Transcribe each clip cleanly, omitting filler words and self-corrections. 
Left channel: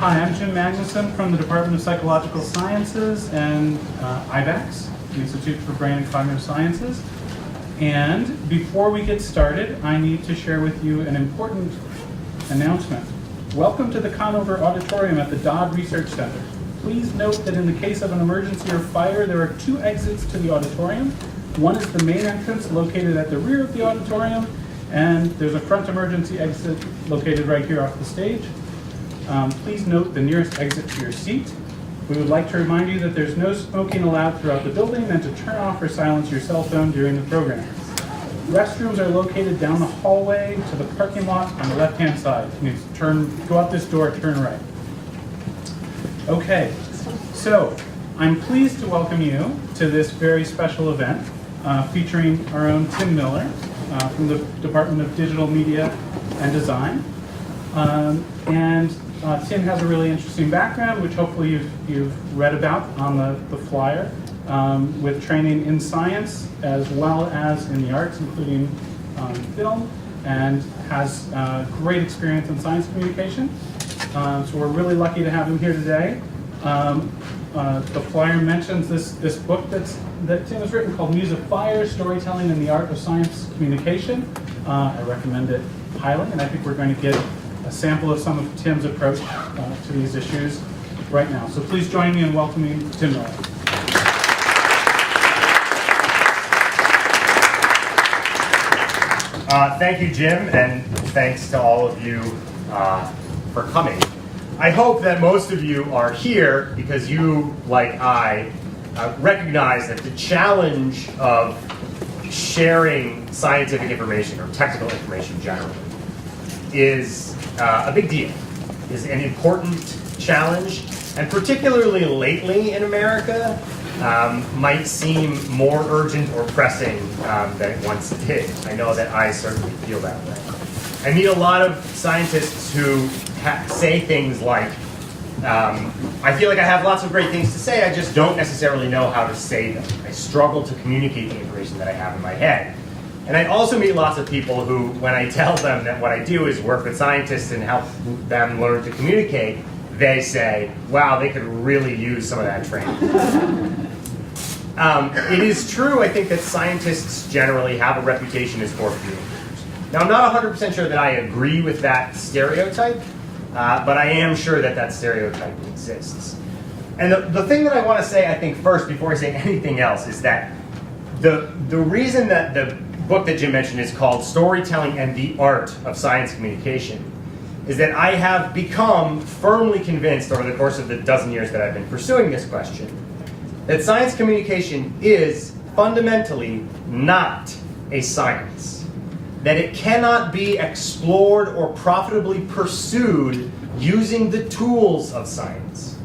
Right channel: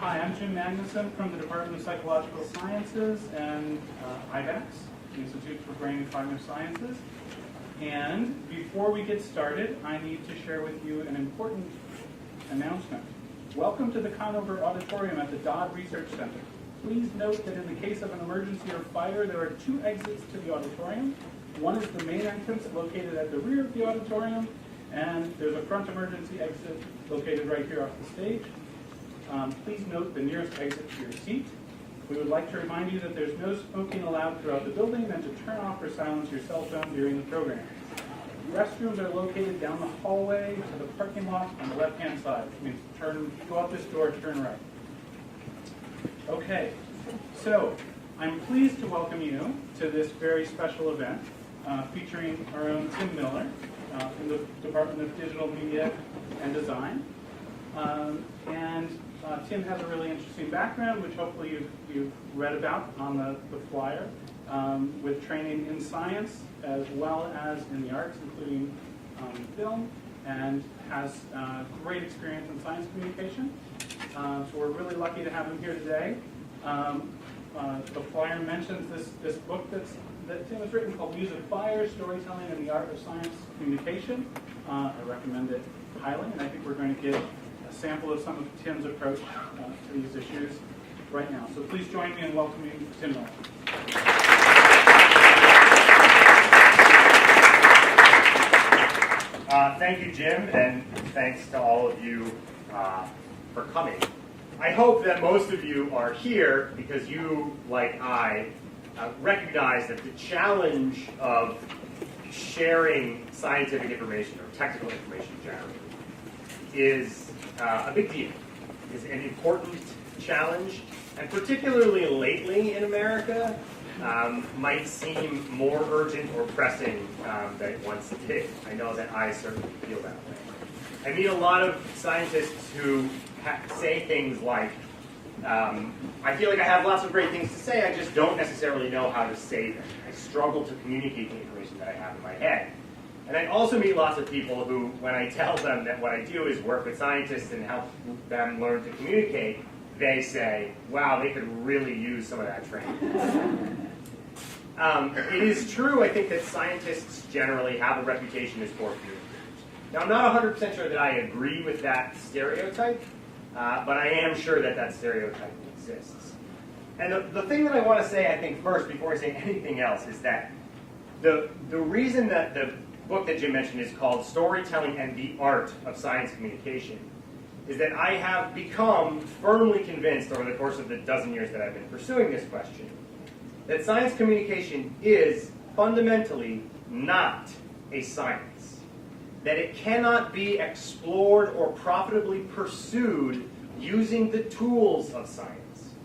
Hi, I'm Jim Magnuson from the Department of Psychological Sciences and IBEX, the Institute for Brain and Cognitive Sciences. And before we get started, I need to share with you an important announcement. Welcome to the Conover Auditorium at the Dodd Research Center. Please note that in the case of an emergency or fire, there are two exits to the auditorium. One is the main entrance located at the rear of the auditorium, and there's a front emergency exit located right here off the stage. Please note the nearest exit to your seat. We would like to remind you that there's no smoking allowed throughout the building and to turn off or silence your cell phone during the program. Restrooms are located down the hallway to the parking lot on the left-hand side. You go out this door, turn right. Okay, so I'm pleased to welcome you to this very special event featuring our own Tim Miller from the Department of Digital Media and Design. Tim has a really interesting background, which hopefully you've read about on the flyer, with training in science as well as in the arts, including film, and has great experience in science communication. So we're really lucky to have him here today. The flyer mentions this book that Tim has written called Muse of Fire, Storytelling in the Art of Science Communication. I recommend it highly, and I think we're going to get a sample of some of Tim's approach to these issues right now. So please join me in welcoming Tim Miller. Thank you, Jim, and thanks to all of you for coming. I hope that most of you are here because you, like I, recognize that the challenge of sharing scientific information or technical information generally is a big deal, is an important challenge, and particularly lately in America, might seem more urgent or pressing than it once did. I know that I certainly feel that way. I meet a lot of scientists who say things like, I feel like I have lots of great things to say, I just don't necessarily know how to say them. I struggle to communicate the information that I have in my head. And I also meet lots of people who, when I tell them that what I do is work with scientists and help them learn to communicate, they say, wow, they could really use some of that training. It is true, I think, that scientists generally have a reputation as poor communicators. Now, I'm not 100% sure that I agree with that stereotype, but I am sure that that stereotype exists. And the thing that I want to say, I think, first, before I say anything else, is that the reason that the book that Jim mentioned is called Storytelling and the Art of Science Communication is that I have become firmly convinced over the course of the dozen years that I've been pursuing this question that science communication is fundamentally not a science, that it cannot be explored or profitably pursued using the tools of science.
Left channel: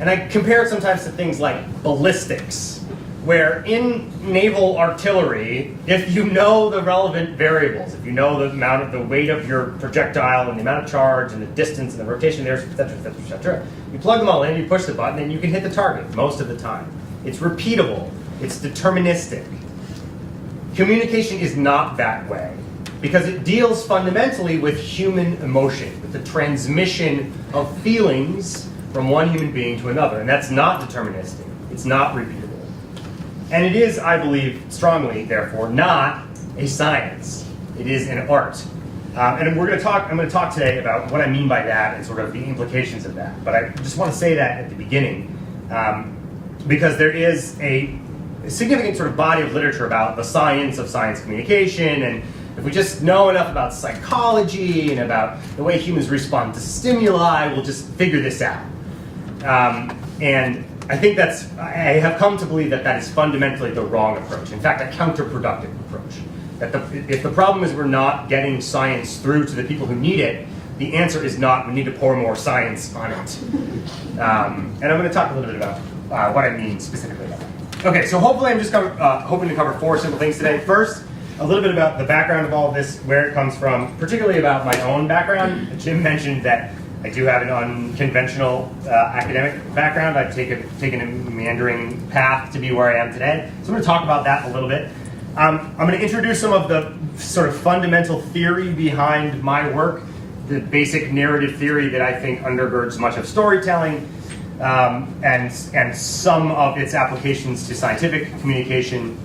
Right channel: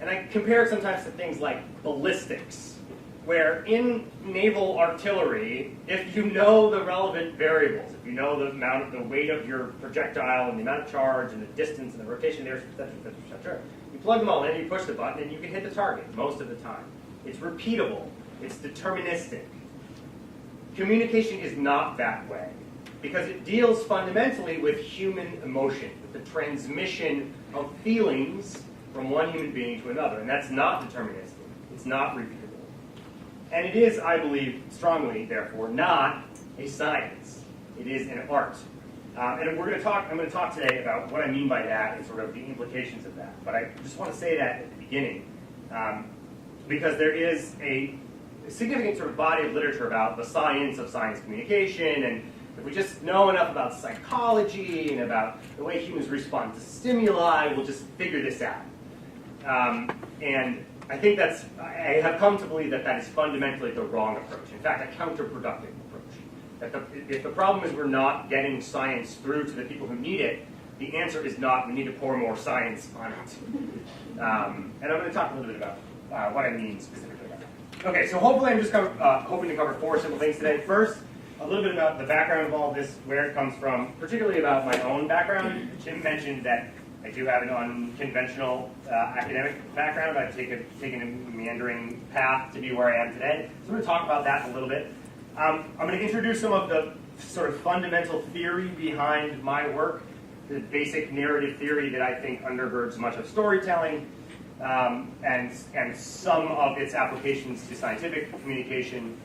And I compare it sometimes to things like ballistics, where in naval artillery, if you know the relevant variables, if you know the amount of the weight of your projectile and the amount of charge and the distance and the rotation there, et cetera, et cetera, et cetera, you plug them all in, you push the button, and you can hit the target most of the time. It's repeatable. It's deterministic. Communication is not that way because it deals fundamentally with human emotion, with the transmission of feelings from one human being to another, and that's not deterministic. It's not repeatable. And it is, I believe, strongly, therefore, not a science. It is an art. And I'm going to talk today about what I mean by that and sort of the implications of that. But I just want to say that at the beginning, because there is a significant sort of body of literature about the science of science communication, and if we just know enough about psychology and about the way humans respond to stimuli, we'll just figure this out. And I think I have come to believe that that is fundamentally the wrong approach. In fact, a counterproductive approach. That if the problem is we're not getting science through to the people who need it, the answer is not we need to pour more science on it. And I'm going to talk a little bit about what I mean specifically about that. Okay, so hopefully I'm just hoping to cover four simple things today. First, a little bit about the background of all of this, where it comes from, particularly about my own background. Jim mentioned that I do have an unconventional academic background. I've taken a meandering path to be where I am today. So I'm going to talk about that a little bit. I'm going to introduce some of the sort of fundamental theory behind my work. the basic narrative theory that I think undergirds much of storytelling, and some of its applications to scientific communication.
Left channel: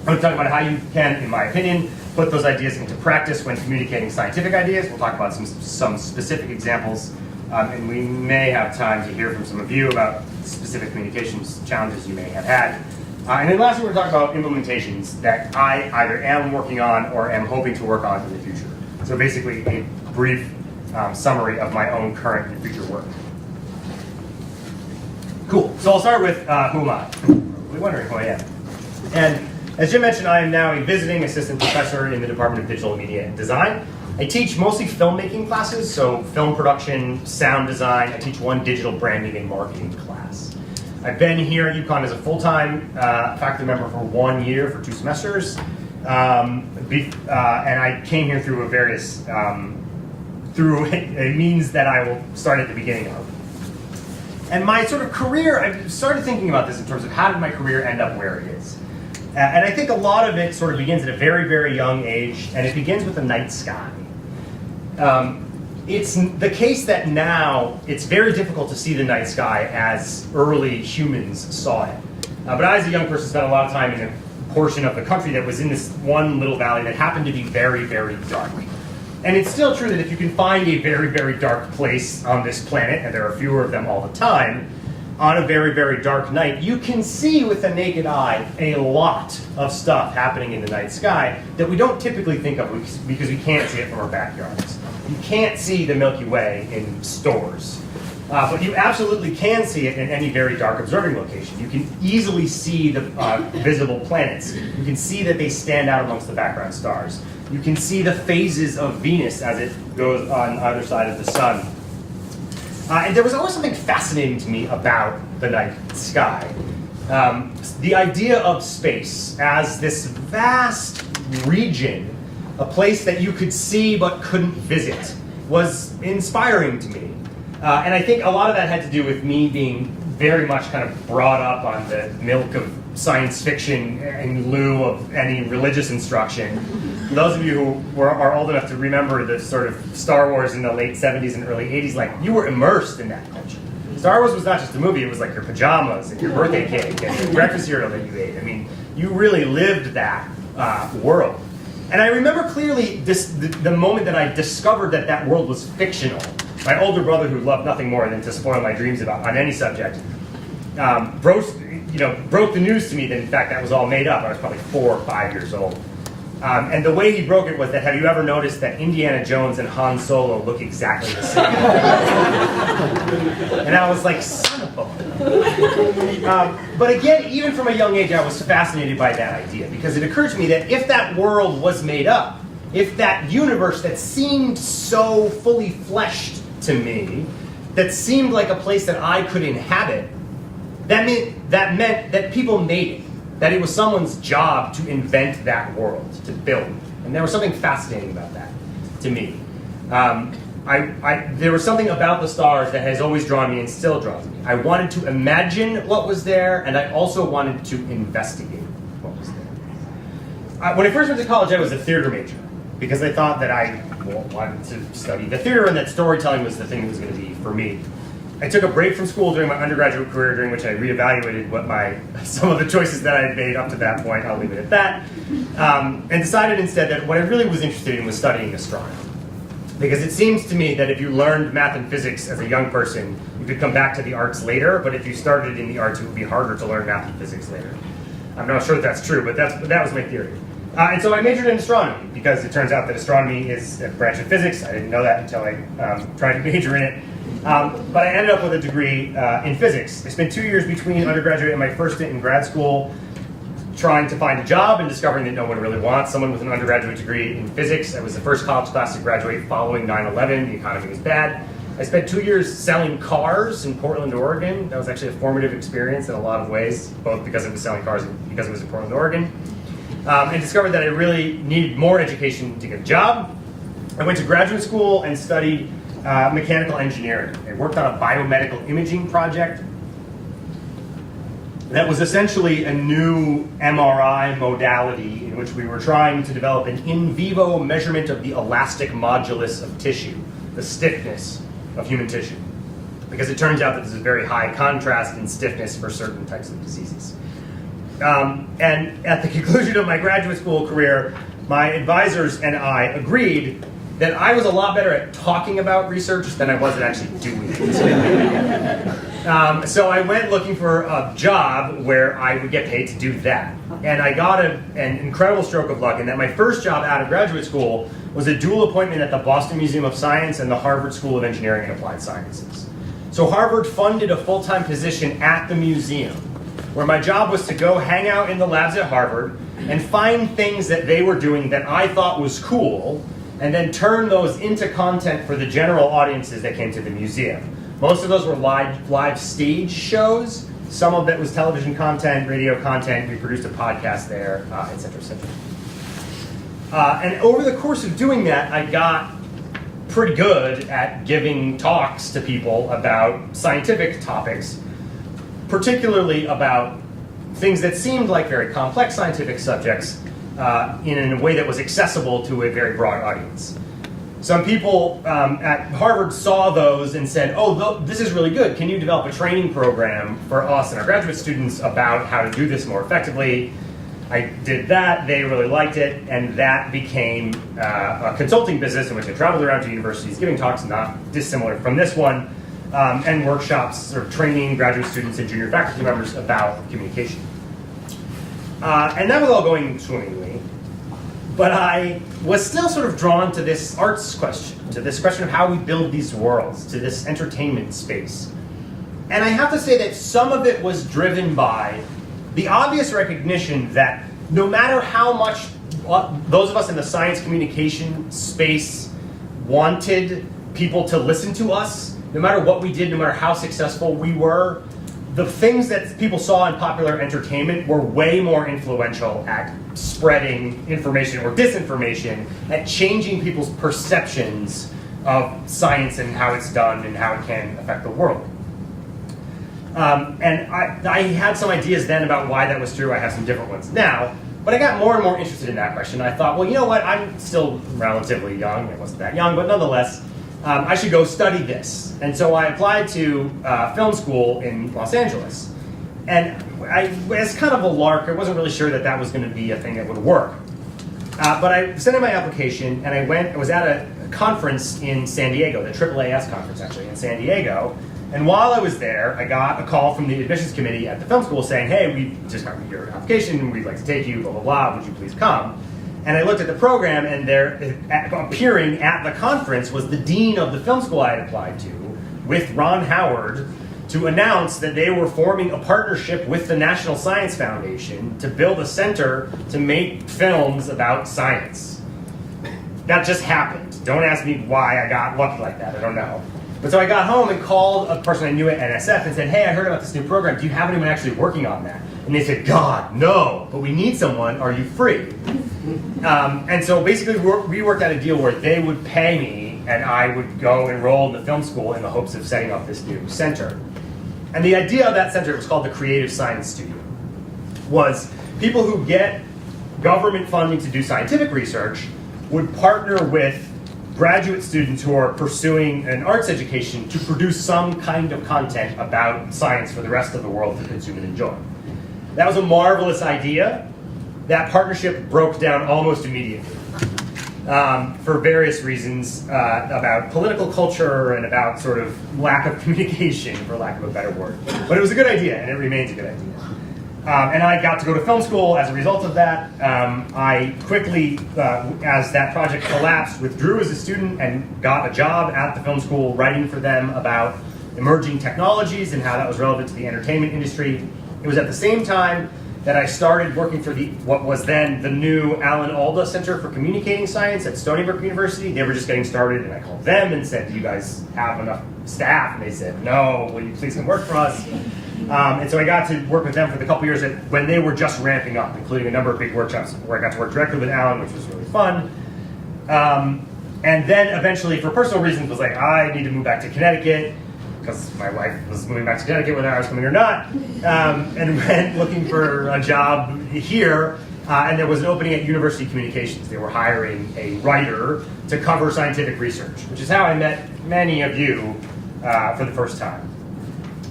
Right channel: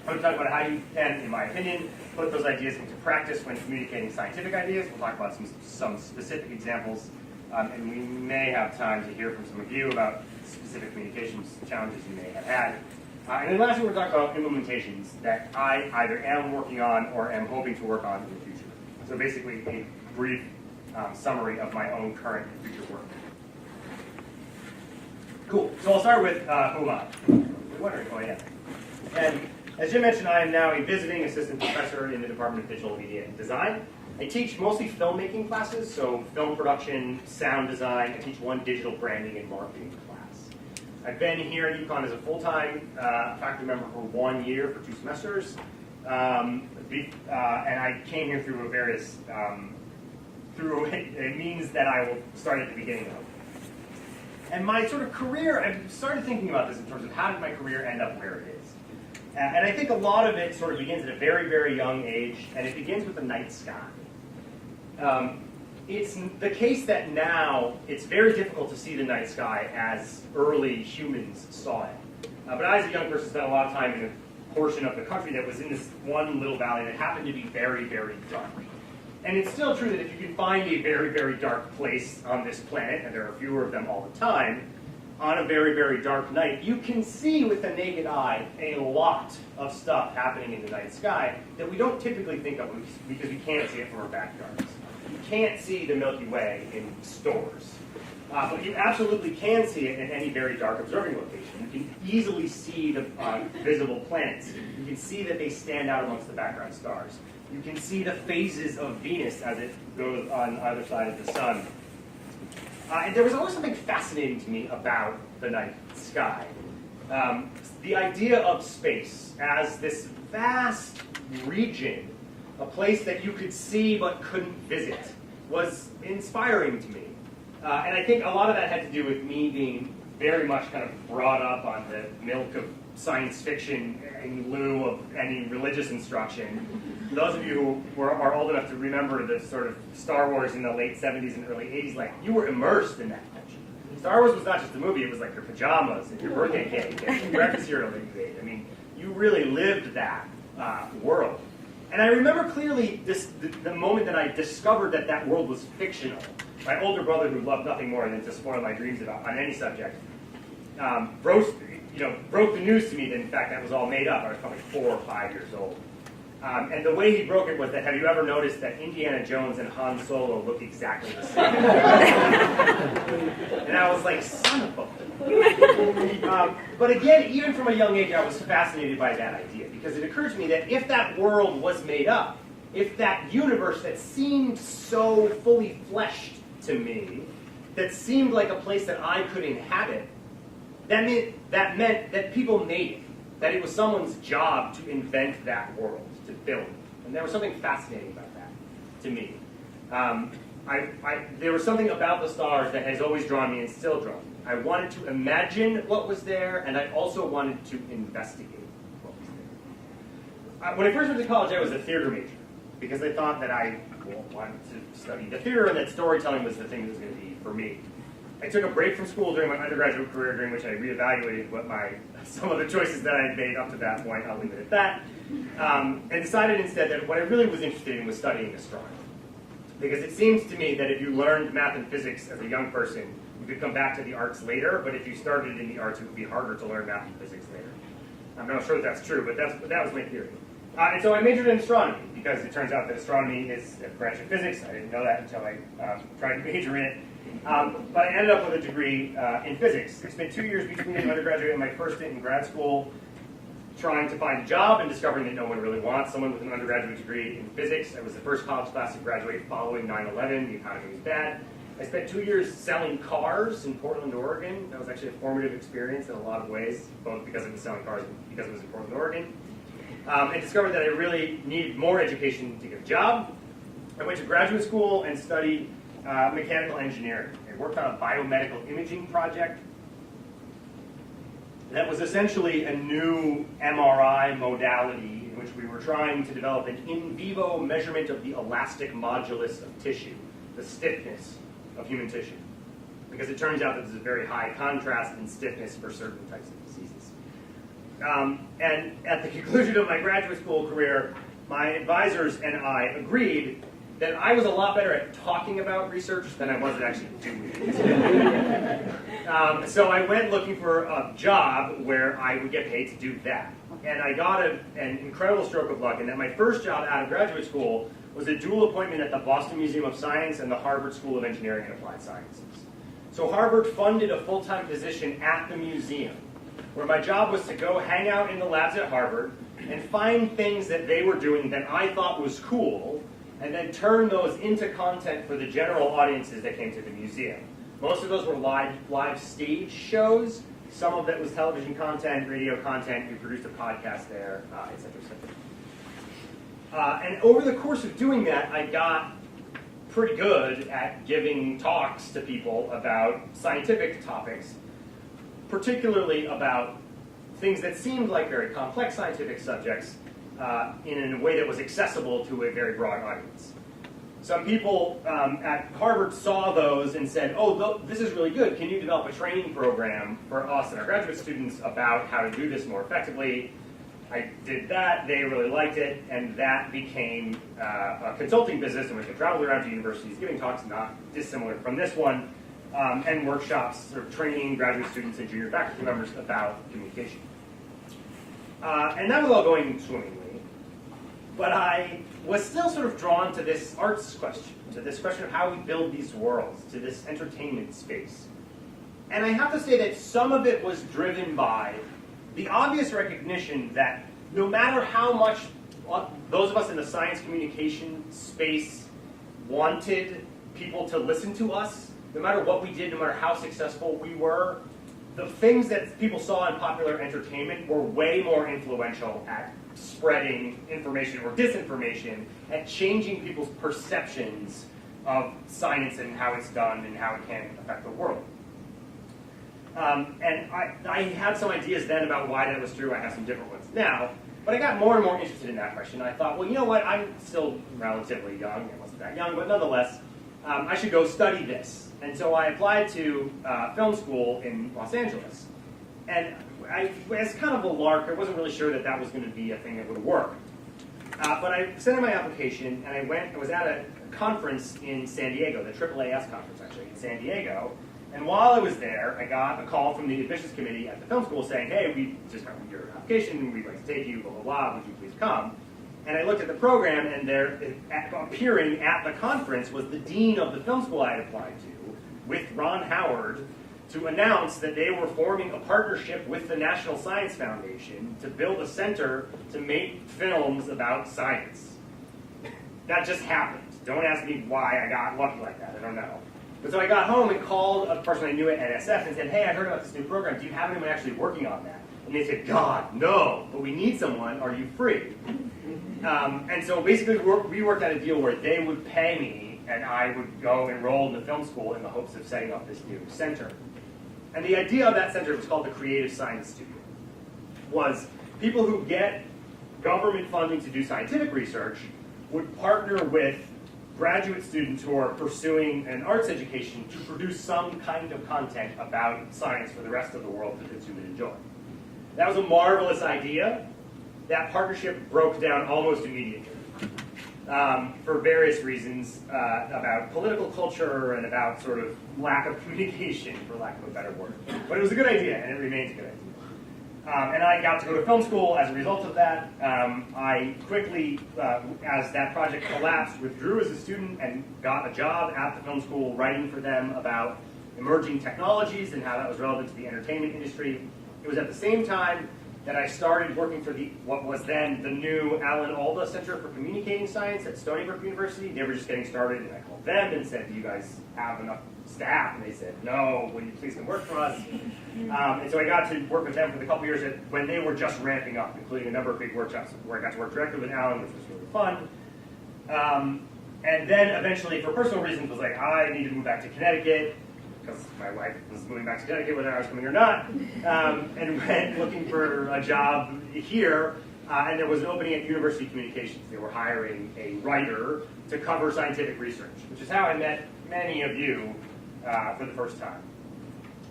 I'm going to talk about how you can, in my opinion, put those ideas into practice when communicating scientific ideas. We'll talk about some specific examples, and we may have time to hear from some of you about specific communications challenges you may have had. And then lastly, we're going to talk about implementations that I either am working on or am hoping to work on in the future. So basically, a brief summary of my own current and future work. Cool. So I'll start with who am I? You're wondering who I am. And as Jim mentioned, I am now a visiting assistant professor in the Department of Digital Media and Design. I teach mostly filmmaking classes, so film production, sound design. I teach one digital branding and marketing class. I've been here at UConn as a full-time faculty member for 1 year, for 2 semesters. And I came here through through a means that I will start at the beginning of. And my sort of career, I started thinking about this in terms of how did my career end up where it is. And I think a lot of it sort of begins at a very, very young age, and it begins with the night sky. It's the case that now it's very difficult to see the night sky as early humans saw it. But I, as a young person, spent a lot of time in a portion of the country that was in this one little valley that happened to be very, very dark. And it's still true that if you can find a very, very dark place on this planet, and there are fewer of them all the time, on a very, very dark night, you can see with the naked eye a lot of stuff happening in the night sky that we don't typically think of because we can't see it from our backyards. You can't see the Milky Way in stores, but you absolutely can see it in any very dark observing location. You can easily see the visible planets. You can see that they stand out amongst the background stars. You can see the phases of Venus as it goes on either side of the sun. And there was always something fascinating to me about the night sky. The idea of space as this vast region, a place that you could see but couldn't visit, was inspiring to me. And I think a lot of that had to do with me being very much kind of brought up on the milk of science fiction in lieu of any religious instruction. Those of you who are old enough to remember the sort of Star Wars in the late 70s and early 80s, like, you were immersed in that culture. Star Wars was not just a movie, it was like your pajamas and your birthday cake and the breakfast cereal that you ate. I mean, you really lived that world. And I remember clearly the moment that I discovered that that world was fictional. My older brother, who loved nothing more than to spoil my dreams on any subject, broke the news to me that in fact that was all made up. I was probably 4 or 5 years old. And the way he broke it was that, have you ever noticed that Indiana Jones and Han Solo look exactly the same? And I was like, son of a... But again, even from a young age, I was fascinated by that idea, because it occurred to me that if that world was made up, if that universe that seemed so fully fleshed to me, that seemed like a place that I could inhabit, that meant that people made it. That it was someone's job to invent that world, to build. And there was something fascinating about that to me. There was something about the stars that has always drawn me and still draws me. I wanted to imagine what was there, and I also wanted to investigate what was there. When I first went to college, I was a theater major, because I thought that I wanted to study the theater and that storytelling was the thing that was going to be for me. I took a break from school during my undergraduate career, during which I reevaluated some of the choices that I had made up to that point. I'll leave it at that. And decided instead that what I really was interested in was studying astronomy. Because it seems to me that if you learned math and physics as a young person, you could come back to the arts later, but if you started in the arts, it would be harder to learn math and physics later. I'm not sure if that's true, but that was my theory. And so I majored in astronomy, because it turns out that astronomy is a branch of physics. I didn't know that until I tried to major in it. But I ended up with a degree in physics. I spent 2 years between undergraduate and my first stint in grad school trying to find a job and discovering that no one really wants someone with an undergraduate degree in physics. I was the first college class to graduate following 9/11. The economy was bad. I spent 2 years selling cars in Portland, Oregon. That was actually a formative experience in a lot of ways, both because I was selling cars and because it was in Portland, Oregon. And discovered that I really needed more education to get a job. I went to graduate school and studied mechanical engineering. I worked on a biomedical imaging project that was essentially a new MRI modality in which we were trying to develop an in vivo measurement of the elastic modulus of tissue. the stiffness of human tissue, because it turns out that there's a very high contrast in stiffness for certain types of diseases. And at the conclusion of my graduate school career, my advisors and I agreed that I was a lot better at talking about research than I was at actually doing it. So I went looking for a job where I would get paid to do that. And I got an incredible stroke of luck in that my first job out of graduate school was a dual appointment at the Boston Museum of Science and the Harvard School of Engineering and Applied Sciences. So Harvard funded a full-time position at the museum, where my job was to go hang out in the labs at Harvard and find things that they were doing that I thought was cool, and then turn those into content for the general audiences that came to the museum. Most of those were live stage shows. Some of it was television content, radio content. We produced a podcast there, et cetera, et cetera. And over the course of doing that, I got pretty good at giving talks to people about scientific topics, particularly about things that seemed like very complex scientific subjects in a way that was accessible to a very broad audience. Some people at Harvard saw those and said, oh, this is really good. Can you develop a training program for us and our graduate students about how to do this more effectively? I did that, they really liked it, and that became a consulting business in which I traveled around to universities giving talks not dissimilar from this one, and workshops or training graduate students and junior faculty members about communication. And that was all going swimmingly, but I was still sort of drawn to this arts question, to this question of how we build these worlds, to this entertainment space. And I have to say that some of it was driven by the obvious recognition that no matter how much those of us in the science communication space wanted people to listen to us, no matter what we did, no matter how successful we were, the things that people saw in popular entertainment were way more influential at spreading information or disinformation, at changing people's perceptions of science and how it's done and how it can affect the world. And I had some ideas then about why that was true. I have some different ones now. But I got more and more interested in that question. I thought, well, you know what? I'm still relatively young. I wasn't that young, but nonetheless, I should go study this. And so I applied to film school in Los Angeles. And as kind of a lark, I wasn't really sure that that was going to be a thing that would work. But I sent in my application, and I was at a conference in San Diego, the AAAS conference, actually, in San Diego. And while I was there, I got a call from the admissions committee at the film school saying, hey, we just got your application, we'd like to take you, blah, blah, blah, would you please come? And I looked at the program, and there, appearing at the conference was the dean of the film school I had applied to, with Ron Howard, to announce that they were forming a partnership with the National Science Foundation to build a center to make films about science. That just happened. Don't ask me why I got lucky like that, I don't know. But so I got home and called a person I knew at NSF and said, hey, I heard about this new program. Do you have anyone actually working on that? And they said, God, no, but we need someone. Are you free? And so basically we worked out a deal where they would pay me and I would go enroll in the film school in the hopes of setting up this new center. And the idea of that center, it was called the Creative Science Studio, was people who get government funding to do scientific research would partner with graduate students who are pursuing an arts education to produce some kind of content about science for the rest of the world to consume and enjoy. That was a marvelous idea. That partnership broke down almost immediately for various reasons about political culture and about sort of lack of communication, for lack of a better word. But it was a good idea, and it remains a good idea. And I got to go to film school as a result of that. I quickly, as that project collapsed, withdrew as a student and got a job at the film school writing for them about emerging technologies and how that was relevant to the entertainment industry. It was at the same time that I started working for what was then the new Alan Alda Center for Communicating Science at Stony Brook University. They were just getting started, and I called them and said, do you guys have enough staff? And they said, no, will you please come work for us? And so I got to work with them for the couple years when they were just ramping up, including a number of big workshops where I got to work directly with Alan, which was really fun. And then eventually, for personal reasons, was like, I need to move back to Connecticut, because my wife was moving back to Connecticut whether I was coming or not, and went looking for a job here, and there was an opening at University Communications. They were hiring a writer to cover scientific research, which is how I met many of you for the first time.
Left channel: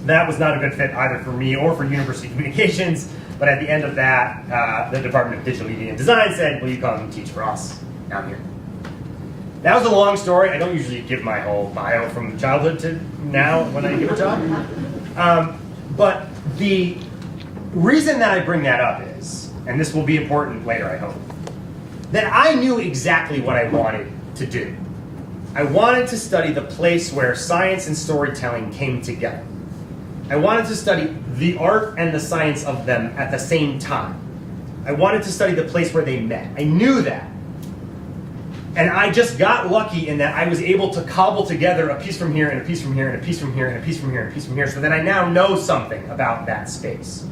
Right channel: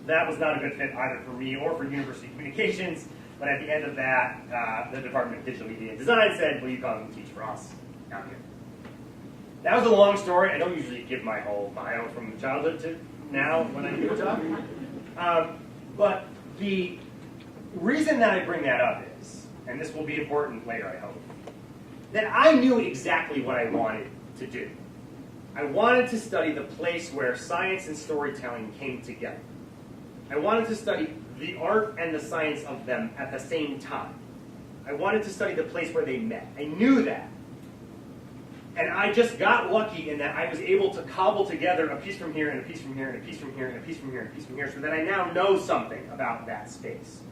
That was not a good fit either for me or for University Communications, but at the end of that, the Department of Digital Media and Design said, will you come teach for us down here? That was a long story. I don't usually give my whole bio from childhood to now when I give a talk. But the reason that I bring that up is, and this will be important later, I hope, that I knew exactly what I wanted to do. I wanted to study the place where science and storytelling came together. I wanted to study the art and the science of them at the same time. I wanted to study the place where they met. I knew that. And I just got lucky in that I was able to cobble together a piece from here and a piece from here and a piece from here and a piece from here and a piece from here so that I now know something about that space.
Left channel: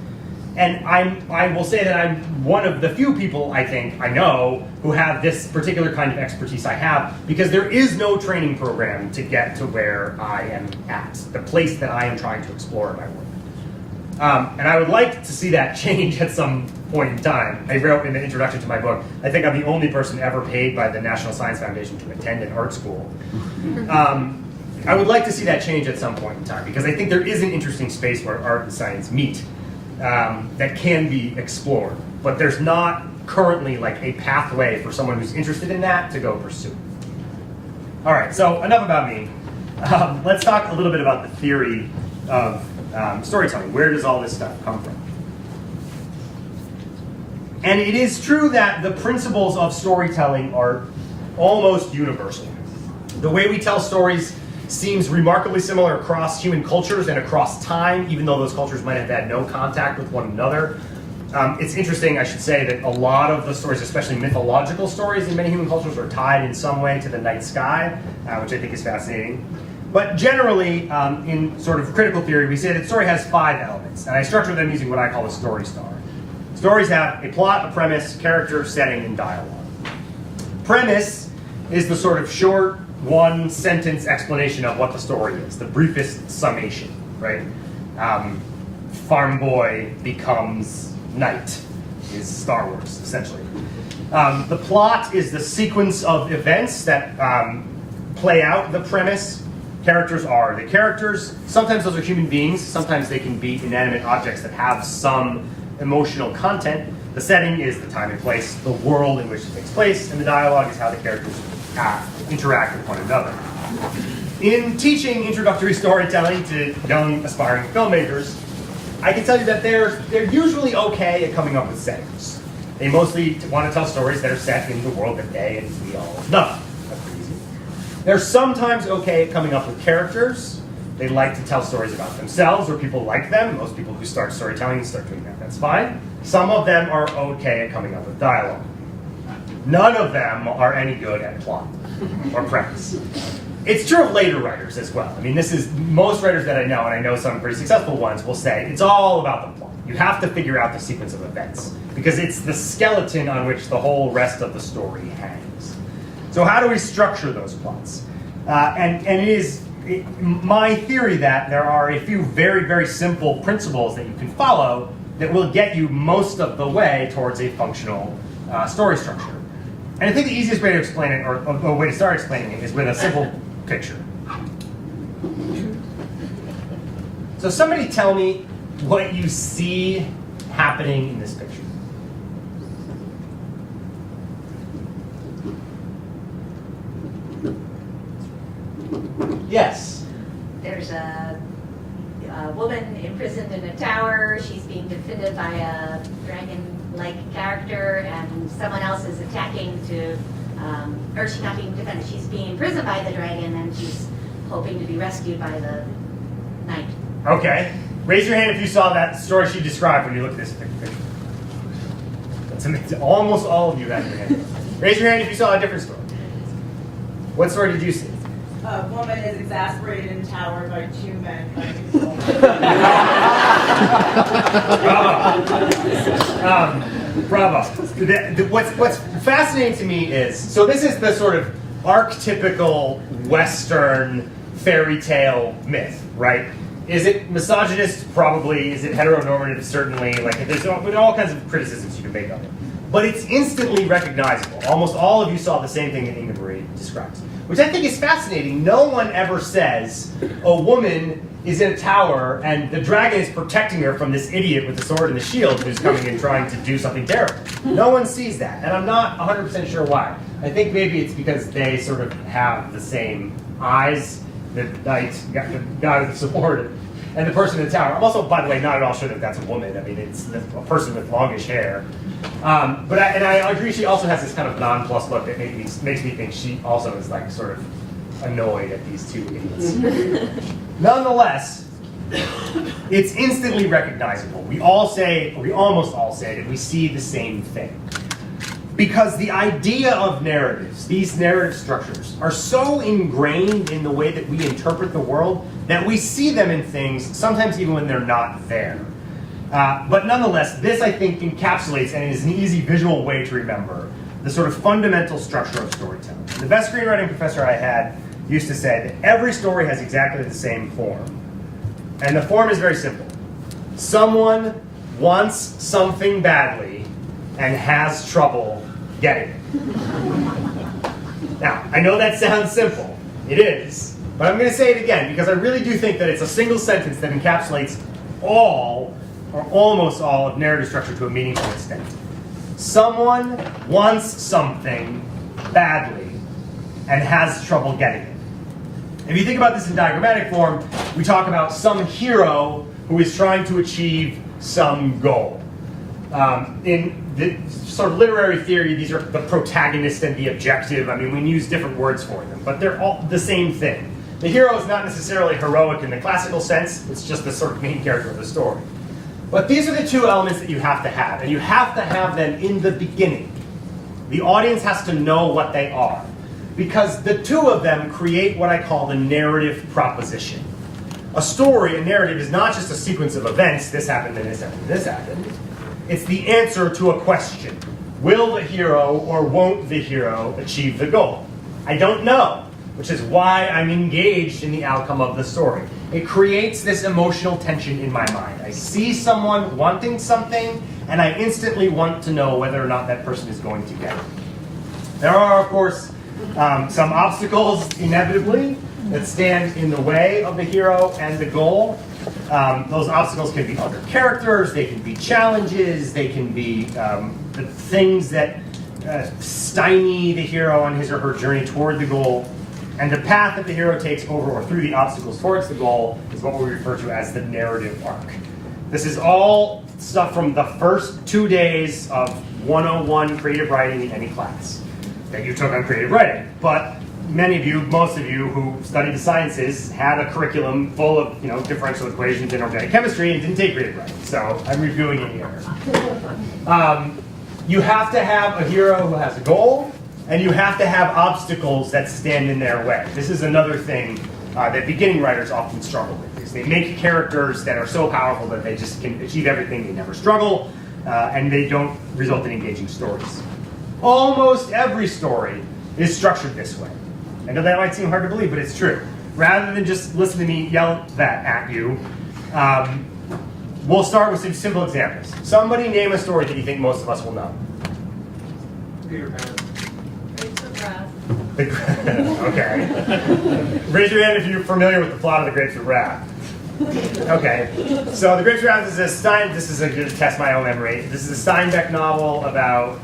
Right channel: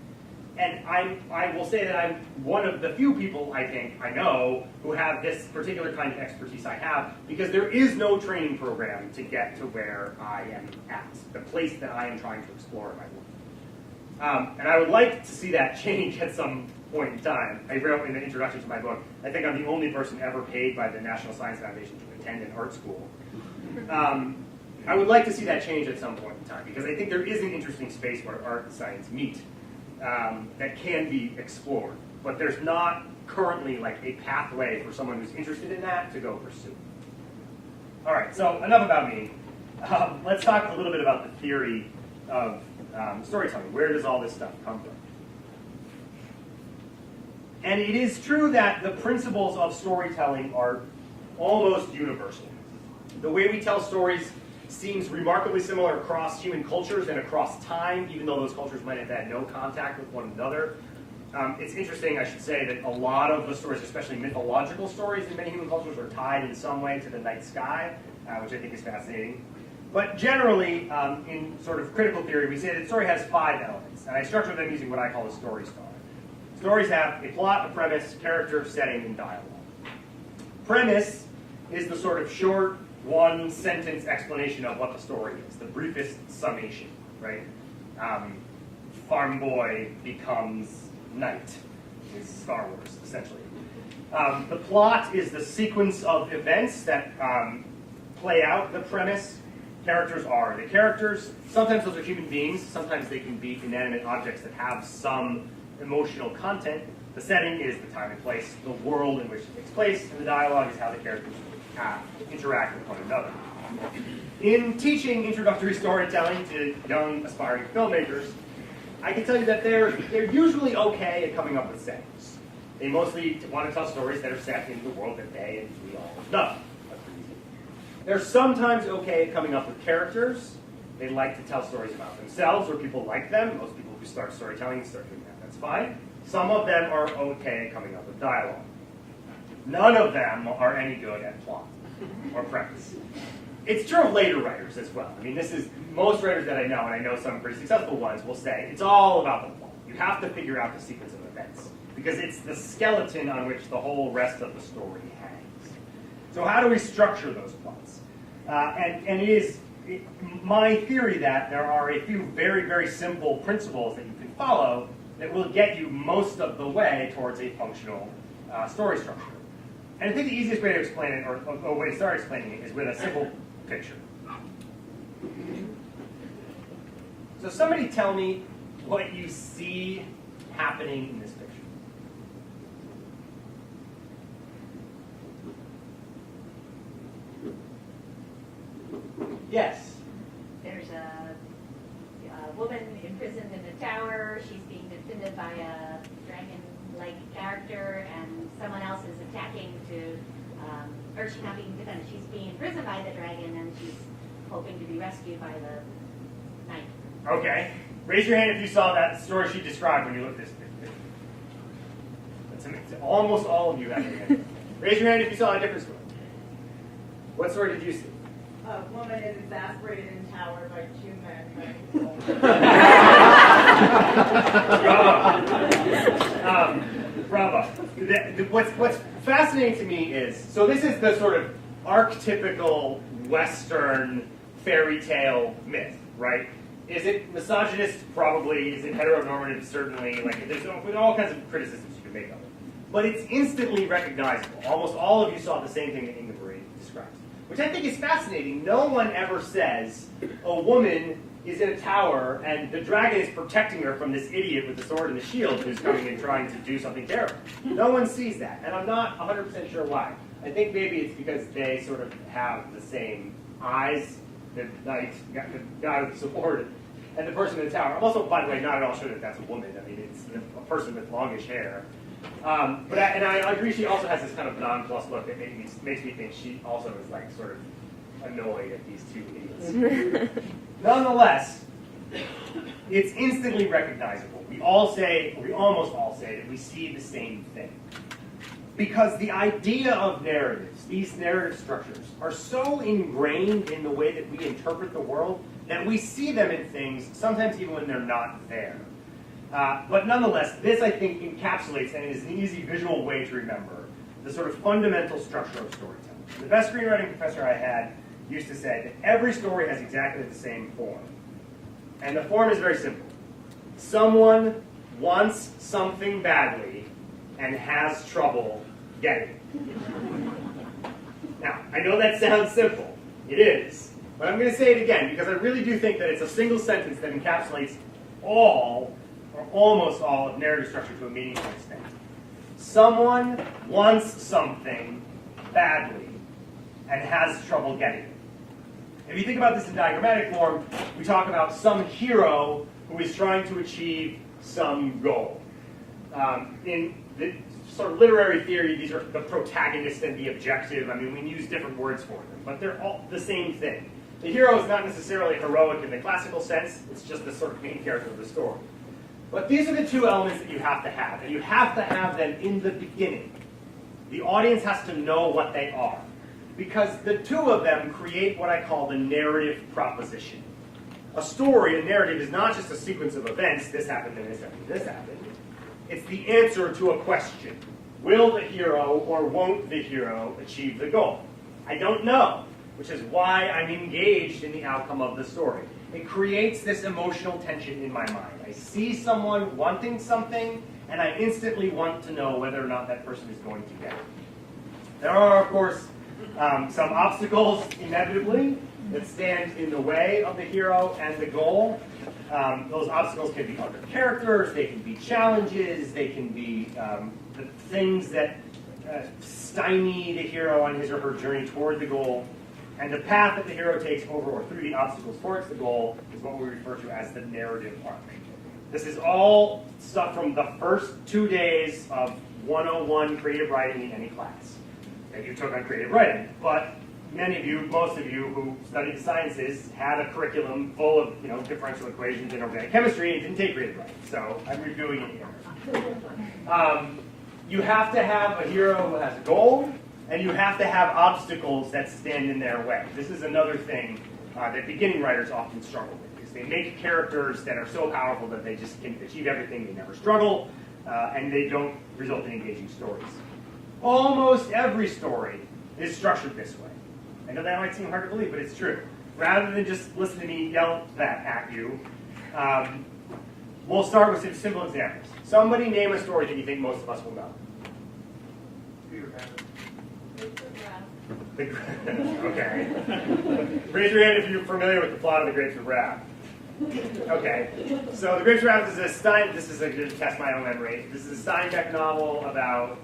And I will say that I'm one of the few people I think I know who have this particular kind of expertise I have, because there is no training program to get to where I am at, the place that I am trying to explore in my work. And I would like to see that change at some point in time. I wrote in the introduction to my book, I think I'm the only person ever paid by the National Science Foundation to attend an art school. I would like to see that change at some point in time, because I think there is an interesting space where art and science meet that can be explored. But there's not currently like a pathway for someone who's interested in that to go pursue. All right, so enough about me. Let's talk a little bit about the theory of storytelling. Where does all this stuff come from? And it is true that the principles of storytelling are almost universal. The way we tell stories seems remarkably similar across human cultures and across time, even though those cultures might have had no contact with one another. It's interesting, I should say, that a lot of the stories, especially mythological stories in many human cultures, are tied in some way to the night sky, which I think is fascinating. But generally, in sort of critical theory, we say that story has 5 elements, and I structure them using what I call a story star. Stories have a plot, a premise, character, setting, and dialogue. Premise is the sort of short, one-sentence explanation of what the story is, the briefest summation, right? Farm boy becomes knight is Star Wars, essentially. The plot is the sequence of events that play out the premise. Characters are the characters. Sometimes those are human beings. Sometimes they can be inanimate objects that have some emotional content. The setting is the time and place, the world in which it takes place, and the dialogue is how the characters interact with one another. In teaching introductory storytelling to young aspiring filmmakers, I can tell you that they're usually okay at coming up with settings. They mostly want to tell stories that are set in the world that they and we all know. That's pretty easy. They're sometimes okay at coming up with characters. They like to tell stories about themselves or people like them. Most people who start storytelling start doing that. That's fine. Some of them are okay at coming up with dialogue. None of them are any good at plot or premise. It's true of later writers as well. I mean, this is, most writers that I know, and I know some pretty successful ones, will say it's all about the plot. You have to figure out the sequence of events, because it's the skeleton on which the whole rest of the story hangs. So how do we structure those plots? And it is my theory that there are a few very, very simple principles that you can follow that will get you most of the way towards a functional story structure. And I think the easiest way to explain it, or a way to start explaining it, is with a simple picture. So somebody tell me what you see happening in this picture. Yes? There's a woman imprisoned in a tower. She's being defended by a dragon-like character, and someone else is attacking to, or she's not being defended, she's being imprisoned by the dragon, and she's hoping to be rescued by the knight. Okay. Raise your hand if you saw that story she described when you look at this picture. That's amazing. Almost all of you have your hand. Raise your hand if you saw a different story. What story did you see? A woman is exasperated in tower by 2 men trying to control her. Bravo. What's fascinating to me is, so this is the sort of archetypical Western fairy tale myth, right? Is it misogynist? Probably. Is it heteronormative? Certainly. Like, there's all kinds of criticisms you can make of it. but it's instantly recognizable. Almost all of you saw the same thing that Inga Marie describes, which I think is fascinating. No one ever says a woman is in a tower and the dragon is protecting her from this idiot with the sword and the shield who's coming and trying to do something terrible. No one sees that, and I'm not 100% sure why. I think maybe it's because they sort of have the same eyes, the knight, the guy with the sword, and the person in the tower. I'm also, by the way, not at all sure that that's a woman. I mean, it's a person with longish hair. But I agree she also has this kind of nonplussed look that makes me think she also is like sort of annoyed at these two idiots. Nonetheless, it's instantly recognizable. We all say, or we almost all say, that we see the same thing. Because the idea of narratives, these narrative structures, are so ingrained in the way that we interpret the world that we see them in things, sometimes even when they're not there. But nonetheless, this I think encapsulates, and is an easy visual way to remember, the sort of fundamental structure of storytelling. The best screenwriting professor I had used to say that every story has exactly the same form. And the form is very simple. Someone wants something badly and has trouble getting it. Now, I know that sounds simple. It is. But I'm going to say it again because I really do think that it's a single sentence that encapsulates all, or almost all, of narrative structure to a meaningful extent. Someone wants something badly and has trouble getting it. If you think about this in diagrammatic form, we talk about some hero who is trying to achieve some goal. In the sort of literary theory, these are the protagonist and the objective. I mean, we use different words for them, but they're all the same thing. The hero is not necessarily heroic in the classical sense. It's just the sort of main character of the story. But these are the two elements that you have to have, and you have to have them in the beginning. The audience has to know what they are, because the two of them create what I call the narrative proposition. A story, a narrative, is not just a sequence of events, this happened, then this happened, then this happened. It's the answer to a question. Will the hero or won't the hero achieve the goal? I don't know, which is why I'm engaged in the outcome of the story. It creates this emotional tension in my mind. I see someone wanting something, and I instantly want to know whether or not that person is going to get it. There are, of course, some obstacles, inevitably, that stand in the way of the hero and the goal. Those obstacles can be other characters, they can be challenges, they can be the things that stymie the hero on his or her journey toward the goal. And the path that the hero takes over or through the obstacles towards the goal is what we refer to as the narrative arc. This is all stuff from the first 2 days of 101 creative writing in any class that you took on creative writing. But many of you, most of you who studied the sciences had a curriculum full of differential equations and organic chemistry and didn't take creative writing. So I'm reviewing it here. You have to have a hero who has a goal, and you have to have obstacles that stand in their way. This is another thing that beginning writers often struggle with. Is they make characters that are so powerful that they just can achieve everything, they never struggle, and they don't result in engaging stories. Almost every story is structured this way. I know that might seem hard to believe, but it's true. Rather than just listen to me yell that at you, we'll start with some simple examples. Somebody name a story that you think most of us will know. Peter Pan. Okay. Raise your hand if you're familiar with the plot of The Grapes of Wrath. Okay. So The Grapes of Wrath is this is to test my own memory. This is a Steinbeck novel about,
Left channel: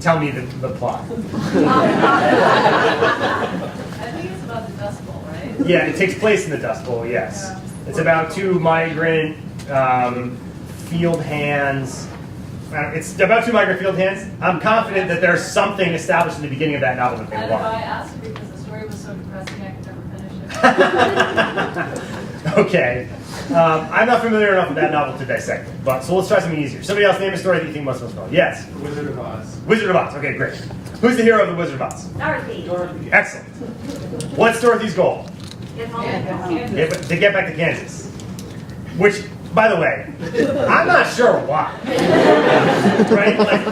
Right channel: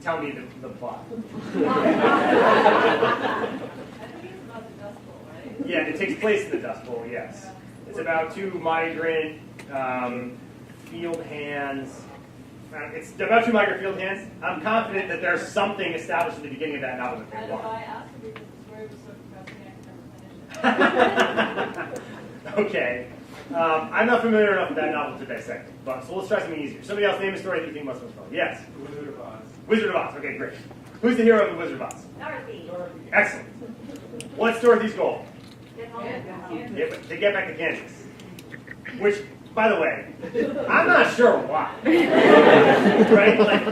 tell me the plot. I think it's about the Dust Bowl, right? Yeah, it takes place in the Dust Bowl, yes. Yeah. It's about two migrant field hands. It's about two migrant field hands. I'm confident that there's something established in the beginning of that novel that they And want. I asked because the story was so depressing I could never finish it. Okay. I'm not familiar enough with that novel to dissect it, but so let's try something easier. Somebody else name a story that you think most of us know. Yes? The Wizard of Oz. Wizard of Oz. Okay, great. Who's the hero of the Wizard of Oz? Dorothy. Dorothy. Excellent. What's Dorothy's goal? Get home. To get back to Kansas. Which, by the way, I'm not sure why. Right? Like,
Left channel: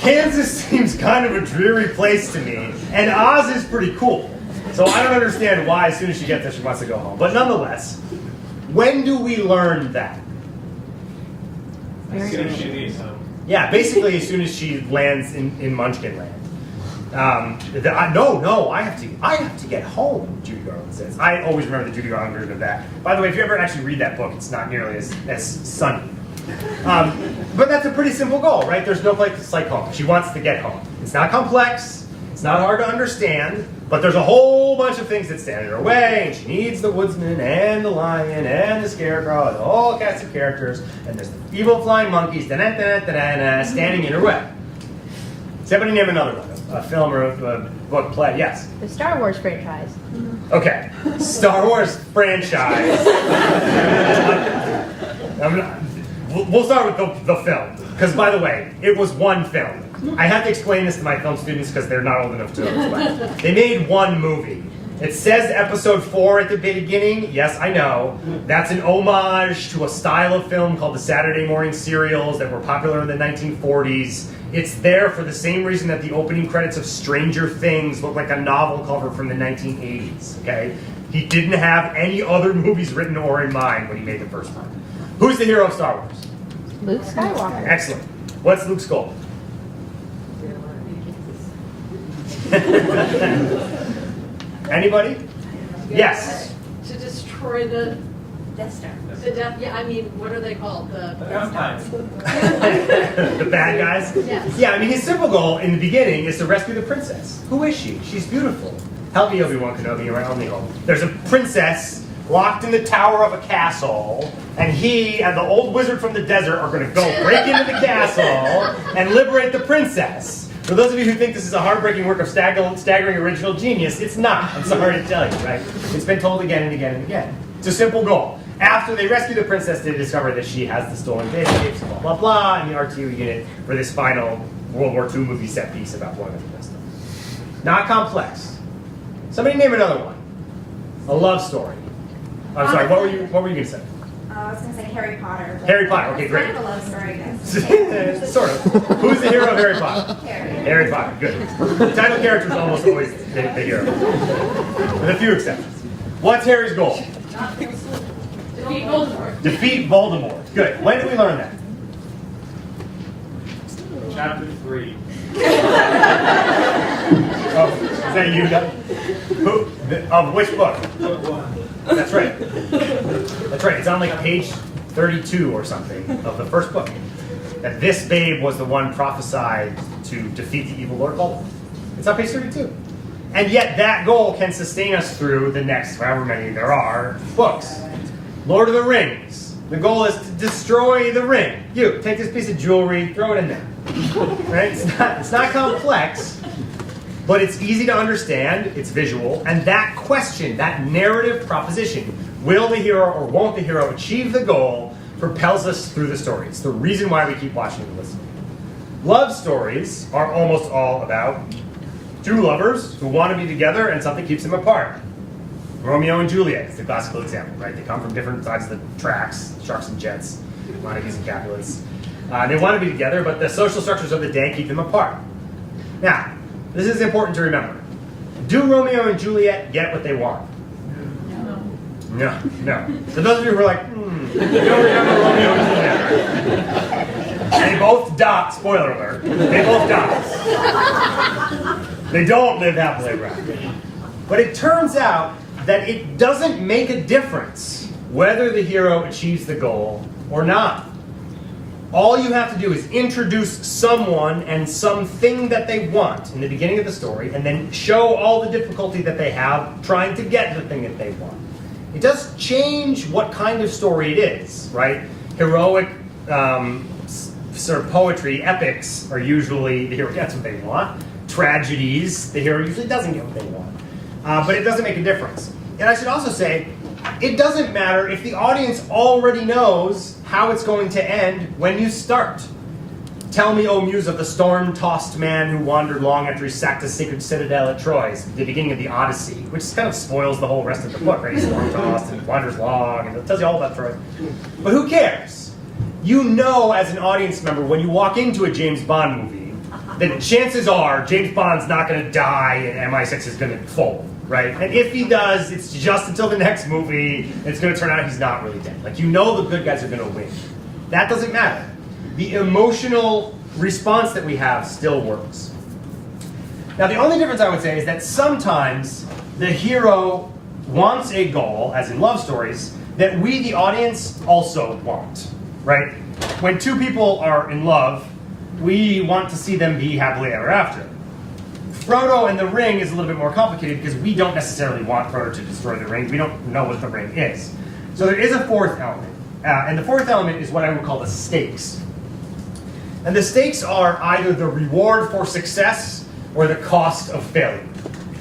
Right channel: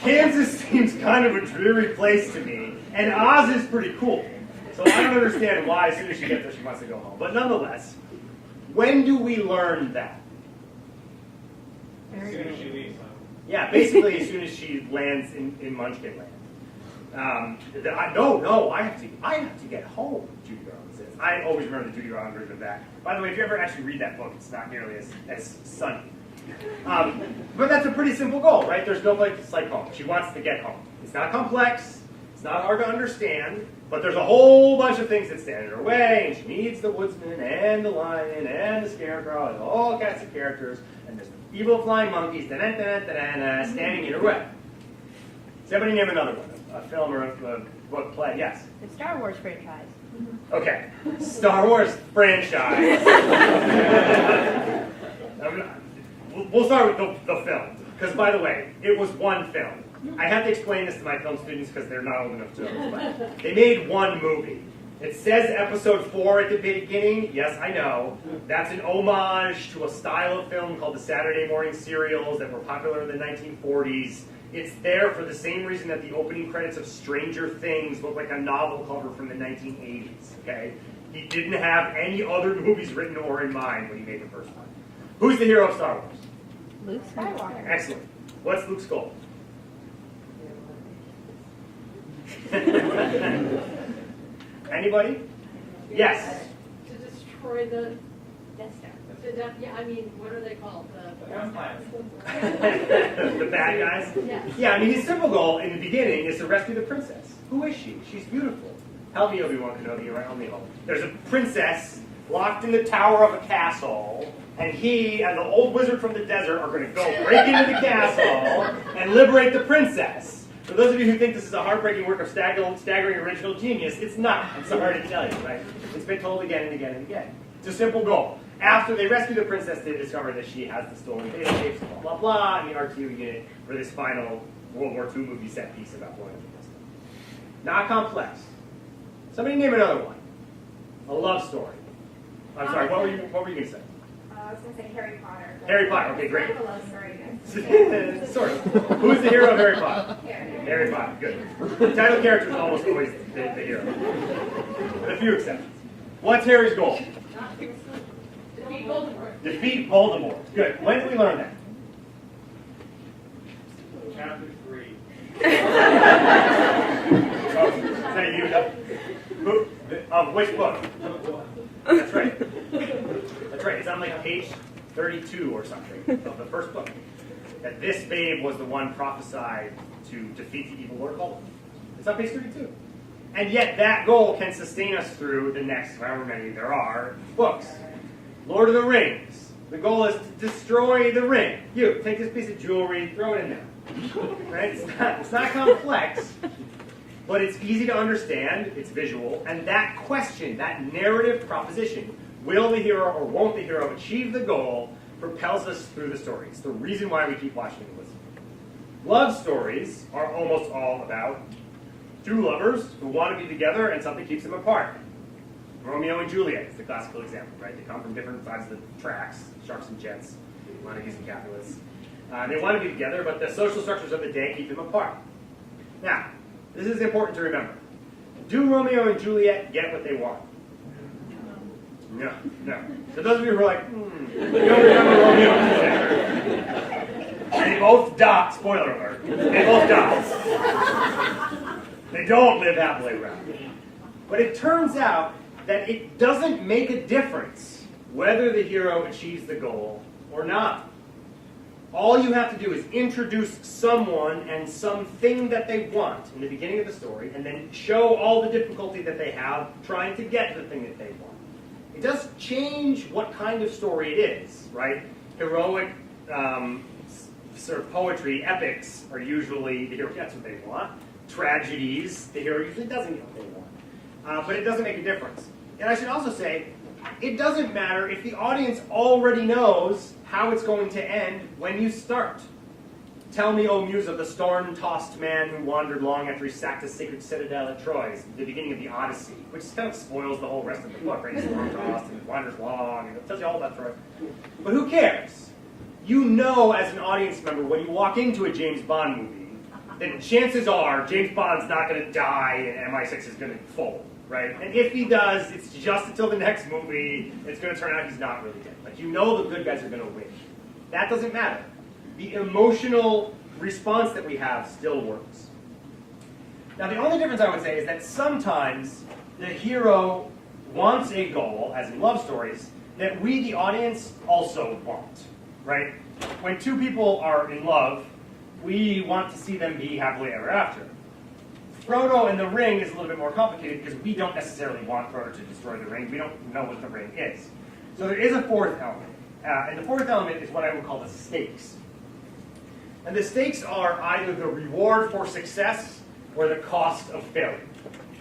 Kansas seems kind of a dreary place to me, and Oz is pretty cool. So I don't understand why as soon as she gets there she wants to go home. But nonetheless, when do we learn that? As soon as she needs him. Yeah, basically as soon as she lands in Munchkin Land. No, I have to get home, Judy Garland says. I always remember the Judy Garland version of that. By the way, if you ever actually read that book, it's not nearly as sunny. But that's a pretty simple goal, right? There's no place like home. She wants to get home. It's not complex, it's not hard to understand, but there's a whole bunch of things that stand in her way, and she needs the woodsman and the lion and the scarecrow and the whole cast of characters, and there's the evil flying monkeys standing in her way. Does anybody name another one? A film or a book, play? Yes? The Star Wars franchise. Okay. Star Wars franchise. We'll start with the film. Because, by the way, it was one film. I have to explain this to my film students because they're not old enough to explain. They made one movie. It says episode 4 at the beginning. Yes, I know. That's an homage to a style of film called the Saturday morning serials that were popular in the 1940s. It's there for the same reason that the opening credits of Stranger Things look like a novel cover from the 1980s, okay? He didn't have any other movies written or in mind when he made the first one. Who's the hero of Star Wars? Luke Skywalker. Excellent. What's Luke's goal? Anybody? Yes. To destroy the Death Star. yeah, I mean, what are they called? The The bad guys? Yes. Yeah, I mean, his simple goal in the beginning is to rescue the princess. Who is she? She's beautiful. Help me, Obi-Wan Kenobi, around me home. There's a princess locked in the tower of a castle, and he and the old wizard from the desert are going to go break into the castle and liberate the princess. For those of you who think this is a heartbreaking work of staggering original genius, it's not. I'm sorry to tell you, right? It's been told again and again and again. It's a simple goal. After they rescue the princess, they discover that she has the stolen data tapes, blah, blah, blah, and the RTU unit for this final World War II movie set piece about one of the stuff. Not complex. Somebody name another one. A love story. I'm sorry, what were you going to say? I was going to say Harry Potter. Harry Potter, okay, great. Kind of a love story, I guess. Sort of. Who's the hero of Harry Potter? Harry. Harry Potter, good. The title character is almost always the hero. With a few exceptions. What's Harry's goal? defeat Voldemort. Defeat Voldemort. Good. When did we learn that? Chapter 3. Oh, is that you, Doug? Who? Of which book? Book 1. That's right. That's right. It's on like page 32 or something of the first book. That this babe was the one prophesied to defeat the evil Lord Voldemort. It's on page 32. And yet that goal can sustain us through the next, however many there are, books. Lord of the Rings. The goal is to destroy the ring. You, take this piece of jewelry, throw it in there. Right? It's not complex, but it's easy to understand, it's visual, and that question, that narrative proposition, will the hero or won't the hero achieve the goal, propels us through the story. It's the reason why we keep watching and listening. Love stories are almost all about two lovers who want to be together and something keeps them apart. Romeo and Juliet is the classical example, right? They come from different sides of the tracks, sharks and jets, Montagues and Capulets. They want to be together, but the social structures of the day keep them apart. Now, this is important to remember. Do Romeo and Juliet get what they want? No. For those of you who are like, you don't remember Romeo and Juliet. They both die. Spoiler alert. They both die. They don't live happily ever after. But it turns out that it doesn't make a difference whether the hero achieves the goal or not. All you have to do is introduce someone and something that they want in the beginning of the story, and then show all the difficulty that they have trying to get the thing that they want. It does change what kind of story it is, right? Heroic sort of poetry, epics, are usually the hero gets what they want. Tragedies, the hero usually doesn't get what they want. But it doesn't make a difference. And I should also say, it doesn't matter if the audience already knows how it's going to end when you start. Tell me, O Muse of the storm-tossed man who wandered long after he sacked the sacred citadel at Troy, the beginning of the Odyssey, which kind of spoils the whole rest of the book, right? He's storm-tossed and wanders long, and it tells you all about Troy. But who cares? You know as an audience member when you walk into a James Bond movie that chances are James Bond's not going to die and MI6 is going to fold, right? And if he does, it's just until the next movie, and it's going to turn out he's not really dead. Like, you know the good guys are going to win. That doesn't matter. the emotional response that we have still works. Now, the only difference I would say is that sometimes the hero wants a goal, as in love stories, that we, the audience, also want, right? When two people are in love, we want to see them be happily ever after. Frodo and the ring is a little bit more complicated because we don't necessarily want Frodo to destroy the ring. We don't know what the ring is. So there is a fourth element. And the fourth element is what I would call the stakes. And the stakes are either the reward for success or the cost of failure,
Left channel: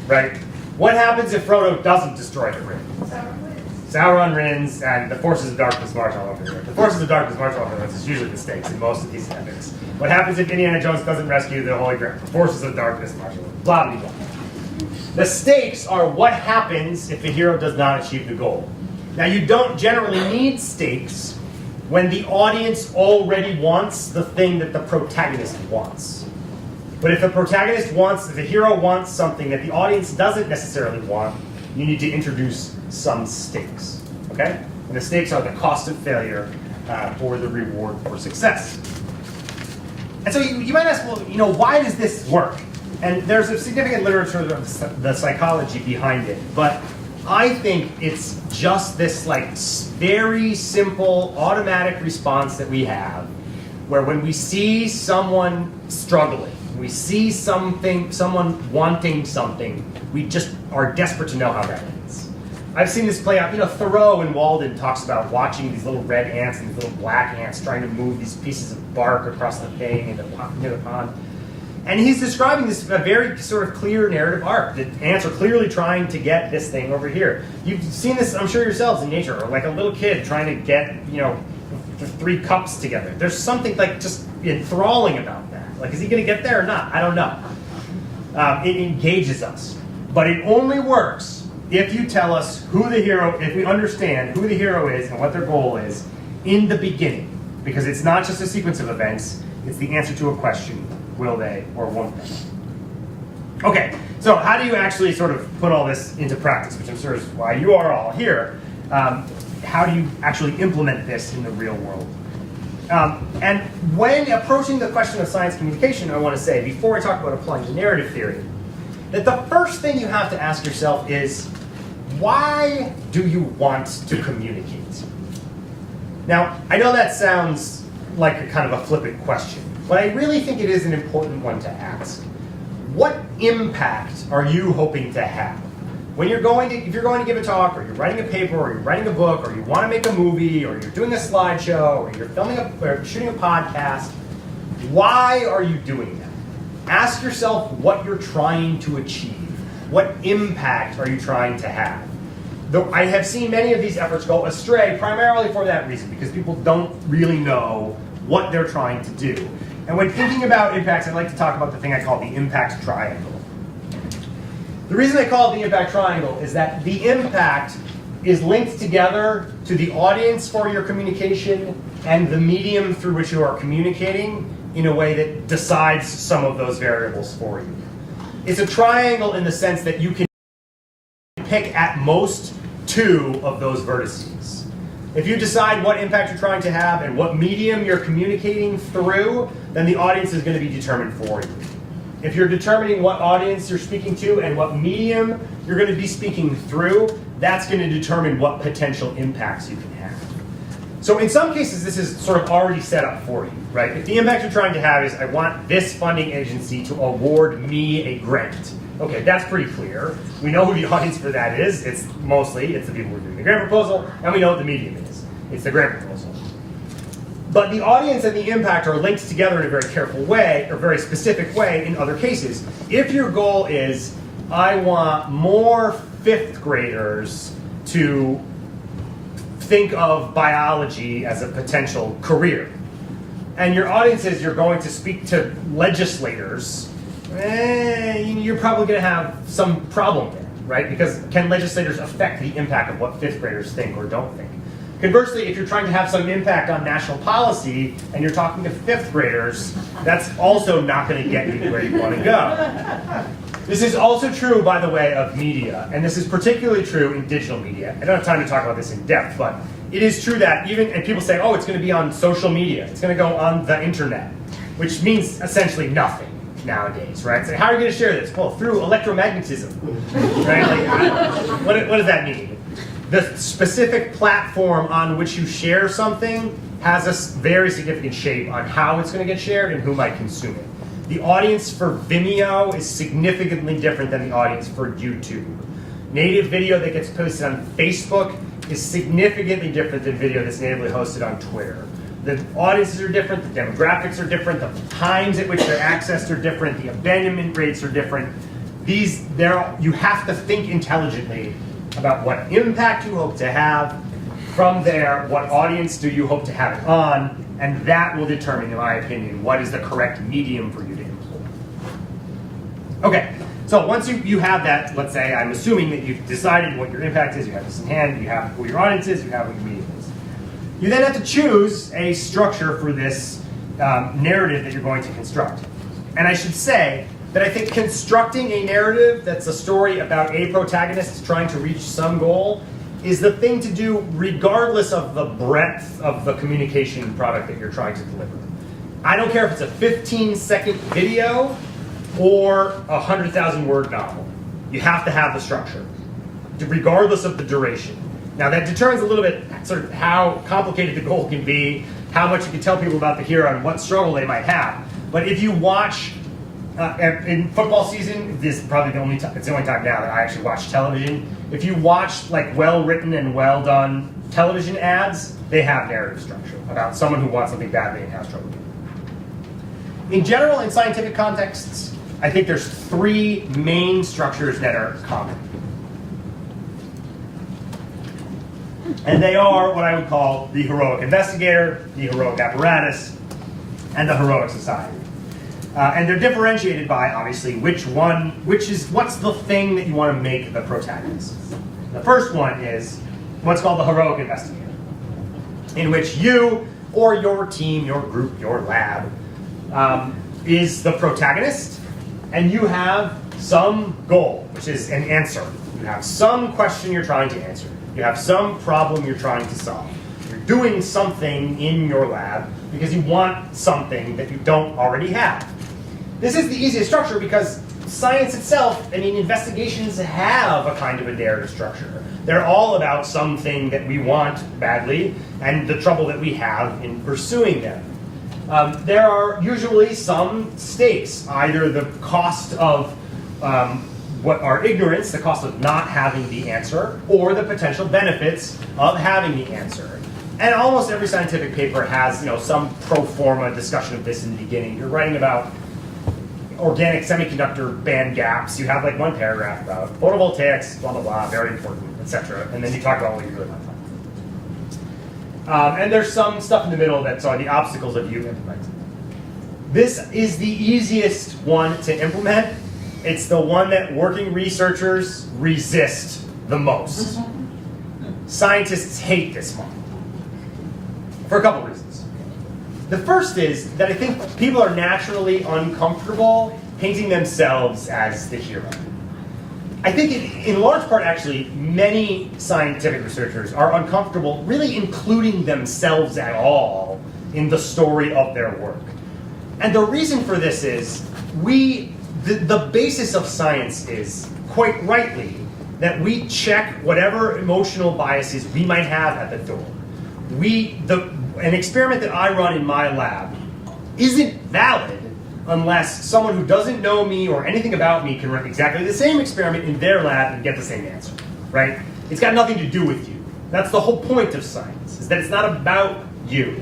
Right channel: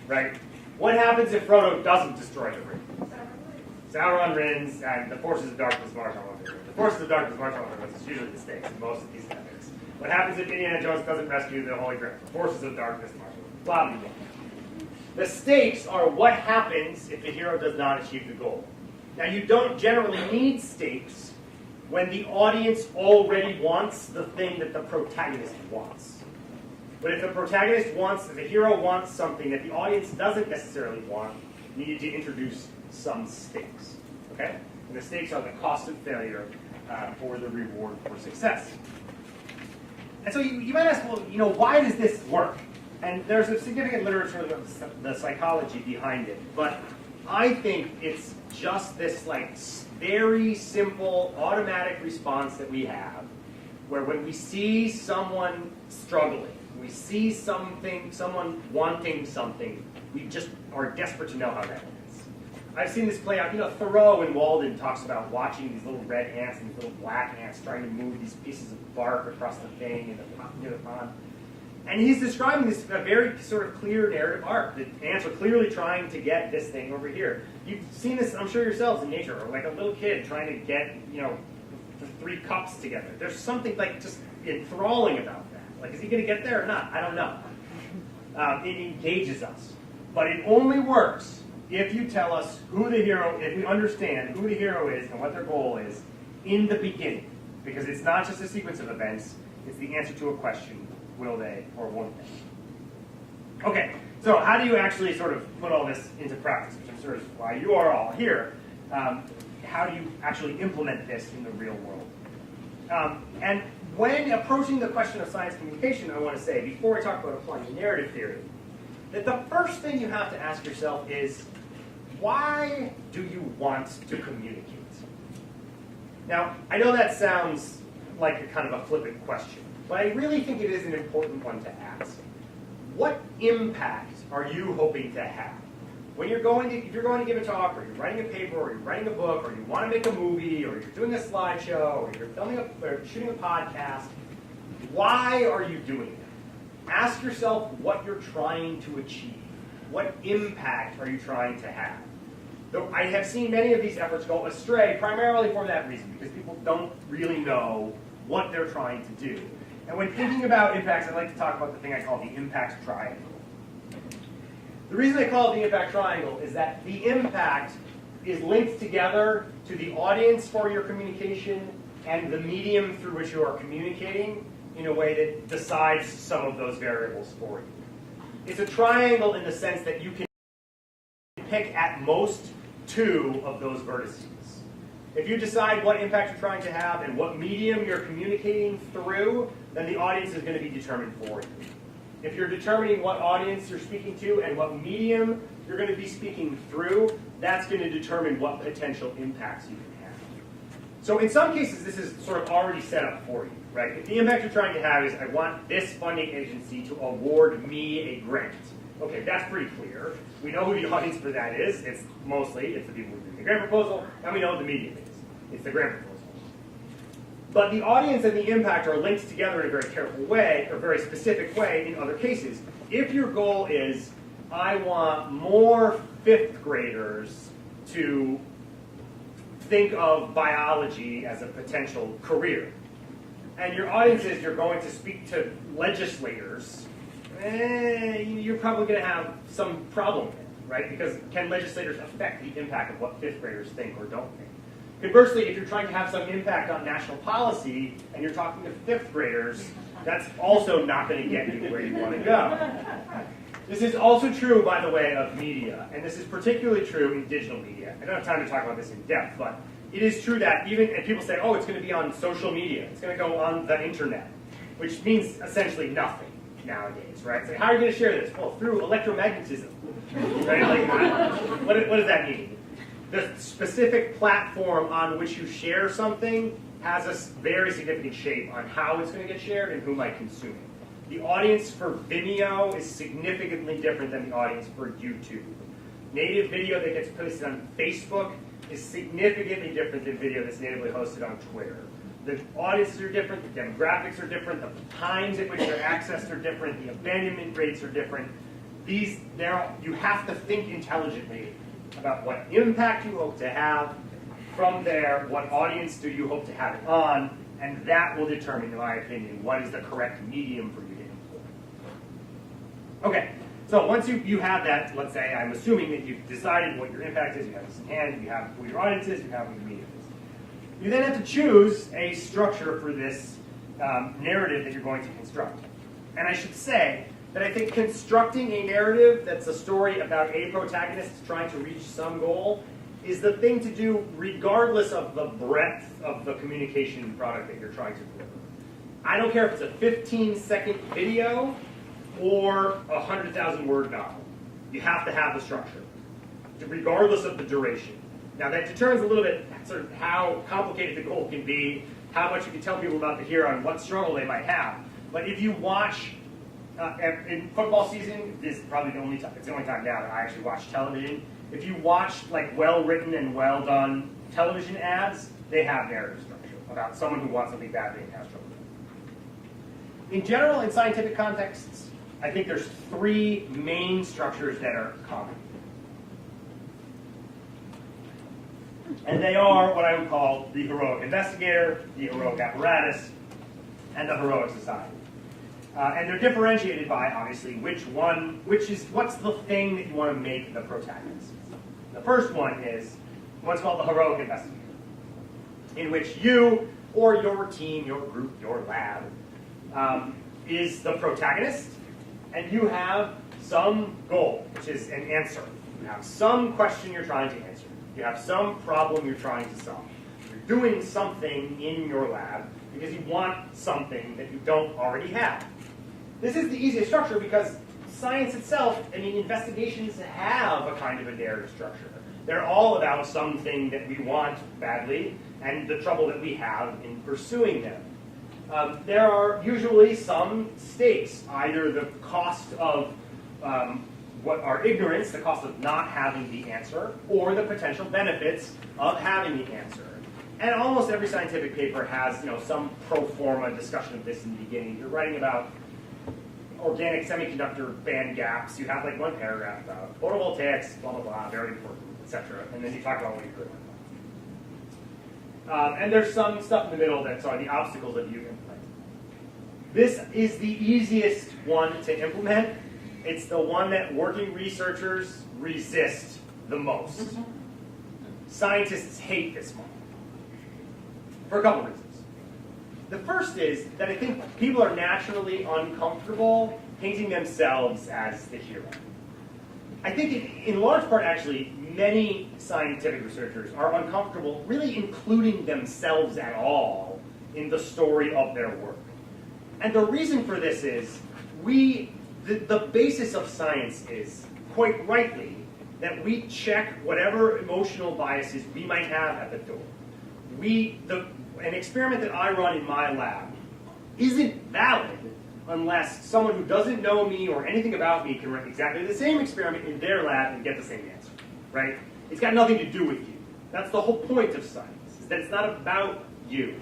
right? What happens if Frodo doesn't destroy the ring? Sauron wins, and the forces of darkness march all over the earth. The forces of darkness march all over the earth is usually the stakes in most of these epics. What happens if Indiana Jones doesn't rescue the Holy Grail? The forces of darkness march all over. Blah, blah, blah. The stakes are what happens if the hero does not achieve the goal. Now, you don't generally need stakes when the audience already wants the thing that the protagonist wants. But if the protagonist wants, if the hero wants something that the audience doesn't necessarily want, you need to introduce some stakes, okay? And the stakes are the cost of failure or the reward for success. And so you might ask, well, why does this work? And there's a significant literature of the psychology behind it, but I think it's just this very simple automatic response that we have, where when we see someone struggling, we see someone wanting something, we just are desperate to know how that ends. I've seen this play out. Thoreau in Walden talks about watching these little red ants and these little black ants trying to move these pieces of bark across the thing near the pond. And he's describing this a very sort of clear narrative arc. The ants are clearly trying to get this thing over here. You've seen this, I'm sure, yourselves in nature, or like a little kid trying to get, the 3 cups together. There's something just enthralling about that. Is he going to get there or not? I don't know. It engages us. But it only works if you tell us if we understand who the hero is and what their goal is in the beginning. Because it's not just a sequence of events, it's the answer to a question. Will they or won't they? Okay, so how do you actually sort of put all this into practice, which I'm sure is why you are all here. How do you actually implement this in the real world? And when approaching the question of science communication, I want to say, before I talk about applying the narrative theory, that the first thing you have to ask yourself is, why do you want to communicate? Now, I know that sounds like a kind of a flippant question, but I really think it is an important one to ask. What impact are you hoping to have? If you're going to give a talk, or you're writing a paper, or you're writing a book, or you want to make a movie, or you're doing a slideshow, or you're shooting a podcast, why are you doing that? Ask yourself what you're trying to achieve. What impact are you trying to have? Though I have seen many of these efforts go astray primarily for that reason, because people don't really know what they're trying to do. And when thinking about impacts, I like to talk about the thing I call the impact triangle. The reason I call it the impact triangle is that the impact is linked together to the audience for your communication and the medium through which you are communicating in a way that decides some of those variables for you. It's a triangle in the sense that you can pick at most 2 of those vertices. If you decide what impact you're trying to have and what medium you're communicating through, then the audience is going to be determined for you. If you're determining what audience you're speaking to and what medium you're going to be speaking through, that's going to determine what potential impacts you can have. So in some cases, this is sort of already set up for you, right? If the impact you're trying to have is, I want this funding agency to award me a grant. Okay, that's pretty clear. We know who the audience for that is. It's the people who are doing the grant proposal, and we know what the medium is. It's the grant proposal. But the audience and the impact are linked together in a very careful way, or very specific way in other cases. If your goal is, I want more 5th graders to think of biology as a potential career, and your audience is you're going to speak to legislators, you're probably going to have some problem there, right? Because can legislators affect the impact of what 5th graders think or don't think? Conversely, if you're trying to have some impact on national policy and you're talking to 5th graders, that's also not going to get you where you want to go. This is also true, by the way, of media, and this is particularly true in digital media. I don't have time to talk about this in depth, but it is true that and people say, oh, it's going to be on social media. It's going to go on the internet, which means essentially nothing nowadays, right? It's like, how are you going to share this? Well, through electromagnetism, right? Like, what does that mean? The specific platform on which you share something has a very significant shape on how it's going to get shared and who might consume it. The audience for Vimeo is significantly different than the audience for YouTube. Native video that gets posted on Facebook is significantly different than video that's natively hosted on Twitter. The audiences are different, the demographics are different, the times at which they're accessed are different, the abandonment rates are different. You have to think intelligently about what impact you hope to have. From there, what audience do you hope to have it on? And that will determine, in my opinion, what is the correct medium for you to employ. Okay, so once you have that, let's say, I'm assuming that you've decided what your impact is, you have this in hand, you have who your audience is, you have what your medium is. You then have to choose a structure for this narrative that you're going to construct. And I should say that I think constructing a narrative that's a story about a protagonist trying to reach some goal is the thing to do regardless of the breadth of the communication product that you're trying to deliver. I don't care if it's a 15-second video or a 100,000-word novel. You have to have the structure, regardless of the duration. Now that determines a little bit sort of how complicated the goal can be, how much you can tell people about the hero and what struggle they might have. But if you watch, in football season, this is probably it's the only time now that I actually watch television. If you watch like well-written and well-done television ads, they have narrative structure about someone who wants something badly and has trouble. In general, in scientific contexts, I think there's 3 main structures that are common. And they are what I would call the heroic investigator, the heroic apparatus, and the heroic society. And they're differentiated by, obviously, what's the thing that you want to make the protagonist. The first one is what's called the heroic investigator, in which you or your team, your group, your lab, is the protagonist, and you have some goal, which is an answer. You have some question you're trying to answer. You have some problem you're trying to solve. You're doing something in your lab because you want something that you don't already have. This is the easiest structure because science itself, investigations have a kind of a narrative structure. They're all about something that we want badly and the trouble that we have in pursuing them. There are usually some stakes, either the cost of what our ignorance, the cost of not having the answer, or the potential benefits of having the answer. And almost every scientific paper has some pro forma discussion of this in the beginning. You're writing about organic semiconductor band gaps. You have like one paragraph about photovoltaics, blah, blah, blah, very important, etc. And then you talk about what you really want to talk about. And there's some stuff in the middle that's the obstacles of you implementing. This is the easiest one to implement. It's the one that working researchers resist the most. Scientists hate this model for a couple reasons. The first is that I think people are naturally uncomfortable painting themselves as the hero. I think in large part, actually, many scientific researchers are uncomfortable really including themselves at all in the story of their work. And the reason for this is the basis of science is, quite rightly, that we check whatever emotional biases we might have at the door. An experiment that I run in my lab isn't valid unless someone who doesn't know me or anything about me can run exactly the same experiment in their lab and get the same answer, right? It's got nothing to do with you. That's the whole point of science, is that it's not about you.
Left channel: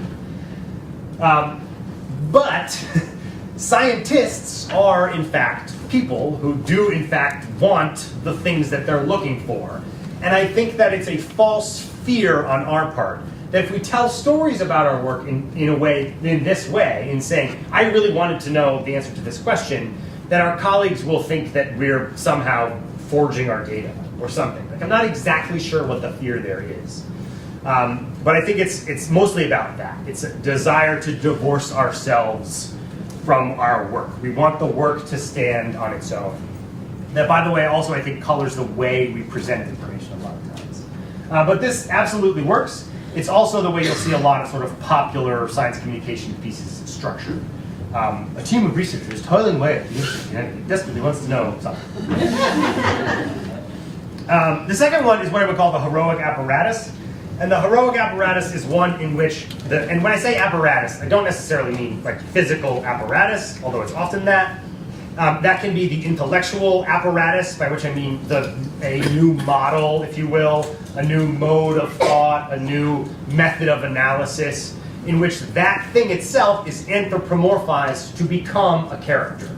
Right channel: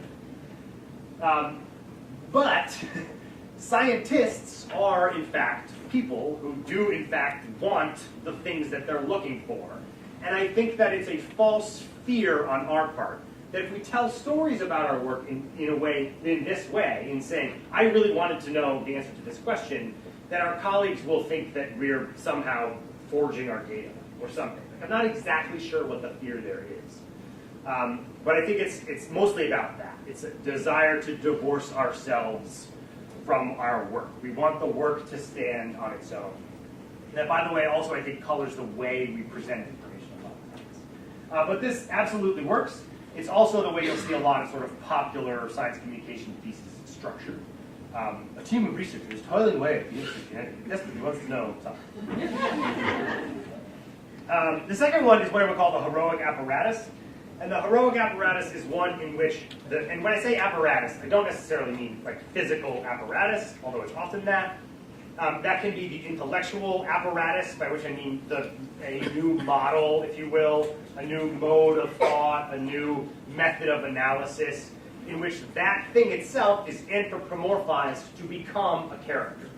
But scientists are, in fact, people who do, in fact, want the things that they're looking for. And I think that it's a false fear on our part that if we tell stories about our work in this way, in saying, I really wanted to know the answer to this question, that our colleagues will think that we're somehow forging our data or something. Like, I'm not exactly sure what the fear there is. But I think it's mostly about that. It's a desire to divorce ourselves from our work. We want the work to stand on its own. That, by the way, also I think colors the way we present information a lot of times. But this absolutely works. It's also the way you'll see a lot of sort of popular science communication pieces structured. A team of researchers toiling away at the University of Connecticut desperately wants to know something. The second one is what I would call the heroic apparatus. And the heroic apparatus is one in which, and when I say apparatus, I don't necessarily mean like physical apparatus, although it's often that. That can be the intellectual apparatus, by which I mean a new model, if you will, a new mode of thought, a new method of analysis, in which that thing itself is anthropomorphized to become a character.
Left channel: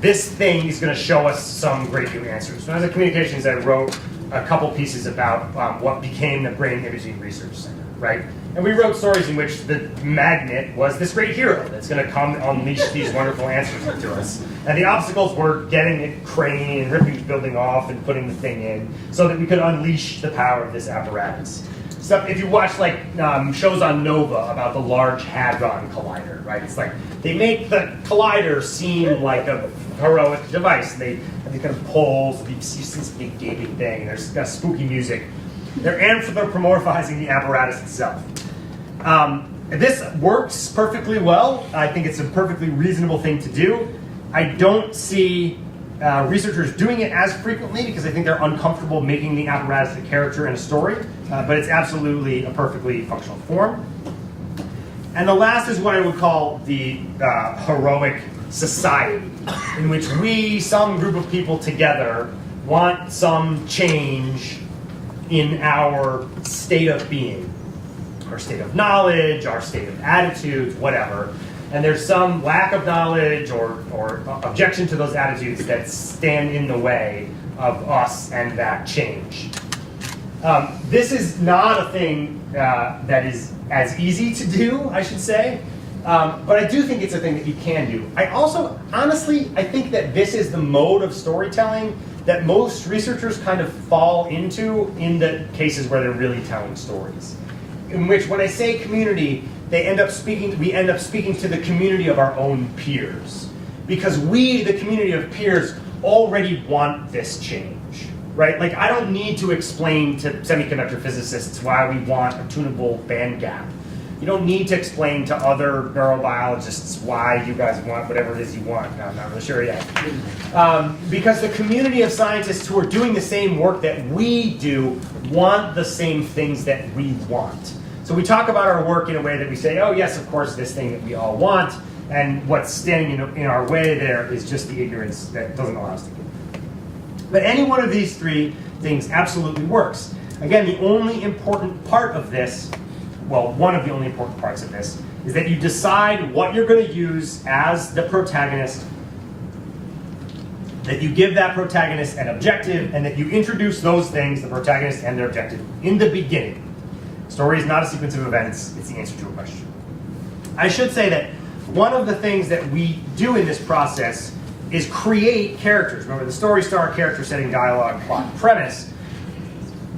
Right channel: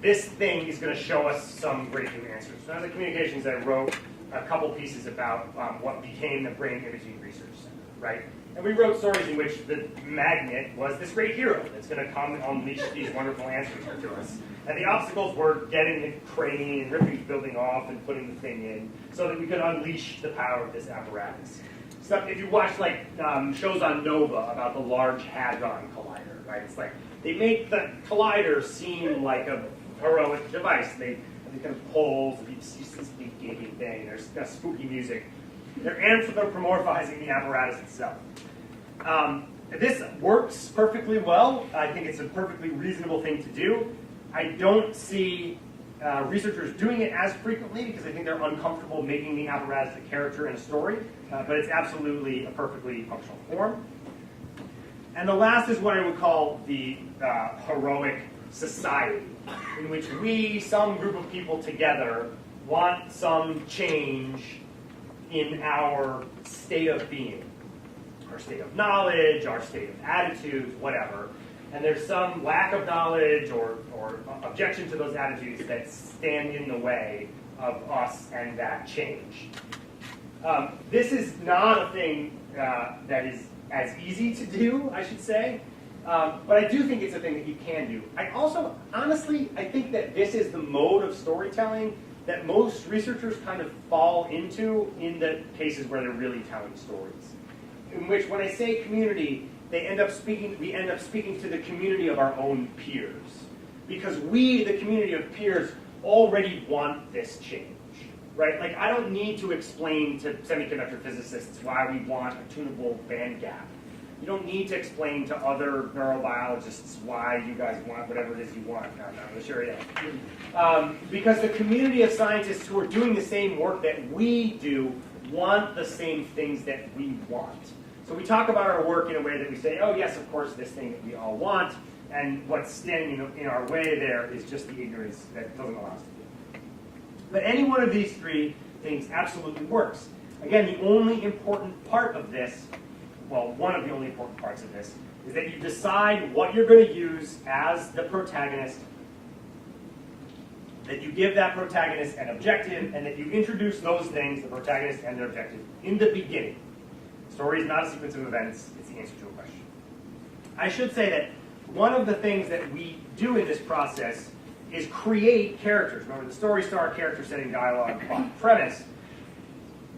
This thing is going to show us some great new answers. When I was at Communications, I wrote a couple pieces about what became the Brain Imaging Research Center, right? And we wrote stories in which the magnet was this great hero that's going to come and unleash these wonderful answers to us. And the obstacles were getting it crane and ripping the building off and putting the thing in so that we could unleash the power of this apparatus. So if you watch like shows on Nova about the Large Hadron Collider, right? It's like they make the collider seem like a heroic device. They have these kind of poles, you see this big gaping thing, and there's got spooky music. They're anthropomorphizing the apparatus itself. This works perfectly well. I think it's a perfectly reasonable thing to do. I don't see researchers doing it as frequently because I think they're uncomfortable making the apparatus a character in a story, but it's absolutely a perfectly functional form. And the last is what I would call the heroic society, in which we, some group of people together, want some change in our state of being, our state of knowledge, our state of attitudes, whatever. And there's some lack of knowledge or objection to those attitudes that stand in the way of us and that change. This is not a thing that is as easy to do, I should say, but I do think it's a thing that you can do. I also, honestly, I think that this is the mode of storytelling that most researchers kind of fall into in the cases where they're really telling stories. In which, when I say community, we end up speaking to the community of our own peers. Because we, the community of peers, already want this change, right? Like, I don't need to explain to semiconductor physicists why we want a tunable band gap. You don't need to explain to other neurobiologists why you guys want whatever it is you want. No, I'm not really sure yet. Because the community of scientists who are doing the same work that we do want the same things that we want. So we talk about our work in a way that we say, oh yes, of course, this thing that we all want, and what's standing in our way there is just the ignorance that doesn't allow us to get it. But any one of these three things absolutely works. Again, the only important part of this, well, one of the only important parts of this, is that you decide what you're going to use as the protagonist, that you give that protagonist an objective, and that you introduce those things, the protagonist and their objective, in the beginning. Story is not a sequence of events, it's the answer to a question. I should say that one of the things that we do in this process is create characters. Remember, the story, star, character, setting, dialogue, plot, premise.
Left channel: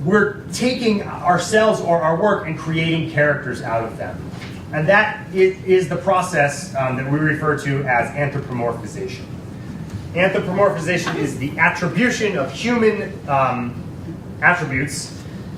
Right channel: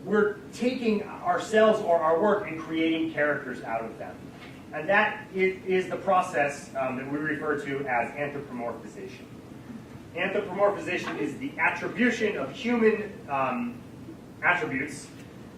We're taking ourselves or our work and creating characters out of them. And that is the process that we refer to as anthropomorphization. Anthropomorphization is the attribution of human attributes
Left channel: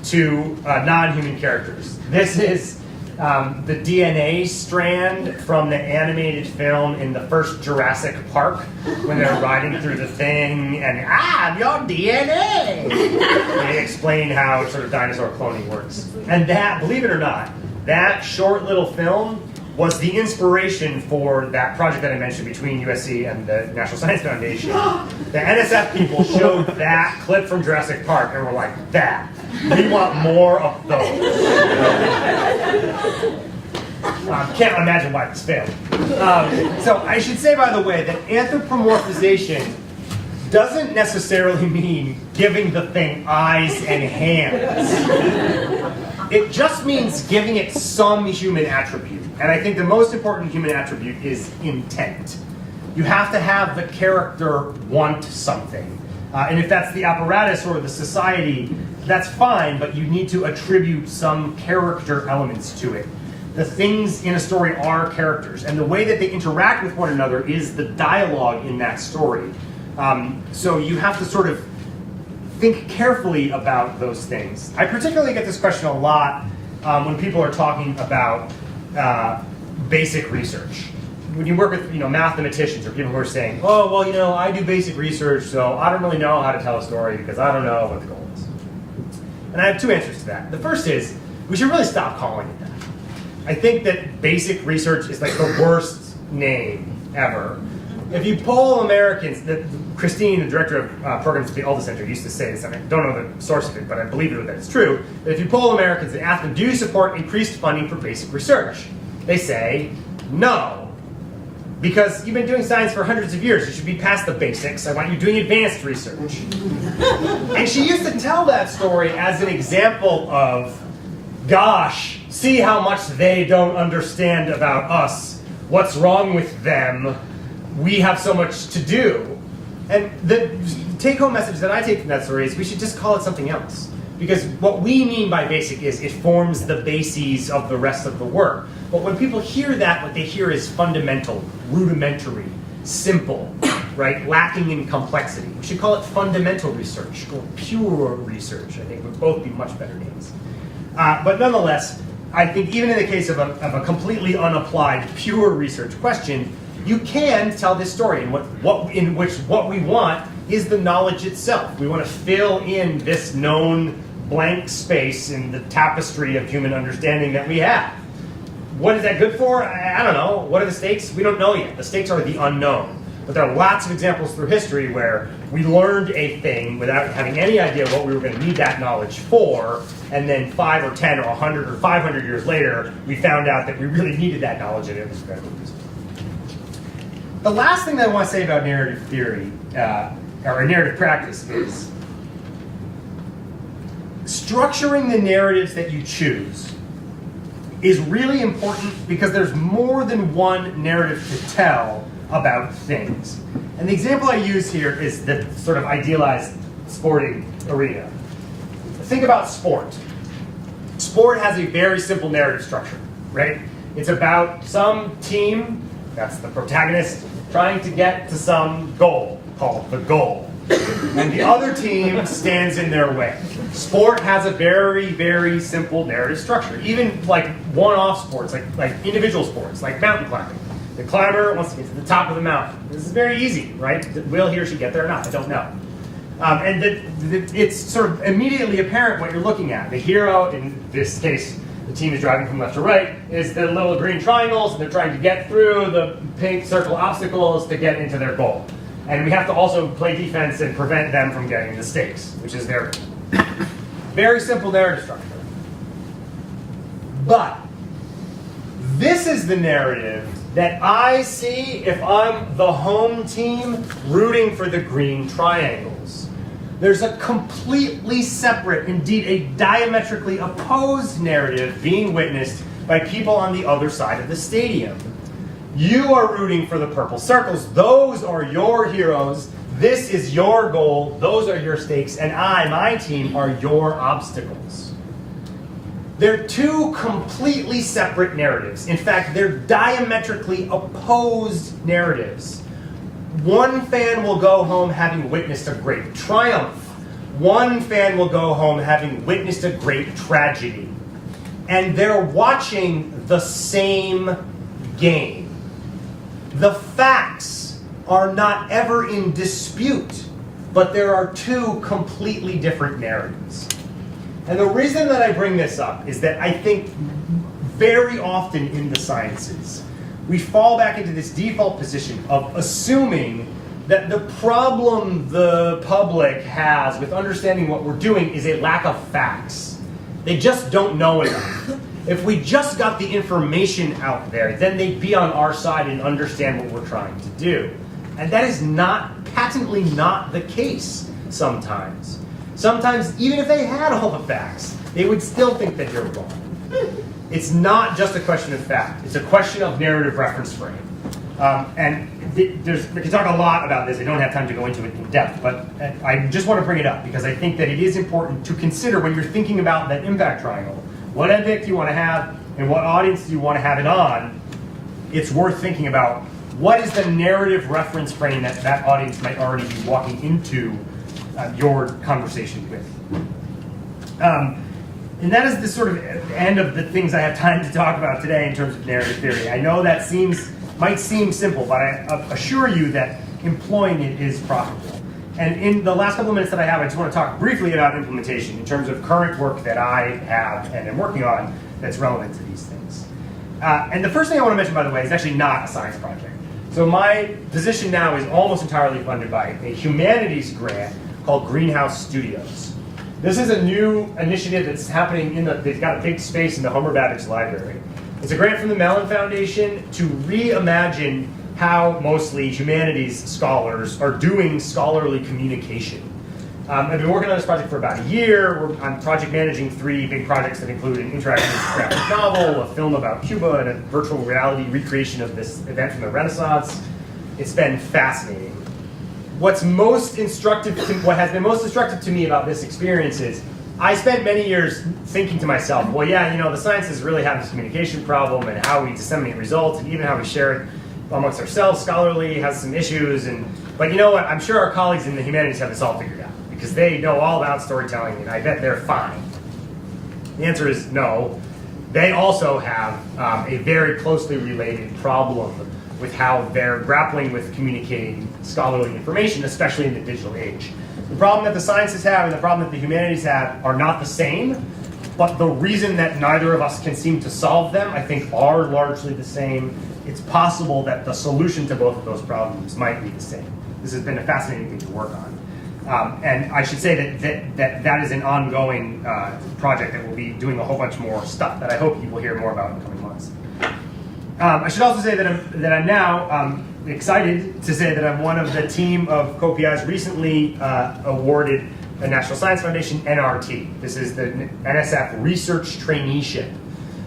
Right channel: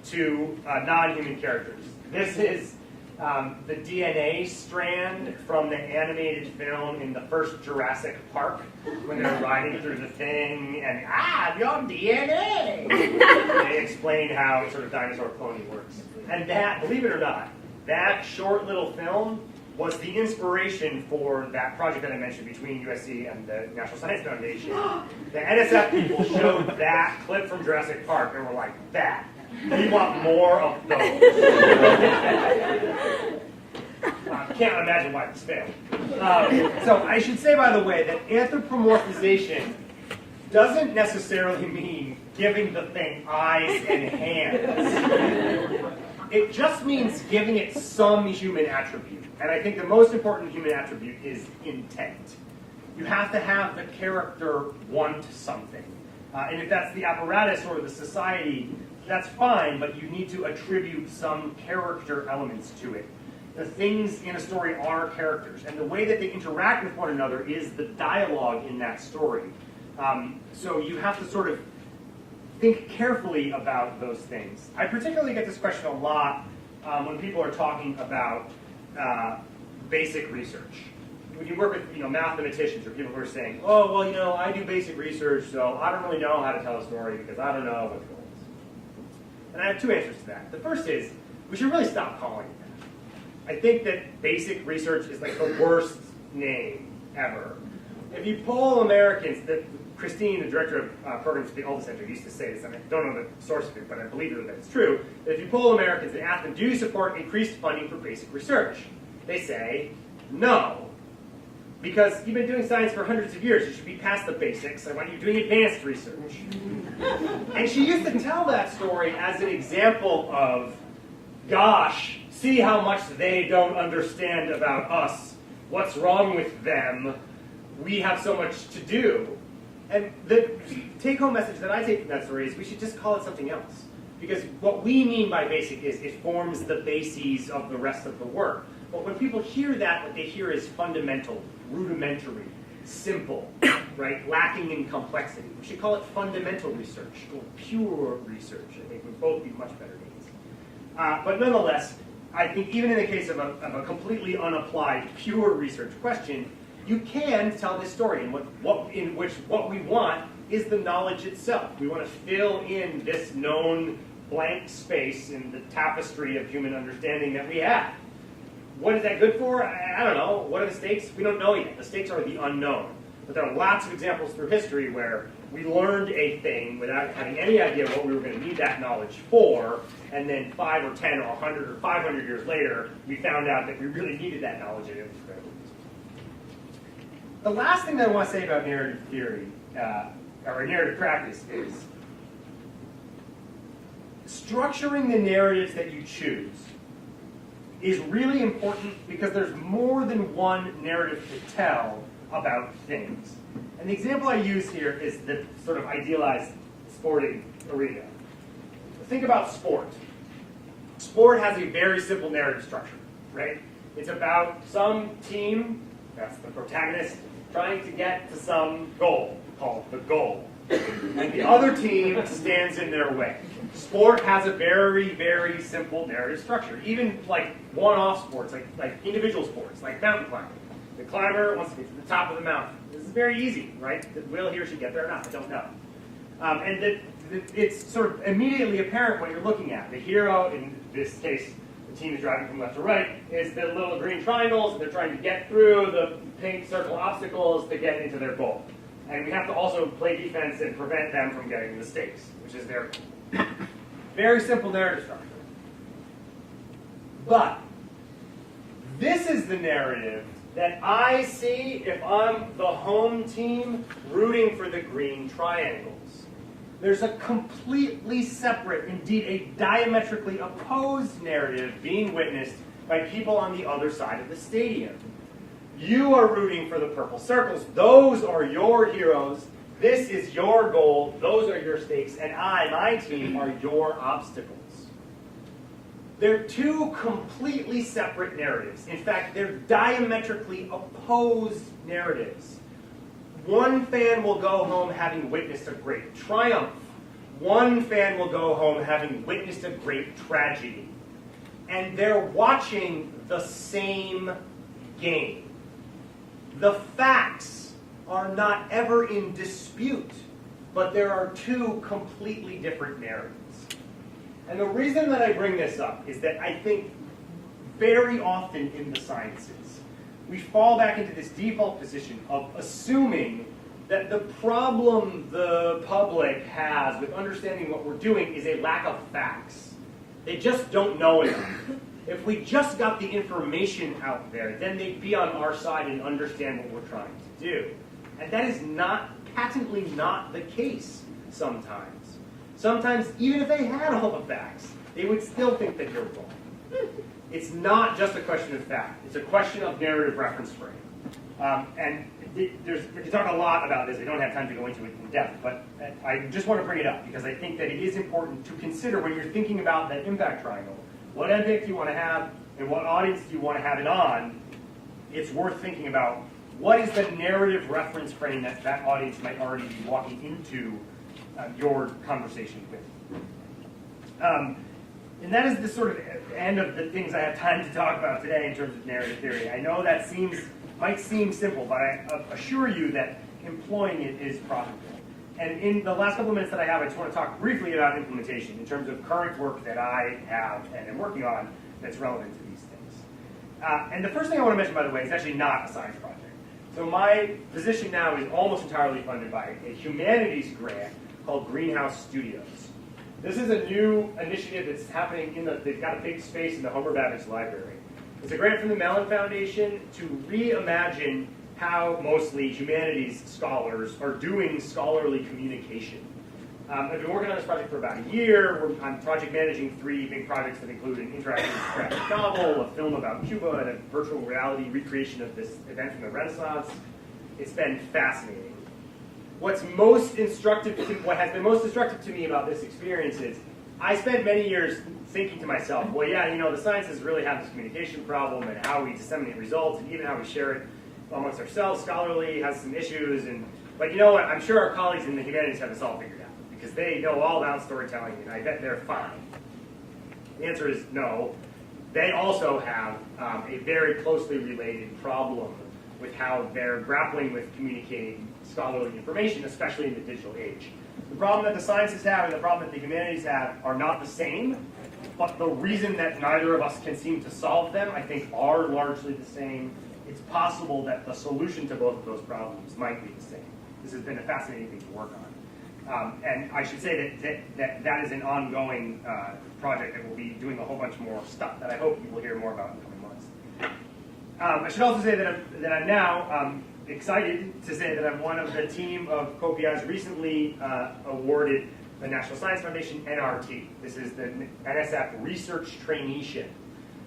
to non-human characters. This is the DNA strand from the animated film in the first Jurassic Park when they're riding through the thing and, I'm your DNA! They explain how sort of dinosaur cloning works. And that, believe it or not, that short little film was the inspiration for that project that I mentioned between USC and the National Science Foundation. The NSF people showed that clip from Jurassic Park and were like, that. We want more of those. Can't imagine why this failed. So I should say, by the way, that anthropomorphization doesn't necessarily mean giving the thing eyes and hands. It just means giving it some human attribute. And I think the most important human attribute is intent. You have to have the character want something. And if that's the apparatus or the society, that's fine, but you need to attribute some character elements to it. The things in a story are characters, and the way that they interact with one another is the dialogue in that story. So you have to sort of think carefully about those things. I particularly get this question a lot when people are talking about basic research. When you work with mathematicians or people who are saying, oh, well, I do basic research, so I don't really know how to tell a story because I don't know what the goal is. And I have two answers to that. The first is, we should really stop calling it that. I think that basic research is like the worst name ever. If you poll Americans, Christine, the director of programs at the Alda Center, used to say this, and I don't know the source of it, but I believe that it's true, that if you poll Americans and ask them, do you support increased funding for basic research? They say, no. Because you've been doing science for hundreds of years, you should be past the basics. I want you doing advanced research. And she used to tell that story as an example of, gosh, see how much they don't understand about us. What's wrong with them? We have so much to do. And the take-home message that I take from that story is we should just call it something else. Because what we mean by basic is it forms the bases of the rest of the work. But when people hear that, what they hear is fundamental, rudimentary, simple, right? Lacking in complexity. We should call it fundamental research or pure research. I think would both be much better names. But nonetheless, I think even in the case of a completely unapplied, pure research question, you can tell this story in which what we want is the knowledge itself. We want to fill in this known blank space in the tapestry of human understanding that we have. What is that good for? I don't know. What are the stakes? We don't know yet. The stakes are the unknown. But there are lots of examples through history where we learned a thing without having any idea what we were going to need that knowledge for, and then 5 or 10 or 100 or 500 years later, we found out that we really needed that knowledge and it was incredibly useful. The last thing that I want to say about narrative theory, or narrative practice, is structuring the narratives that you choose is really important because there's more than one narrative to tell about things. And the example I use here is the sort of idealized sporting arena. Think about sport. Sport has a very simple narrative structure, right? It's about some team, that's the protagonist, trying to get to some goal called the goal. And the other team stands in their way. Sport has a very, very simple narrative structure. Even like one-off sports, like individual sports, like mountain climbing. The climber wants to get to the top of the mountain. This is very easy, right? Will he or she get there or not? I don't know. It's sort of immediately apparent what you're looking at. The hero, in this case, the team is driving from left to right, is the little green triangles, and they're trying to get through the pink circle obstacles to get into their goal. And we have to also play defense and prevent them from getting the stakes, which is their very simple narrative structure. But this is the narrative that I see if I'm the home team rooting for the green triangles. There's a completely separate, indeed a diametrically opposed narrative being witnessed by people on the other side of the stadium. You are rooting for the purple circles. Those are your heroes. This is your goal. Those are your stakes. And my team, are your obstacles. They're two completely separate narratives. In fact, they're diametrically opposed narratives. One fan will go home having witnessed a great triumph. One fan will go home having witnessed a great tragedy. And they're watching the same game. The facts are not ever in dispute, but there are two completely different narratives. And the reason that I bring this up is that I think very often in the sciences, we fall back into this default position of assuming that the problem the public has with understanding what we're doing is a lack of facts. They just don't know enough. If we just got the information out there, then they'd be on our side and understand what we're trying to do. And that is patently not the case sometimes. Sometimes, even if they had all the facts, they would still think that you're wrong. It's not just a question of fact. It's a question of narrative reference frame. We can talk a lot about this. I don't have time to go into it in depth, but I just want to bring it up because I think that it is important to consider when you're thinking about that impact triangle. What impact do you want to have, and what audience do you want to have it on? It's worth thinking about what is the narrative reference frame that audience might already be walking into your conversation with. And that is the sort of end of the things I have time to talk about today in terms of narrative theory. I know that might seem simple, but I assure you that employing it is profitable. And in the last couple of minutes that I have, I just want to talk briefly about implementation in terms of current work that I have and am working on that's relevant to these things. And the first thing I want to mention, by the way, is actually not a science project. So my position now is almost entirely funded by a humanities grant called Greenhouse Studios. This is a new initiative that's happening they've got a big space in the Homer Babbage Library. It's a grant from the Mellon Foundation to reimagine how mostly humanities scholars are doing scholarly communication. I've been working on this project for about a year. I'm project managing 3 big projects that include an interactive graphic novel, a film about Cuba, and a virtual reality recreation of this event from the Renaissance. It's been fascinating. What has been most instructive to me about this experience is I spent many years thinking to myself, well, yeah, the sciences really have this communication problem, and how we disseminate results, and even how we share it amongst ourselves scholarly has some issues. But you know what? I'm sure our colleagues in the humanities have this all figured out, because they know all about storytelling, and I bet they're fine. The answer is no. They also have a very closely related problem with how they're grappling with communicating scholarly information, especially in the digital age. The problem that the sciences have and the problem that the humanities have are not the same, but the reason that neither of us can seem to solve them, I think, are largely the same. It's possible that the solution to both of those problems might be the same. This has been a fascinating thing to work on. And I should say that is an ongoing project that will be doing a whole bunch more stuff that I hope you will hear more about in the coming months. I should also say that I'm now excited to say that I'm one of the team of co-PIs recently awarded the National Science Foundation NRT. This is the NSF Research Traineeship,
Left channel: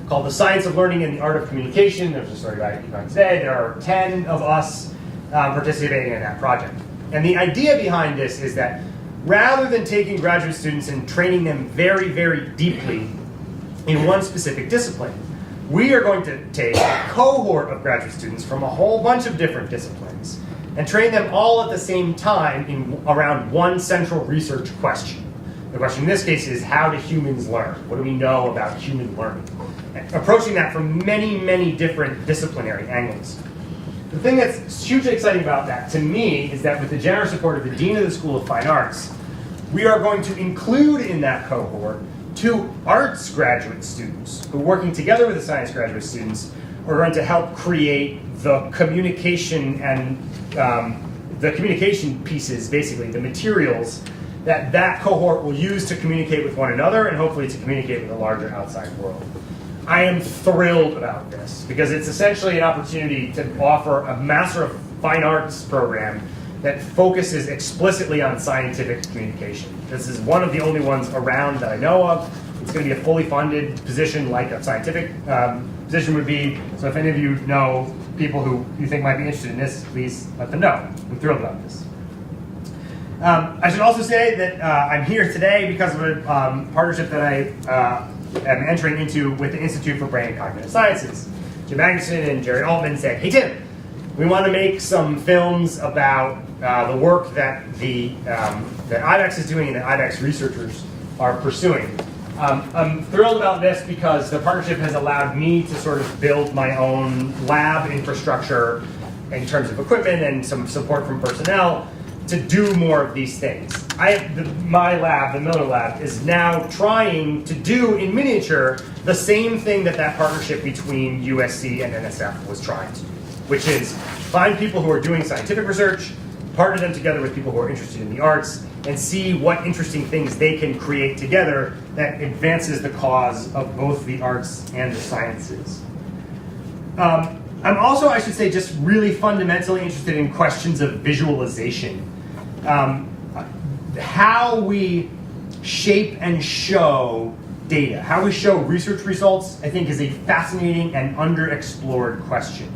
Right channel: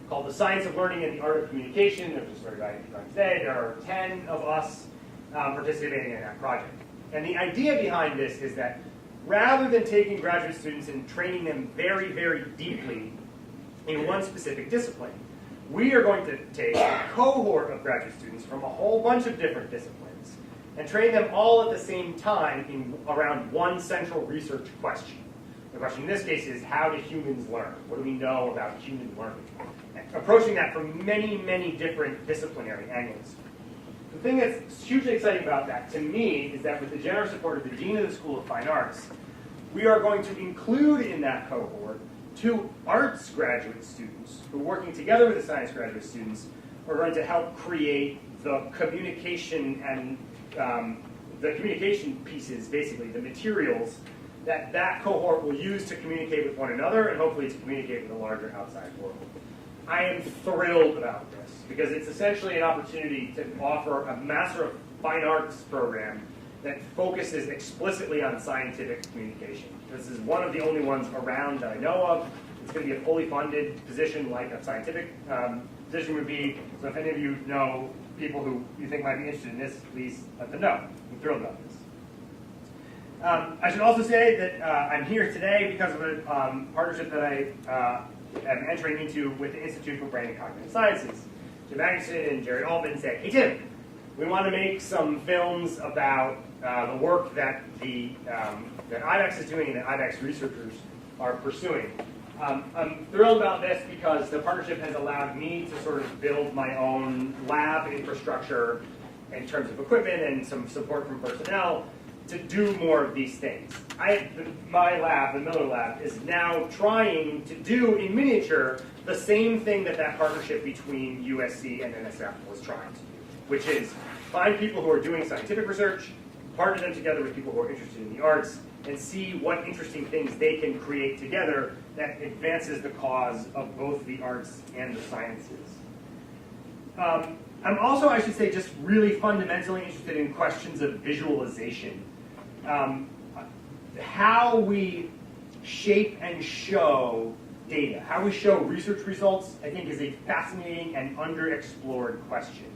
called The Science of Learning and the Art of Communication. There's a story about it UConn today. There are 10 of us participating in that project. And the idea behind this is that rather than taking graduate students and training them very, very deeply in one specific discipline, we are going to take a cohort of graduate students from a whole bunch of different disciplines and train them all at the same time around one central research question. The question in this case is, how do humans learn? What do we know about human learning? Approaching that from many, many different disciplinary angles. The thing that's hugely exciting about that, to me, is that with the generous support of the Dean of the School of Fine Arts, we are going to include in that cohort 2 arts graduate students who, working together with the science graduate students, are going to help create the communication and the communication pieces, basically, the materials that cohort will use to communicate with one another and hopefully to communicate with a larger outside world. I am thrilled about this because it's essentially an opportunity to offer a Master of Fine Arts program that focuses explicitly on scientific communication. This is one of the only ones around that I know of. It's going to be a fully funded position like a scientific position would be. So if any of you know people who you think might be interested in this, please let them know. I'm thrilled about this. I should also say that I'm here today because of a partnership that I am entering into with the Institute for Brain and Cognitive Sciences. Jim Magnuson and Jerry Altman said, hey Tim, we want to make some films about the work that that IBEX is doing and that IBEX researchers are pursuing. I'm thrilled about this because the partnership has allowed me to sort of build my own lab infrastructure in terms of equipment and some support from personnel to do more of these things. My lab, the Miller Lab, is now trying to do in miniature the same thing that partnership between USC and NSF was trying to do, which is find people who are doing scientific research, partner them together with people who are interested in the arts, and see what interesting things they can create together that advances the cause of both the arts and the sciences. I'm also, I should say, just really fundamentally interested in questions of visualization. How we shape and show data, how we show research results, I think is a fascinating and underexplored question.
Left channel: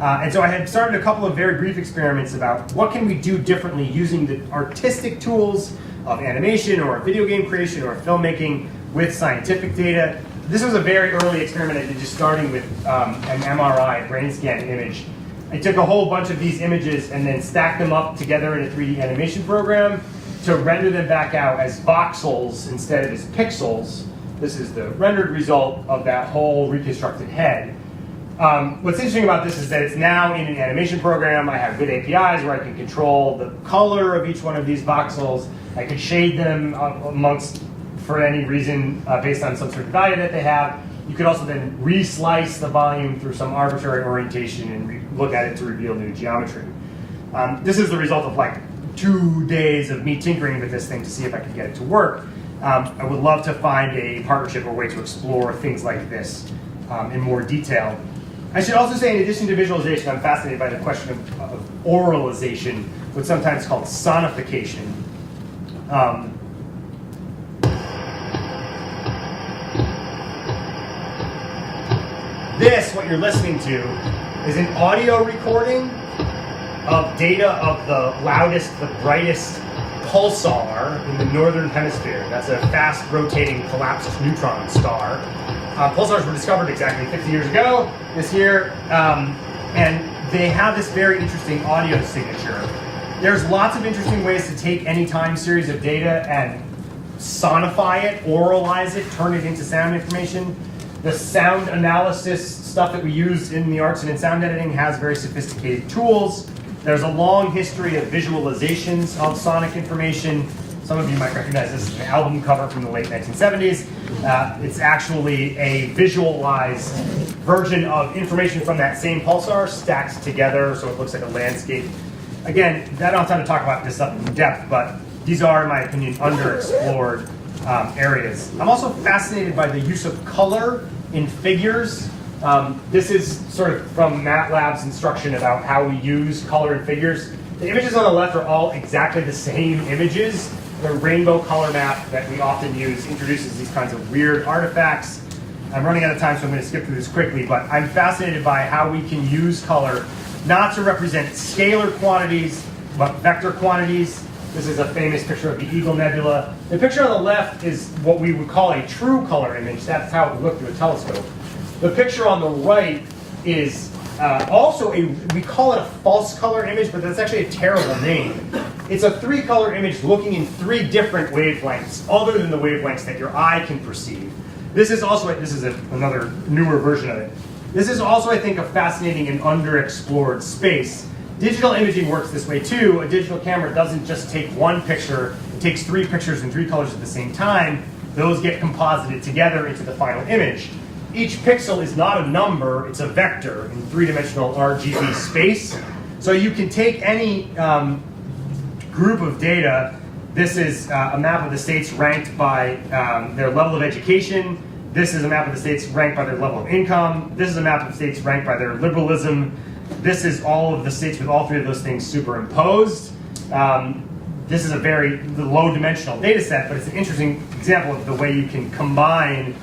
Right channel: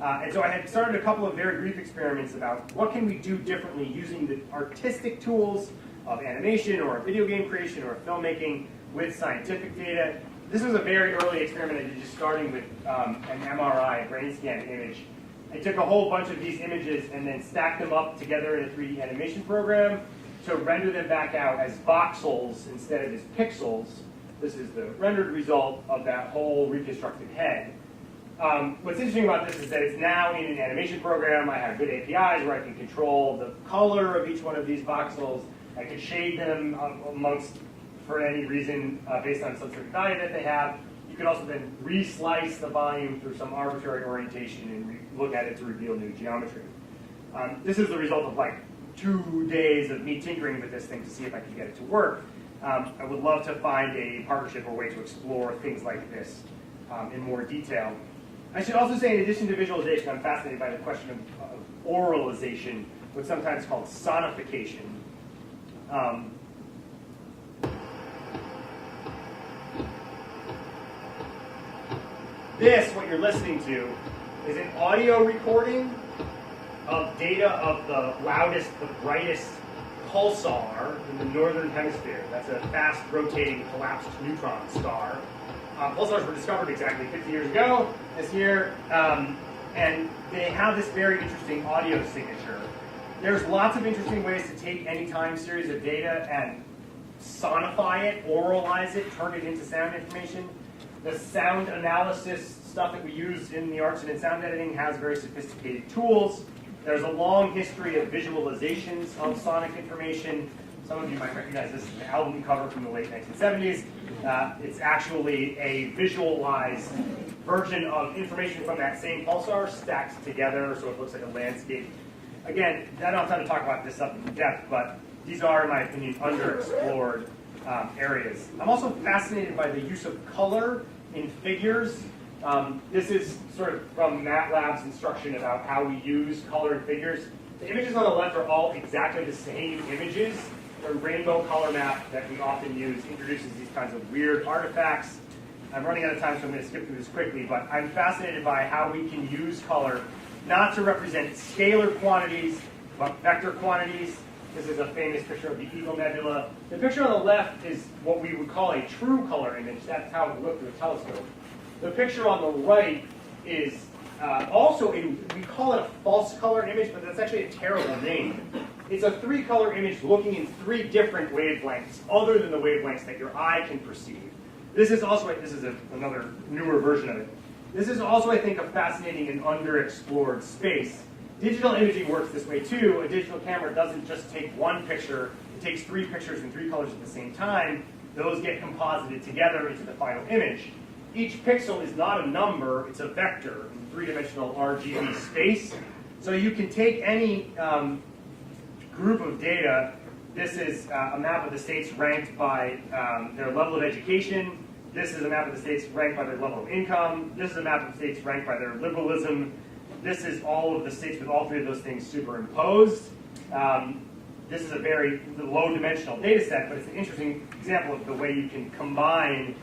And so I had started a couple of very brief experiments about what can we do differently using the artistic tools of animation or video game creation or filmmaking with scientific data. This was a very early experiment I did, just starting with an MRI brain scan image. I took a whole bunch of these images and then stacked them up together in a 3D animation program to render them back out as voxels instead of as pixels This is the rendered result of that whole reconstructed head. What's interesting about this is that it's now in an animation program. I have good APIs where I can control the color of each one of these voxels. I could shade them amongst, for any reason, based on some certain value that they have. You could also then re-slice the volume through some arbitrary orientation and look at it to reveal new geometry. This is the result of like 2 days of me tinkering with this thing to see if I could get it to work. I would love to find a partnership or way to explore things like this in more detail. I should also say, in addition to visualization, I'm fascinated by the question of oralization, what's sometimes called sonification. This, what you're listening to, is an audio recording of data of the loudest, the brightest pulsar in the northern hemisphere. That's a fast rotating collapsed neutron star. Pulsars were discovered exactly 50 years ago this year, and they have this very interesting audio signature. There's lots of interesting ways to take any time series of data and sonify it, oralize it, turn it into sound information. The sound analysis stuff that we use in the arts and in sound editing has very sophisticated tools. There's a long history of visualizations of sonic information. Some of you might recognize this as an album cover from the late 1970s. It's actually a visualized version of information from that same pulsar stacked together so it looks like a landscape. Again, I don't have time to talk about this stuff in depth, but these are, in my opinion, underexplored areas. I'm also fascinated by the use of color in figures. This is sort of from MATLAB's instruction about how we use color in figures. The images on the left are all exactly the same images. The rainbow color map that we often use introduces these kinds of weird artifacts. I'm running out of time, so I'm going to skip through this quickly, but I'm fascinated by how we can use color not to represent scalar quantities, but vector quantities. This is a famous picture of the Eagle Nebula. The picture on the left is what we would call a true color image. That's how it would look through a telescope. The picture on the right is also we call it a false color image, but that's actually a terrible name. It's a 3-color image looking in 3 different wavelengths, other than the wavelengths that your eye can perceive. This is also, another newer version of it. This is also, I think, a fascinating and underexplored space. Digital imaging works this way too. A digital camera doesn't just take one picture, it takes 3 pictures in 3 colors at the same time. Those get composited together into the final image. Each pixel is not a number, it's a vector in 3-dimensional RGB space. So you can take any group of data. This is a map of the states ranked by their level of education. This is a map of the states ranked by their level of income. This is a map of the states ranked by their liberalism. This is all of the states with all 3 of those things superimposed. This is a very low-dimensional data set, but it's an interesting example of the way you can combine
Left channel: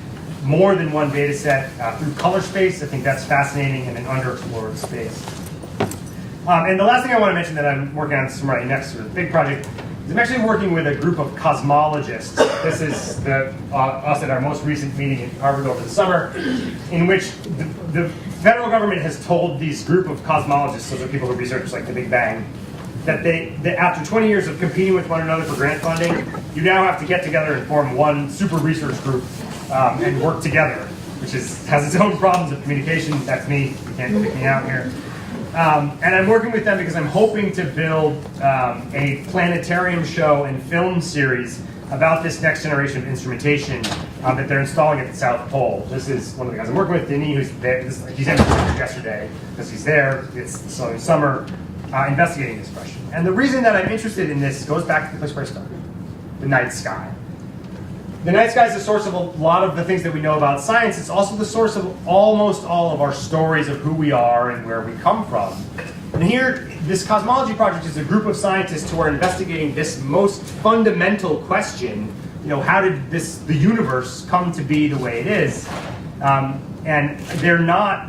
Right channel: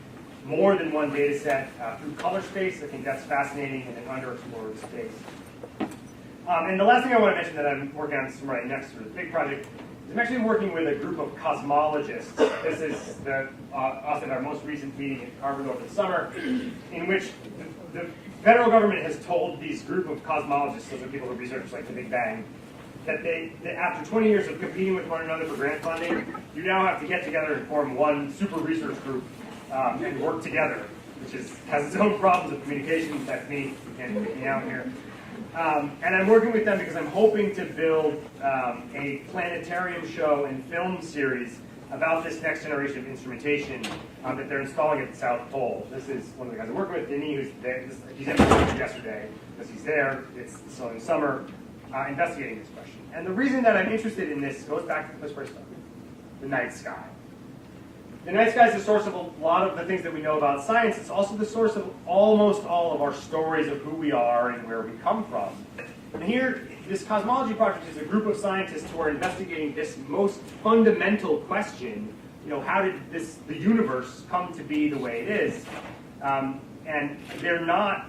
more than one data set through color space. I think that's fascinating in an underexplored space. And the last thing I want to mention that I'm working on right next to a big project is I'm actually working with a group of cosmologists. This is us at our most recent meeting in Harvard over the summer, in which the federal government has told these group of cosmologists, so the people who research like the Big Bang, that after 20 years of competing with one another for grant funding, you now have to get together and form one super research group and work together, which has its own problems of communication. That's me. You can't pick me out here. And I'm working with them because I'm hoping to build a planetarium show and film series about this next generation of instrumentation that they're installing at the South Pole. This is one of the guys I'm working with, Denny, who's there. He's in yesterday because he's there. It's summer investigating this question. And the reason that I'm interested in this goes back to the place where I started, the night sky. The night sky is the source of a lot of the things that we know about science. It's also the source of almost all of our stories of who we are and where we come from. And here, this Cosmology Project is a group of scientists who are investigating this most fundamental question, how did the universe come to be the way it is? And they're not,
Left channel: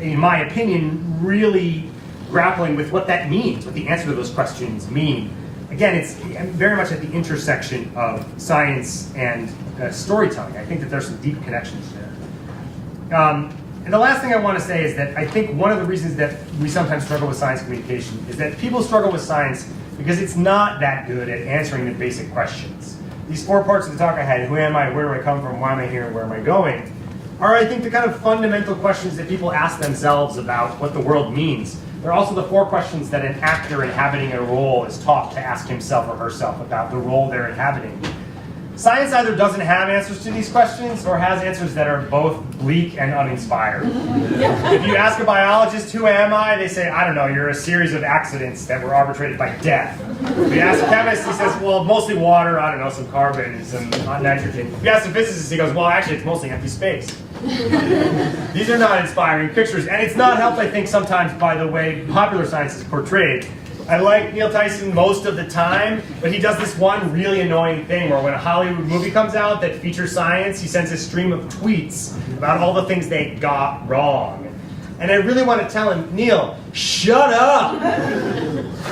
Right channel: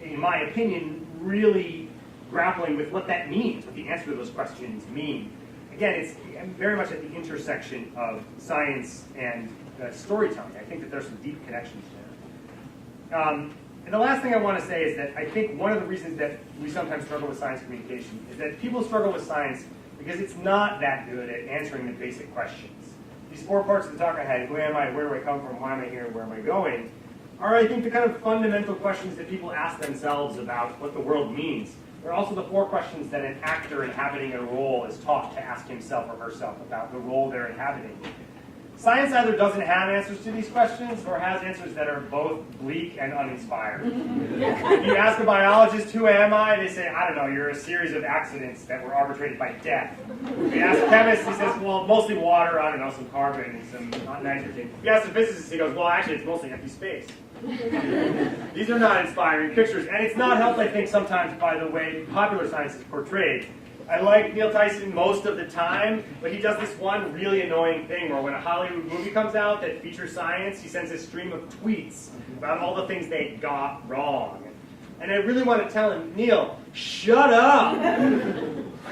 in my opinion, really grappling with what that means, what the answer to those questions mean. Again, it's very much at the intersection of science and storytelling. I think that there's some deep connections there. And the last thing I want to say is that I think one of the reasons that we sometimes struggle with science communication is that people struggle with science because it's not that good at answering the basic questions. these 4 parts of the talk I had, who am I, where do I come from, why am I here, and where am I going, are, I think, the kind of fundamental questions that people ask themselves about what the world means. They're also the 4 questions that an actor inhabiting a role is taught to ask himself or herself about the role they're inhabiting. Science either doesn't have answers to these questions or has answers that are both bleak and uninspired. If you ask a biologist, who am I? They say, I don't know, you're a series of accidents that were arbitrated by death. If you ask a chemist, he says, well, mostly water, I don't know, some carbon and some nitrogen. If you ask a physicist, he goes, well, actually, it's mostly empty space. These are not inspiring pictures, and it's not helped, I think, sometimes by the way popular science is portrayed. I like Neil Tyson most of the time, but he does this one really annoying thing where when a Hollywood movie comes out that features science, he sends a stream of tweets about all the things they got wrong. And I really want to tell him, Neil, shut up!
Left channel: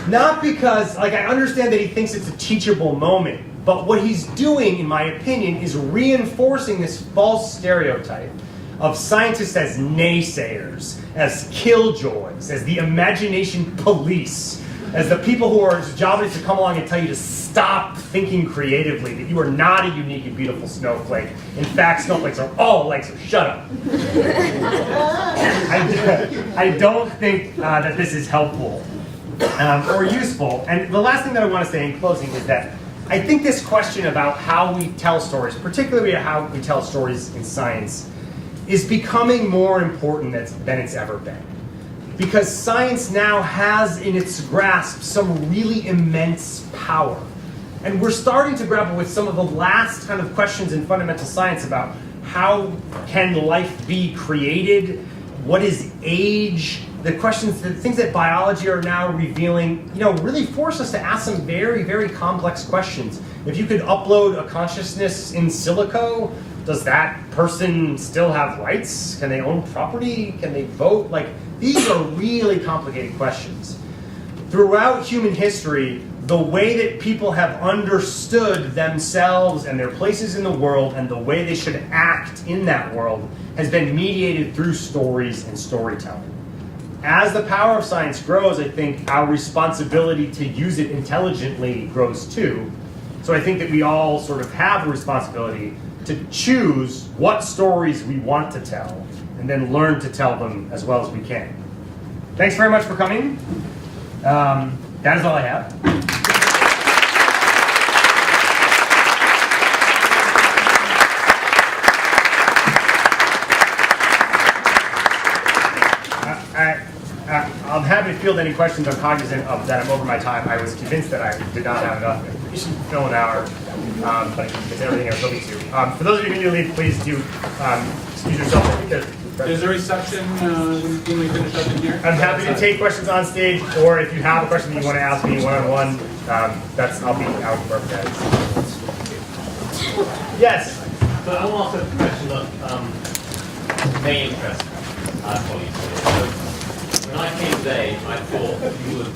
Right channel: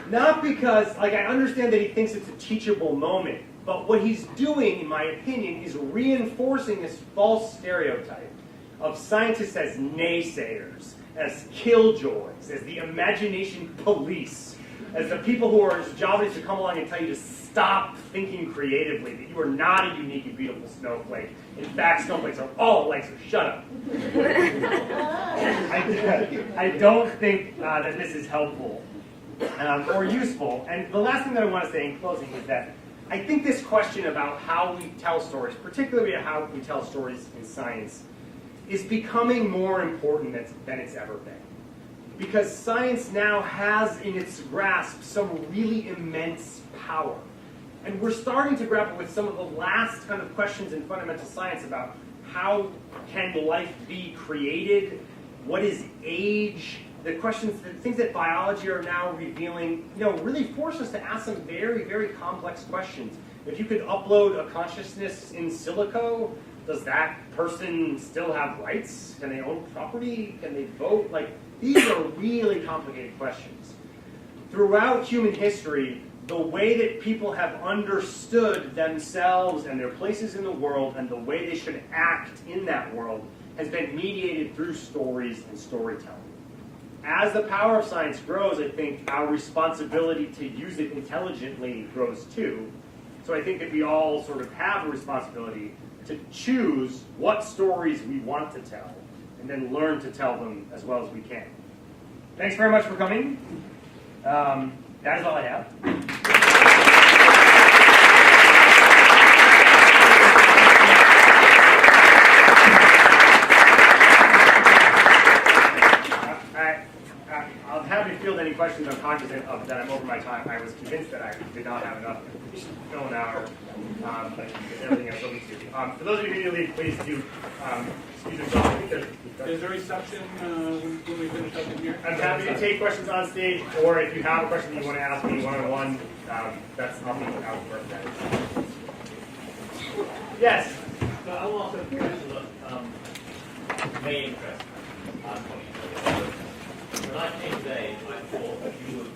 Not because, I understand that he thinks it's a teachable moment, but what he's doing, in my opinion, is reinforcing this false stereotype of scientists as naysayers, as killjoys, as the imagination police, as the people whose job it is to come along and tell you to stop thinking creatively, that you are not a unique and beautiful snowflake. In fact, snowflakes are all alike, so shut up. I don't think that this is helpful or useful. And the last thing that I want to say in closing is that I think this question about how we tell stories, particularly how we tell stories in science, is becoming more important than it's ever been. Because science now has in its grasp some really immense power. And we're starting to grapple with some of the last kind of questions in fundamental science about how can life be created, what is age, the questions, the things that biology are now revealing, really force us to ask some very, very complex questions. If you could upload a consciousness in silico, does that person still have rights? Can they own property? Can they vote? These are really complicated questions. Throughout human history, the way that people have understood themselves and their places in the world and the way they should act in that world has been mediated through stories and storytelling. As the power of science grows, I think our responsibility to use it intelligently grows too. So I think that we all sort of have a responsibility to choose what stories we want to tell and then learn to tell them as well as we can. Thanks very much for coming. That is all I have. I'm happy to field any questions. I'm cognizant of that I'm over my time. I was convinced that I did not have enough information to fill an hour, but I can get everything I was hoping to. For those of you who need to leave, please do excuse yourself. I think Is there a reception when we finish up in here? I'm happy to take questions on stage, or if you have a question that you want to ask me one-on-one, I'll be out wherever that is. Yes? So I want to ask a question of main interest colleagues. When I came today, I thought you would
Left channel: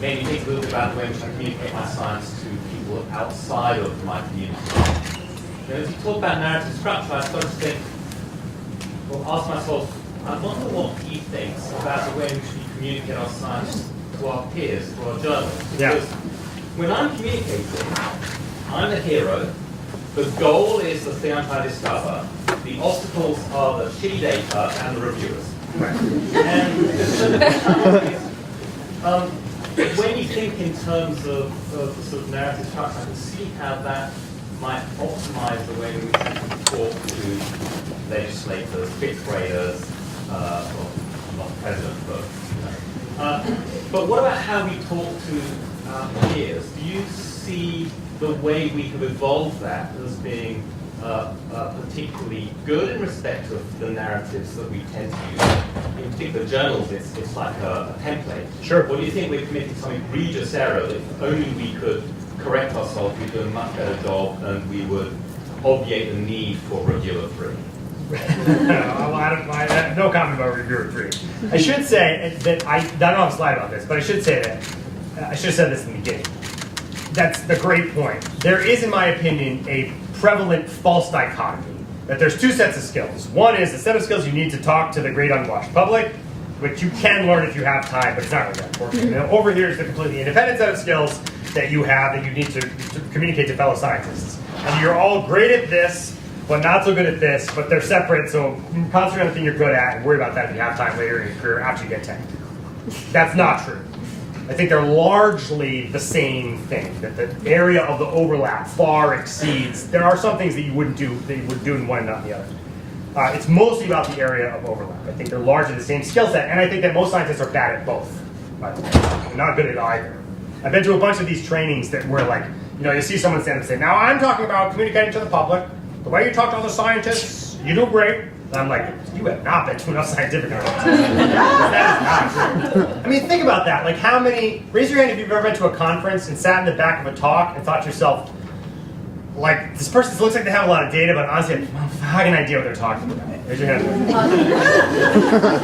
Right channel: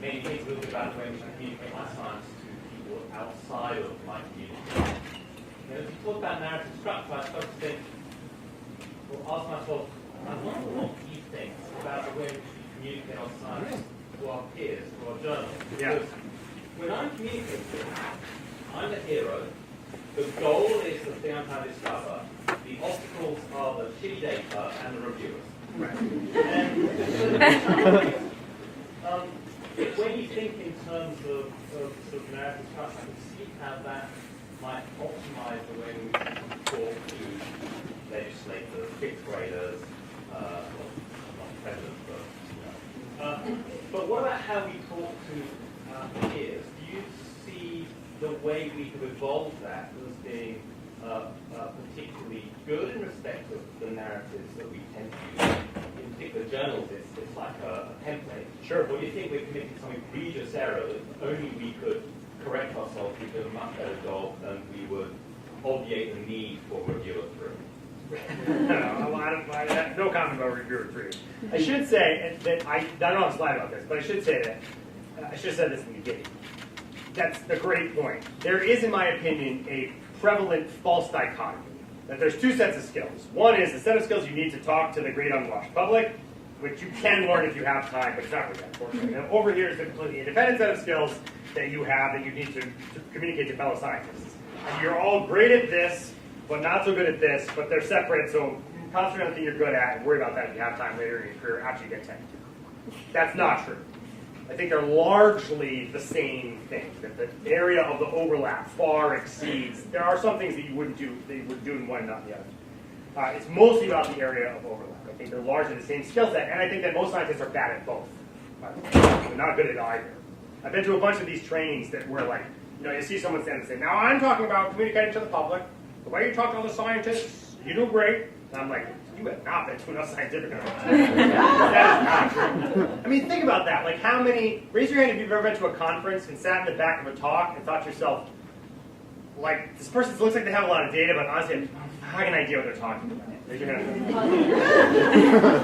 maybe think a little bit about the way in which I communicate my science to people outside of my community. As you talk about narrative structure, I started to think, ask myself, I wonder what he thinks about the way in which we communicate our science to our peers, to our journalists. Yeah. Because when I'm communicating, I'm the hero. The goal is the thing I'm trying to discover. The obstacles are the shitty data and the reviewers. Right. And when you think in terms of the sort of narrative structure, I can see how that might optimize the way in which we can talk to legislators, fifth graders, well, not president, but what about how we talk to our peers? Do you see the way we have evolved that as being particularly good in respect of the narratives that we tend to use? In particular journals, it's like a template. Sure. Or do you think we're committing some egregious error that if only we could correct ourselves, we'd do a much better job and we would obviate the need for reviewer free? No comment about reviewer free. I should say that I don't have a slide about this, but I should say that I should have said this in the beginning. That's the great point. There is, in my opinion, a prevalent false dichotomy that there's two sets of skills. One is the set of skills you need to talk to the great unwashed public, which you can learn if you have time, but it's not really that important. Over here is the completely independent set of skills, that you have that you need to communicate to fellow scientists. And you're all great at this, but not so good at this, but they're separate, so concentrate on the thing you're good at and worry about that if you have time later in your career after you get tenure. That's not true. I think they're largely the same thing, that the area of the overlap far exceeds. There are some things that you wouldn't do that you would do in one and not in the other. It's mostly about the area of overlap. I think they're largely the same skill set, and I think that most scientists are bad at both, by the way. They're not good at either. I've been to a bunch of these trainings that were like, you see someone stand up and say, now I'm talking about communicating to the public. The way you talk to other scientists, you do great. And I'm like, you have not been to enough scientific conferences. That is not true. I mean, think about that. Like raise your hand if you've ever been to a conference and sat in the back of a talk and thought to yourself, like, this person looks like they have a lot of data, but honestly, I have no fucking idea what they're talking about. Raise your hand.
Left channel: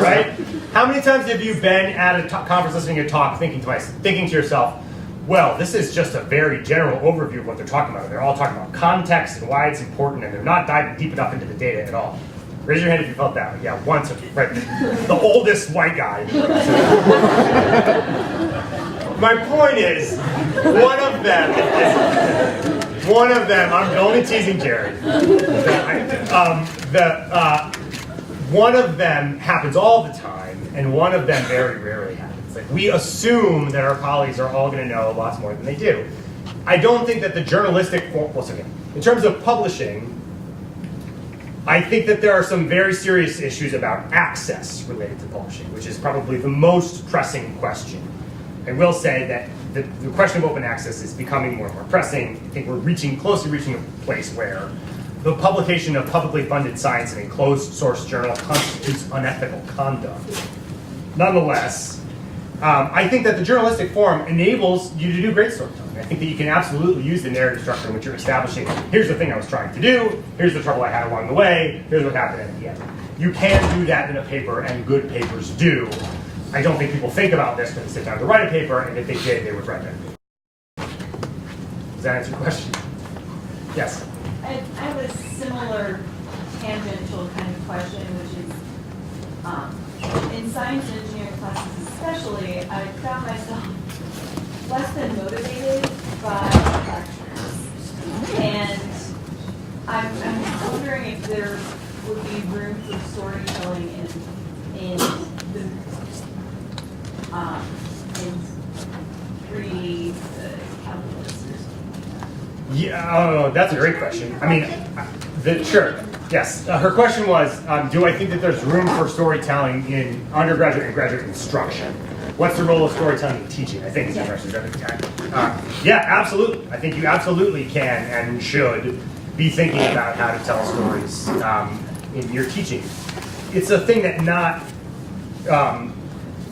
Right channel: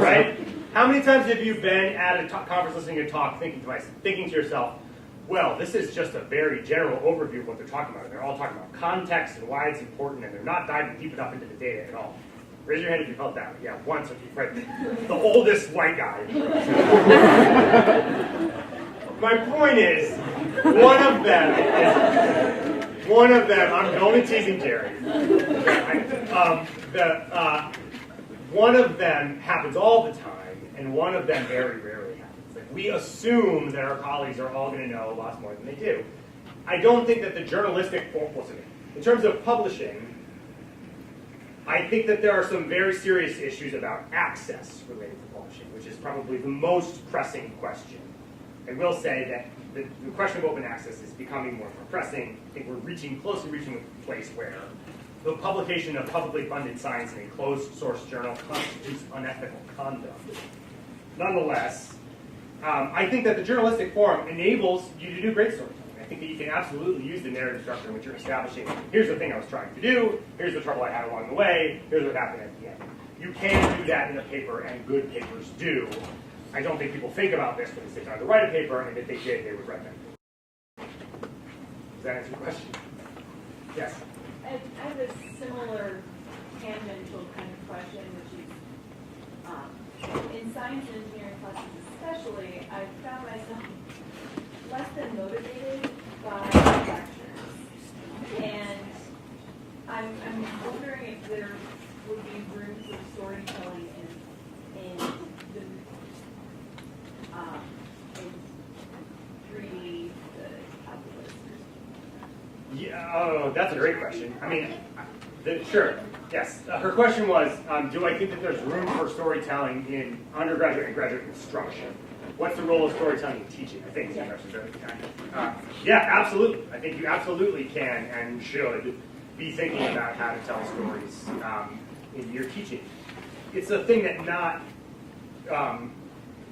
Right? How many times have you been at a conference listening to a talk thinking to yourself, well, this is just a very general overview of what they're talking about. They're all talking about context and why it's important, and they're not diving deep enough into the data at all. Raise your hand if you felt that. Yeah, once, right? The oldest white guy. My point is, one of them, I'm only teasing Jerry. One of them happens all the time, and one of them very rarely happens. Like, we assume that our colleagues are all going to know lots more than they do. I don't think that the journalistic, in terms of publishing, I think that there are some very serious issues about access related to publishing, which is probably the most pressing question. I will say that the question of open access is becoming more and more pressing. I think we're closely reaching a place where the publication of publicly funded science in a closed source journal constitutes unethical conduct. Nonetheless, I think that the journalistic form enables you to do great storytelling. I think that you can absolutely use the narrative structure in which you're establishing, here's the thing I was trying to do, here's the trouble I had along the way, here's what happened at the end. You can do that in a paper, and good papers do. I don't think people think about this when they sit down to write a paper, and if they did, they would write it. Does that answer your question? Yes? I have a similar tangential kind of question, which is, in science and engineering classes especially, I found myself less than motivated by lectures. And I'm wondering if there would be room for storytelling in pre-calculus or something like that. Yeah, that's a great question. I mean, sure, yes. Her question was, do I think that there's room for storytelling in undergraduate and graduate instruction? What's the role of storytelling in teaching? I think it's the question. Yeah, absolutely. I think you absolutely can and should be thinking about how to tell stories in your teaching. It's a thing that not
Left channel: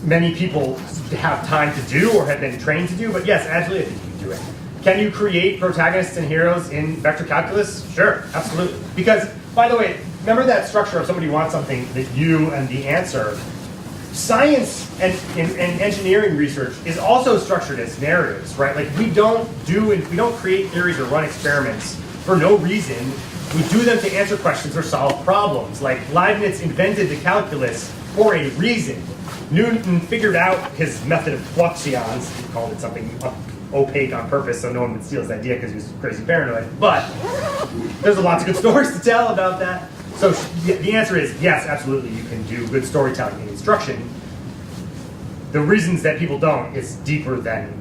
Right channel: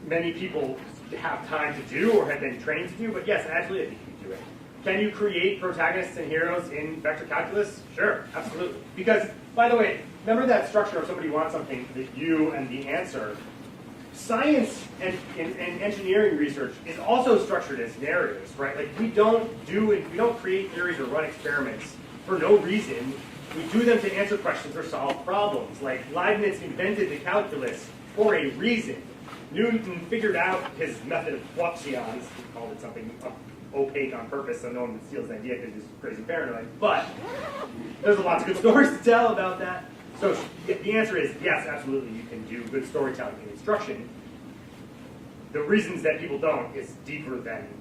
many people have time to do or have been trained to do, but yes, absolutely, I think you can do it. Can you create protagonists and heroes in vector calculus? Sure, absolutely. Because, by the way, remember that structure of somebody wants something that you and the answer. Science and engineering research is also structured as narratives, right? Like we don't create theories or run experiments for no reason. We do them to answer questions or solve problems. Like Leibniz invented the calculus for a reason. Newton figured out his method of fluxions. He called it something opaque on purpose so no one would steal his idea because he was crazy paranoid. But there's lots of good stories to tell about that. So the answer is yes, absolutely, you can do good storytelling in instruction. The reasons that people don't is deeper than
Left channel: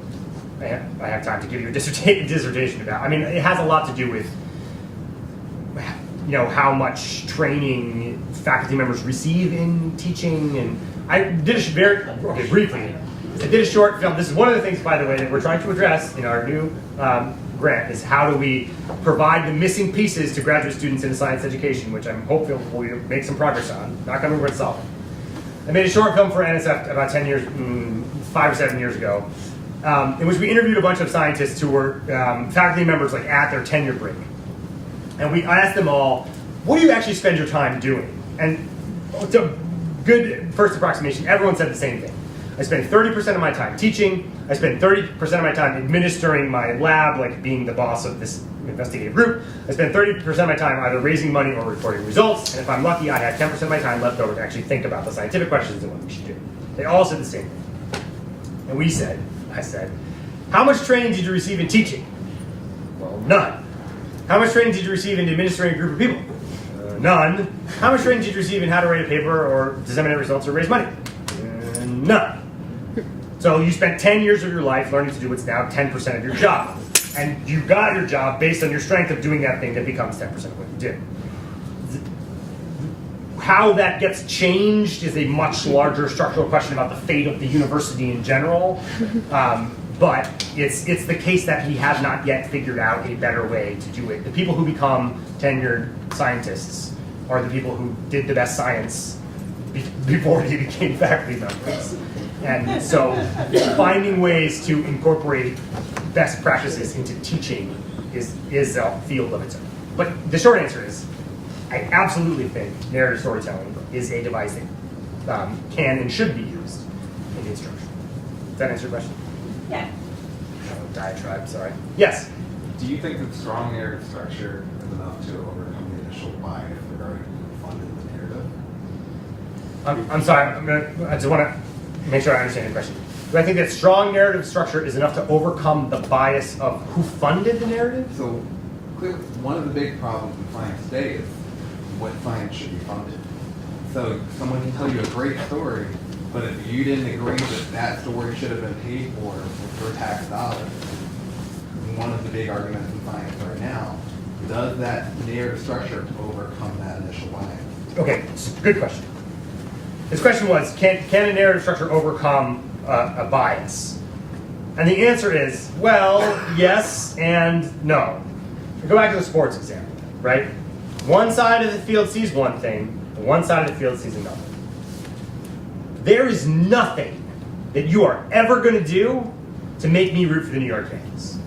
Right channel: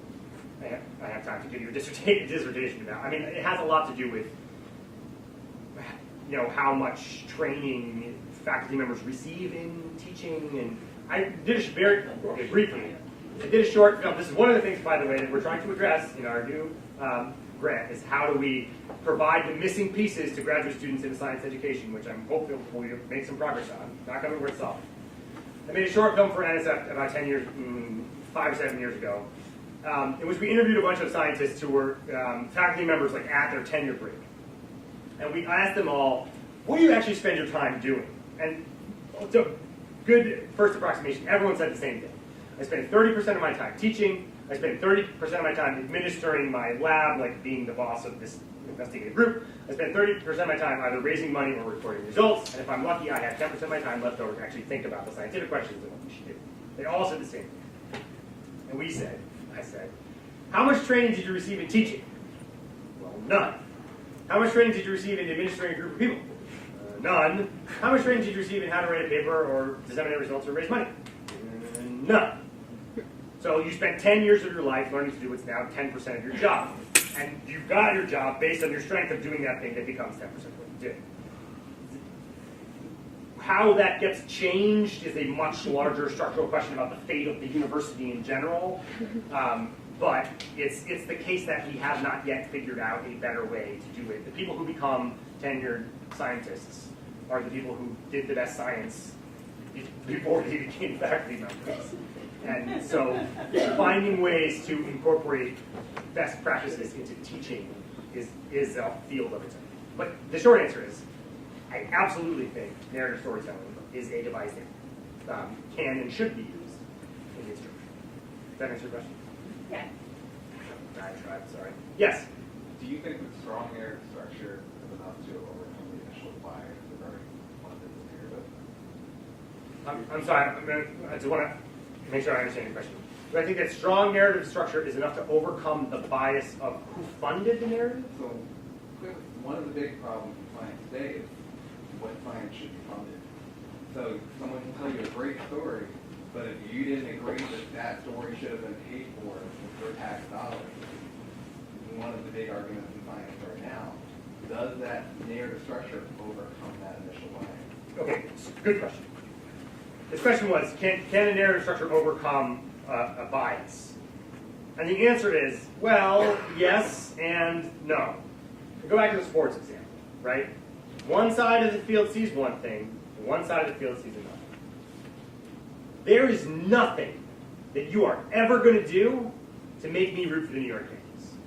I have time to give you a dissertation about. I mean, it has a lot to do with how much training faculty members receive in teaching. And I did briefly. I did a short film. This is one of the things, by the way, that we're trying to address in our new grant is how do we provide the missing pieces to graduate students in science education, which I'm hopeful we'll make some progress on. Not going to solve it. I made a short film for NSF about 5 or 7 years ago, in which we interviewed a bunch of scientists who were faculty members like at their tenure break. And I asked them all, what do you actually spend your time doing? And it's a good first approximation. Everyone said the same thing. I spend 30% of my time teaching. I spend 30% of my time administering my lab, like being the boss of this investigative group. I spend 30% of my time either raising money or reporting results. And if I'm lucky, I have 10% of my time left over to actually think about the scientific questions and what we should do. They all said the same thing. And I said, How much training did you receive in teaching? Well, none. How much training did you receive in administrating a group of people? None. How much training did you receive in how to write a paper or disseminate results or raise money? None. So you spent 10 years of your life learning to do what's now 10% of your job. And you got your job based on your strength of doing that thing that becomes 10% of what you do. How that gets changed is a much larger structural question about the fate of the university in general. But it's the case that we have not yet figured out a better way to do it. The people who become tenured scientists are the people who did the best science before they became faculty members. And so finding ways to incorporate best practices into teaching is a field of its own. But the short answer is, I absolutely think narrative storytelling is a device that can and should be used in instruction. Does that answer your question? Yeah. Diatribe, sorry. Yes? Do you think that strong narrative structure is enough to overcome the initial bias regarding who funded the narrative? I'm sorry, I just want to make sure I understand your question. Do I think that strong narrative structure is enough to overcome the bias of who funded the narrative? So clearly, one of the big problems in science today is what science should be funded. So someone can tell you a great story, but if you didn't agree that that story should have been paid for tax dollars, one of the big arguments in science right now, does that narrative structure overcome that initial bias? Okay, good question. His question was, can a narrative structure overcome a bias? And the answer is, well, yes and no. Go back to the sports example, right? One side of the field sees one thing, and one side of the field sees another. There is nothing that you are ever going to do to make me root for the New York Yankees.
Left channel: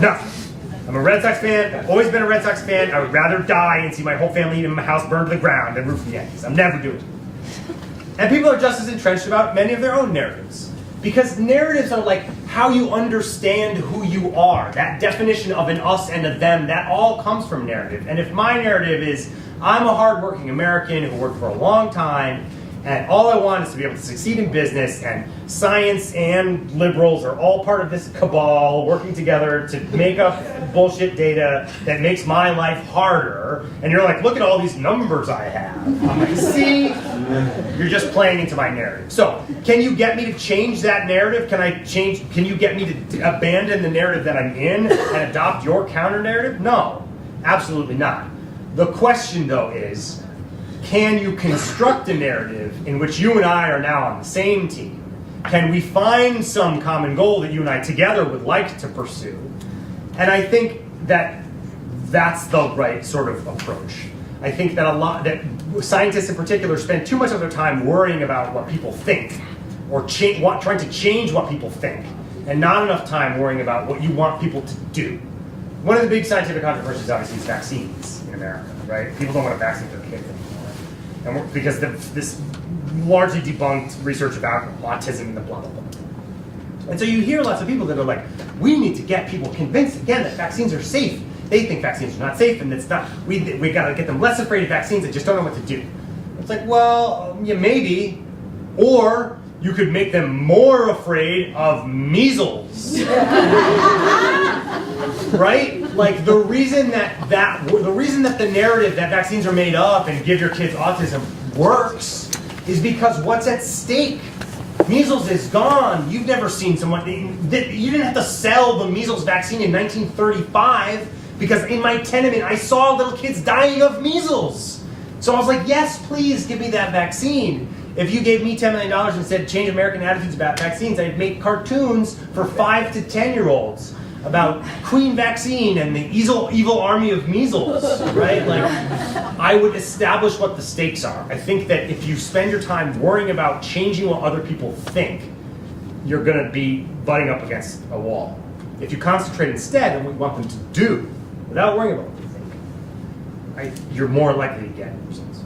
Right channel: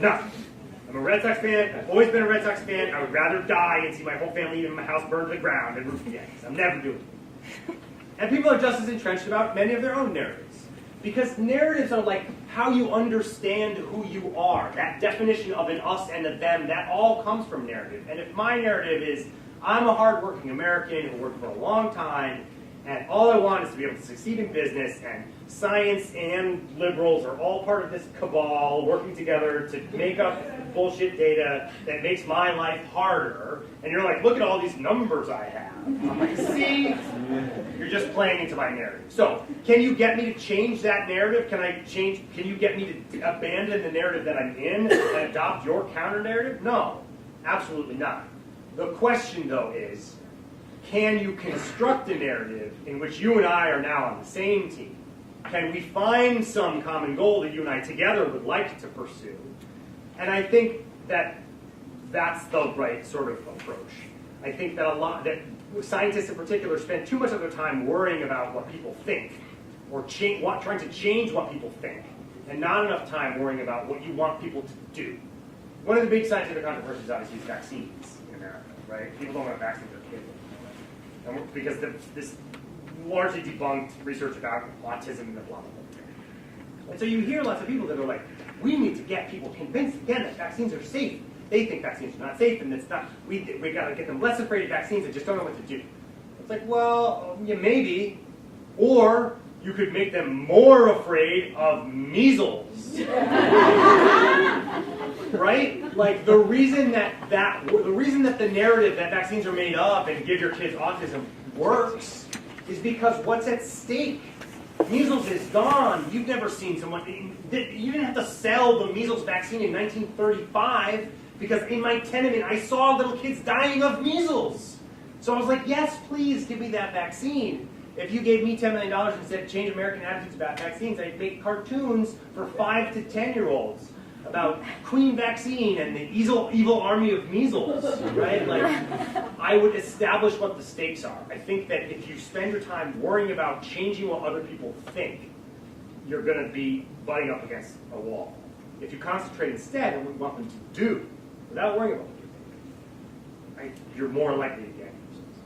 Nothing. I'm a Red Sox fan. I've always been a Red Sox fan. I would rather die and see my whole family in my house burned to the ground than root for the Yankees. I'm never doing it. And people are just as entrenched about many of their own narratives. Because narratives are like how you understand who you are. That definition of an us and a them, that all comes from narrative. And if my narrative is, I'm a hardworking American who worked for a long time, and all I want is to be able to succeed in business, and science and liberals are all part of this cabal working together to make up bullshit data that makes my life harder. And you're like, look at all these numbers I have. I'm like, see? You're just playing into my narrative. So, can you get me to change that narrative? Can you get me to abandon the narrative that I'm in and adopt your counter narrative? No, absolutely not. The question, though, is, can you construct a narrative in which you and I are now on the same team? Can we find some common goal that you and I together would like to pursue? And I think that that's the right sort of approach. I think that scientists in particular spend too much of their time worrying about what people think, or trying to change what people think, and not enough time worrying about what you want people to do. One of the big scientific controversies, obviously, is vaccines in America, right? People don't want a vaccine for their kids anymore. And because this largely debunked research about autism and the blah, blah, blah. And so you hear lots of people that are like, we need to get people convinced again that vaccines are safe. They think vaccines are not safe, and it's not. We got to get them less afraid of vaccines that just don't know what to do. It's like, well, yeah, maybe, or you could make them more afraid of measles, right? Like the reason that the narrative that vaccines are made up and give your kids autism works is because what's at stake? Measles is gone. You've never seen someone. You didn't have to sell the measles vaccine in 1935 because in my tenement I saw little kids dying of measles. So I was like, yes, please give me that vaccine. If you gave me $10 million and said change American attitudes about vaccines, I'd make cartoons for 5 to 10-year-olds about Queen Vaccine and the evil army of measles, right? Like, I would establish what the stakes are. I think that if you spend your time worrying about changing what other people think, you're going to be butting up against a wall. If you concentrate instead on what you want them to do, without worrying about what you think, you're more likely to get results.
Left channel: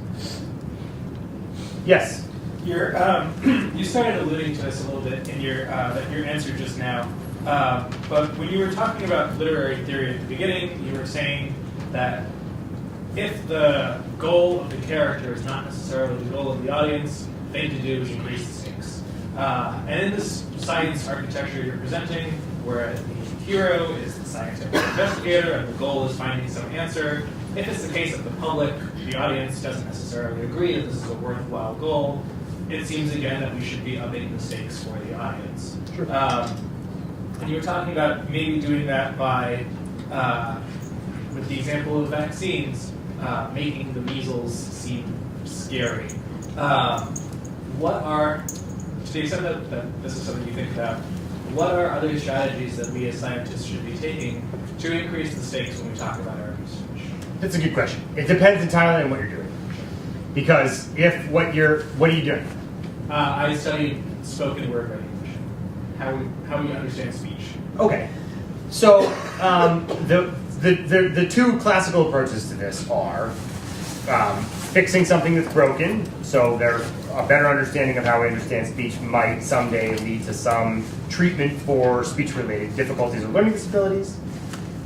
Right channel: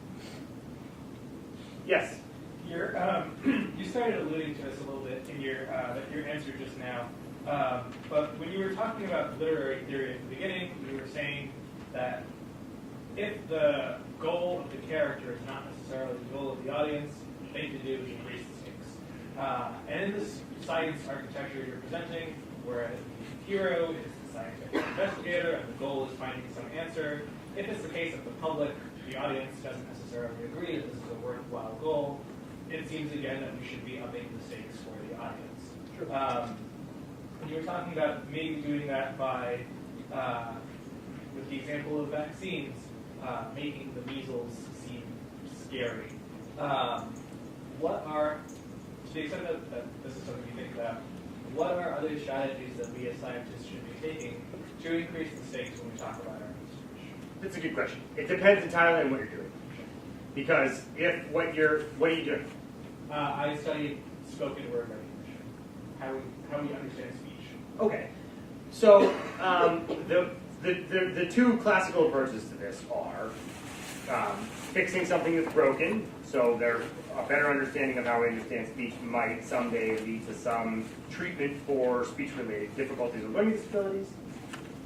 Yes? You started alluding to this a little bit in your answer just now. But when you were talking about literary theory at the beginning, you were saying that if the goal of the character is not necessarily the goal of the audience, the thing to do is increase the stakes. And in this science architecture you're presenting, where the hero is the scientific investigator and the goal is finding some answer, if it's the case that the public, the audience, doesn't necessarily agree that this is a worthwhile goal, it seems again that we should be upping the stakes for the audience. Sure. And you were talking about maybe doing that by, with the example of vaccines, making the measles seem scary. What are, to the extent that this is something you think about, what are other strategies that we as scientists should be taking to increase the stakes when we talk about our research? That's a good question. It depends entirely on what you're doing. Because if what are you doing? I studied spoken word recognition, how we understand speech. Okay. So the two classical approaches to this are fixing something that's broken, so a better understanding of how we understand speech might someday lead to some treatment for speech-related difficulties or learning disabilities,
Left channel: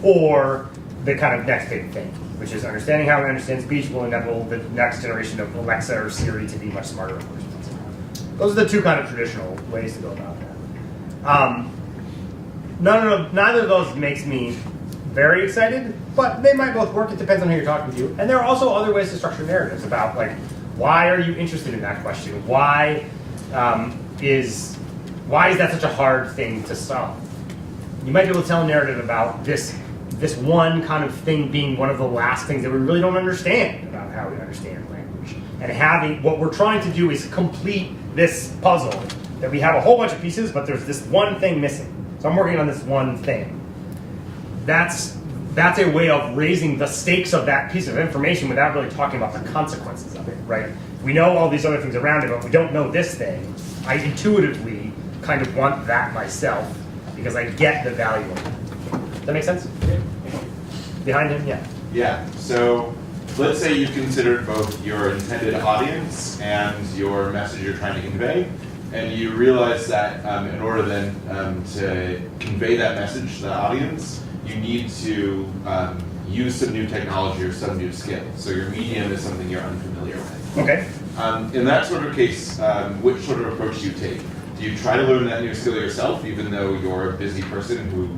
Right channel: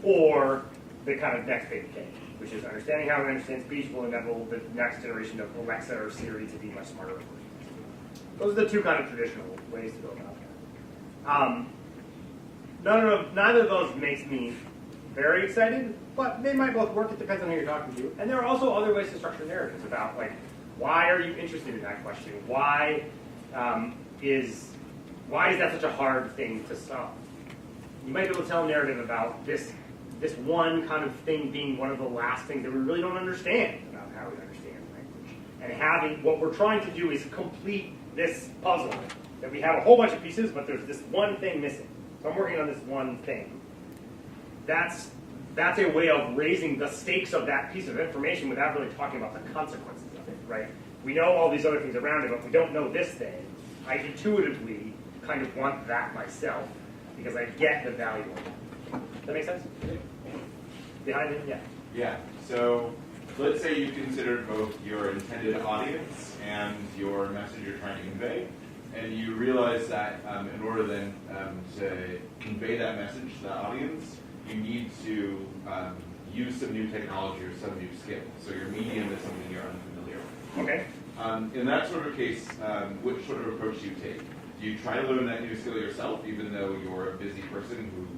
or the kind of next big thing, which is understanding how we understand speech will enable the next generation of Alexa or Siri to be much smarter and more responsive. Those are the two kind of traditional ways to go about that. Neither of those makes me very excited, but they might both work. It depends on who you're talking to. And there are also other ways to structure narratives about, like, why are you interested in that question? Why is that such a hard thing to solve? You might be able to tell a narrative about this one kind of thing being one of the last things that we really don't understand about how we understand language. And what we're trying to do is complete this puzzle, that we have a whole bunch of pieces, but there's this one thing missing. So I'm working on this one thing. That's a way of raising the stakes of that piece of information without really talking about the consequences of it, right? We know all these other things around it, but we don't know this thing. I intuitively kind of want that myself because I get the value of it. Does that make sense? Behind him? Yeah. Yeah, so let's say you've considered both your intended audience and your message you're trying to convey, and you realize that in order then to convey that message to the audience, you need to use some new technology or some new skill. So your medium is something you're unfamiliar with. Okay. In that sort of case, which sort of approach do you take? Do you try to learn that new skill yourself, even though you're a busy person who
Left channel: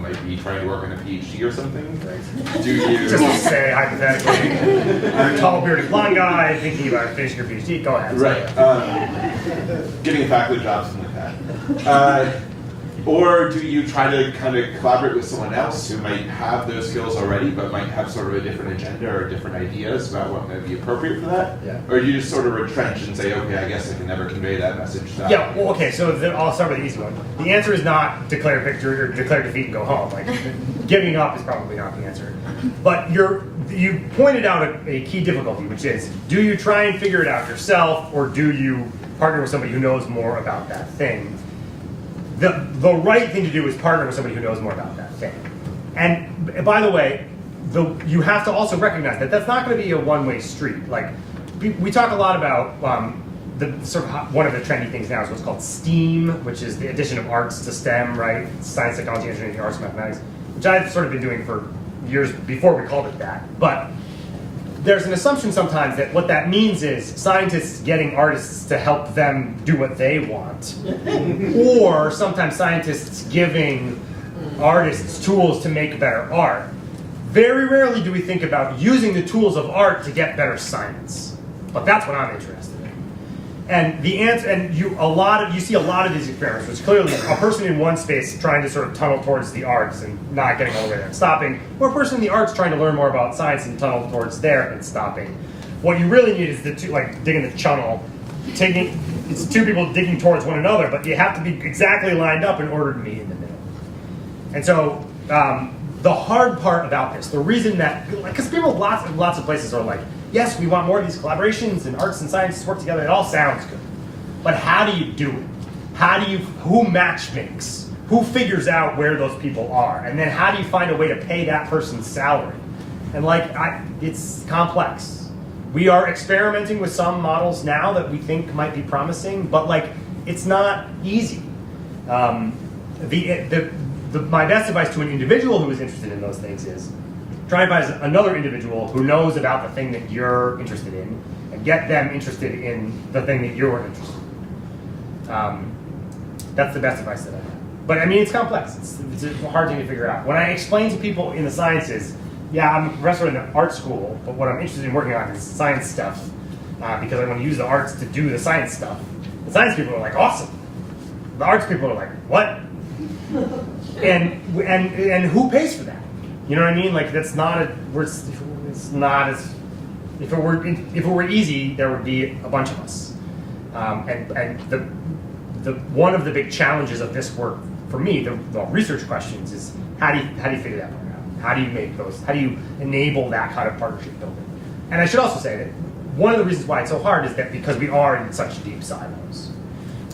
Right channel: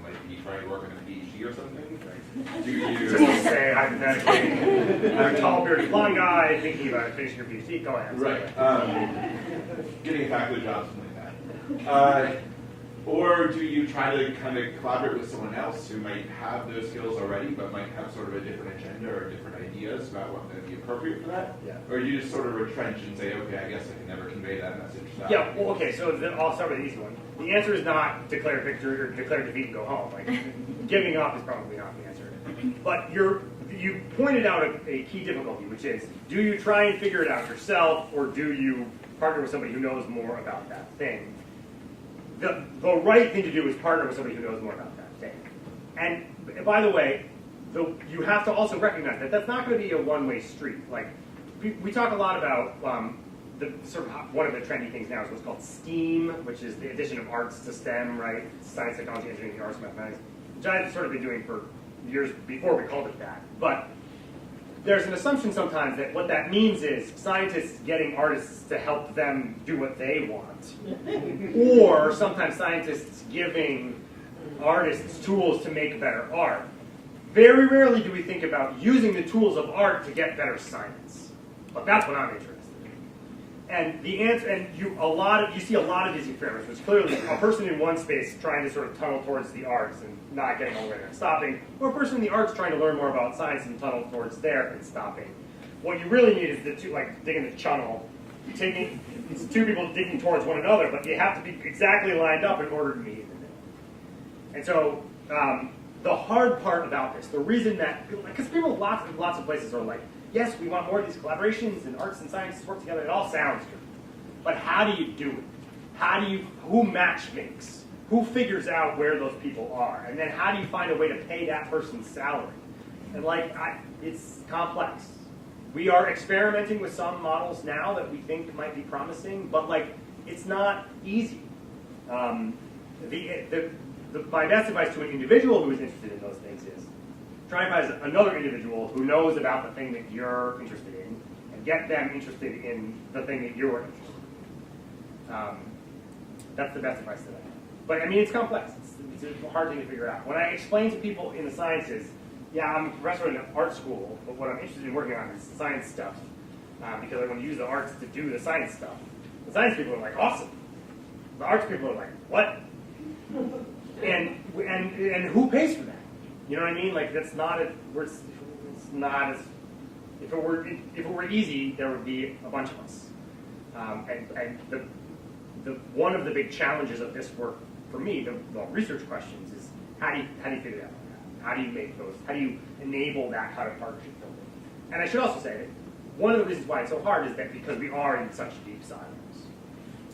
might be trying to work on a PhD or something? Right. Do you just to say hypothetically, I'm a tall, bearded, blonde guy thinking about finishing your PhD. Go ahead. Right. Getting a faculty job, something like that. Or do you try to kind of collaborate with someone else who might have those skills already, but might have sort of a different agenda or different ideas about what might be appropriate for that? Yeah. Or do you just sort of retrench and say, okay, I guess I can never convey that message to that? Yeah, well, okay, so I'll start with the easy one. The answer is not declare victory or declare defeat and go home. Like, giving up is probably not the answer. But you pointed out a key difficulty, which is, do you try and figure it out yourself, or do you partner with somebody who knows more about that thing? The right thing to do is partner with somebody who knows more about that thing. And by the way, you have to also recognize that that's not going to be a one-way street. Like, we talk a lot about the sort of one of the trendy things now is what's called STEAM, which is the addition of arts to STEM, right? Science, technology, engineering, arts, mathematics, which I've sort of been doing for years before we called it that. But there's an assumption sometimes that what that means is scientists getting artists to help them do what they want. Or sometimes scientists giving artists tools to make better art. Very rarely do we think about using the tools of art to get better science. But that's what I'm interested in. And the answer, and you see a lot of these experiments, which clearly a person in one space trying to sort of tunnel towards the arts and not getting all the way there and stopping, or a person in the arts trying to learn more about science and tunnel towards there and stopping. What you really need is the two, like digging the channel, it's two people digging towards one another, but you have to be exactly lined up in order to meet in the middle. And so the hard part about this, the reason that, because people lots of places are like, yes, we want more of these collaborations and arts and science to work together. It all sounds good. But how do you do it? Who matchmakes? Who figures out where those people are? And then how do you find a way to pay that person's salary? And it's complex. We are experimenting with some models now that we think might be promising, but it's not easy. My best advice to an individual who is interested in those things is try and find another individual who knows about the thing that you're interested in and get them interested in the thing that you're interested in. That's the best advice that I have. But I mean, it's complex. It's a hard thing to figure out. When I explain to people in the sciences, yeah, I'm a professor in an art school, but what I'm interested in working on is science stuff because I want to use the arts to do the science stuff. The science people are like, awesome. The arts people are like, what? and who pays for that? You know what I mean? Like that's not a. It's not as. If it were easy, there would be a bunch of us. And the one of the big challenges of this work for me, the research questions, is how do you figure that part out? How do you make those? How do you enable that kind of partnership building? And I should also say that one of the reasons why it's so hard is that because we are in such deep silos.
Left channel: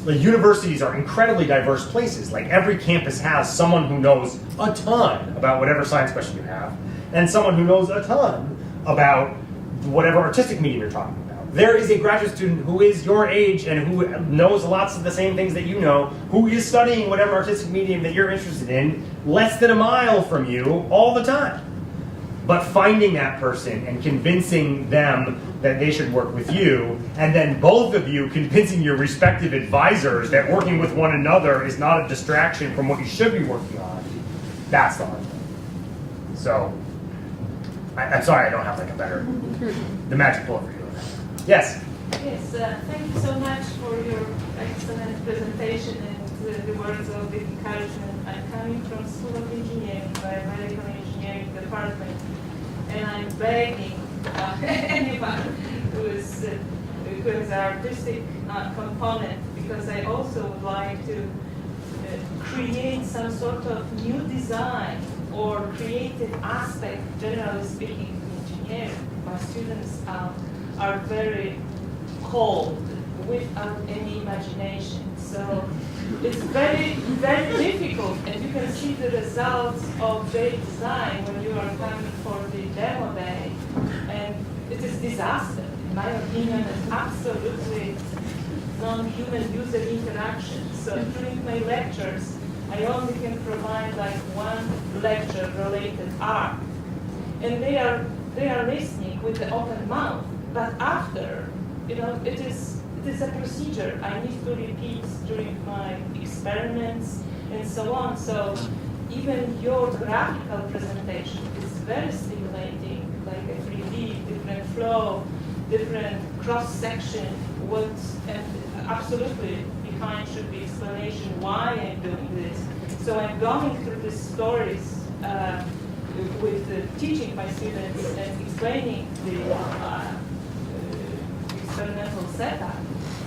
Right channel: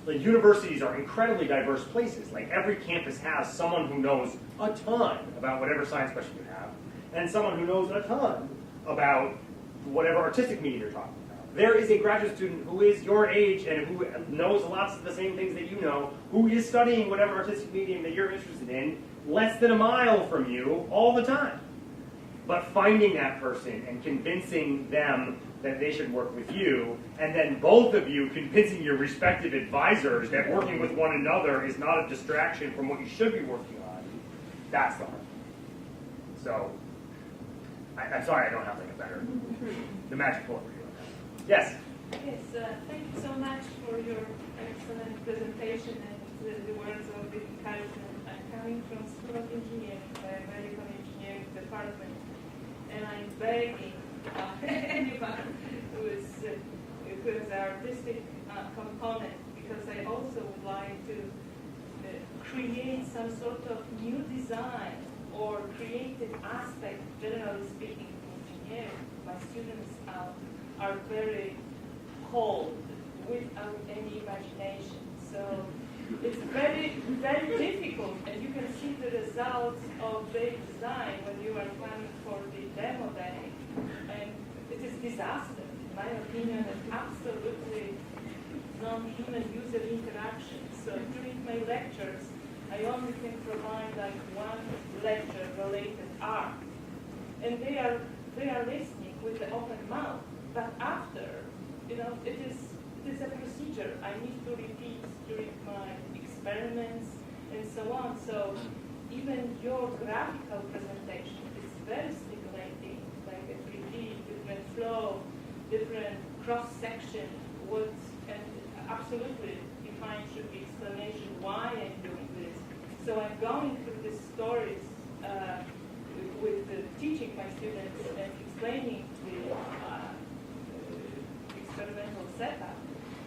Like universities are incredibly diverse places. Like every campus has someone who knows a ton about whatever science question you have, and someone who knows a ton about whatever artistic medium you're talking about. There is a graduate student who is your age and who knows lots of the same things that you know, who is studying whatever artistic medium that you're interested in, less than a mile from you all the time. But finding that person and convincing them that they should work with you, and then both of you convincing your respective advisors that working with one another is not a distraction from what you should be working on, that's the hard thing. So, I'm sorry I don't have like a better, the magic bullet for you. Yes, Yes? thank you so much for your excellent presentation and the words of encouragement. I'm coming from School of Engineering, Biomedical Engineering Department, and I'm begging anyone who has an artistic component, because I also would like to create some sort of new design or creative aspect, generally speaking, in engineering. My students are very cold, without any imagination. So it's very, very difficult, and you can see the results of their design when you are coming for the demo day, and it is disaster. In my opinion, it's absolutely non-human user interaction. So during my lectures, I only can provide like one lecture-related art, and they are listening with the open mouth. But after, it is a procedure I need to repeat during my experiments and so on. So even your graphical presentation is very stimulating, like a 3D, different flow, different cross-section, and absolutely behind should be explanation why I'm doing this. So I'm going through these stories with teaching my students and explaining the experimental setup,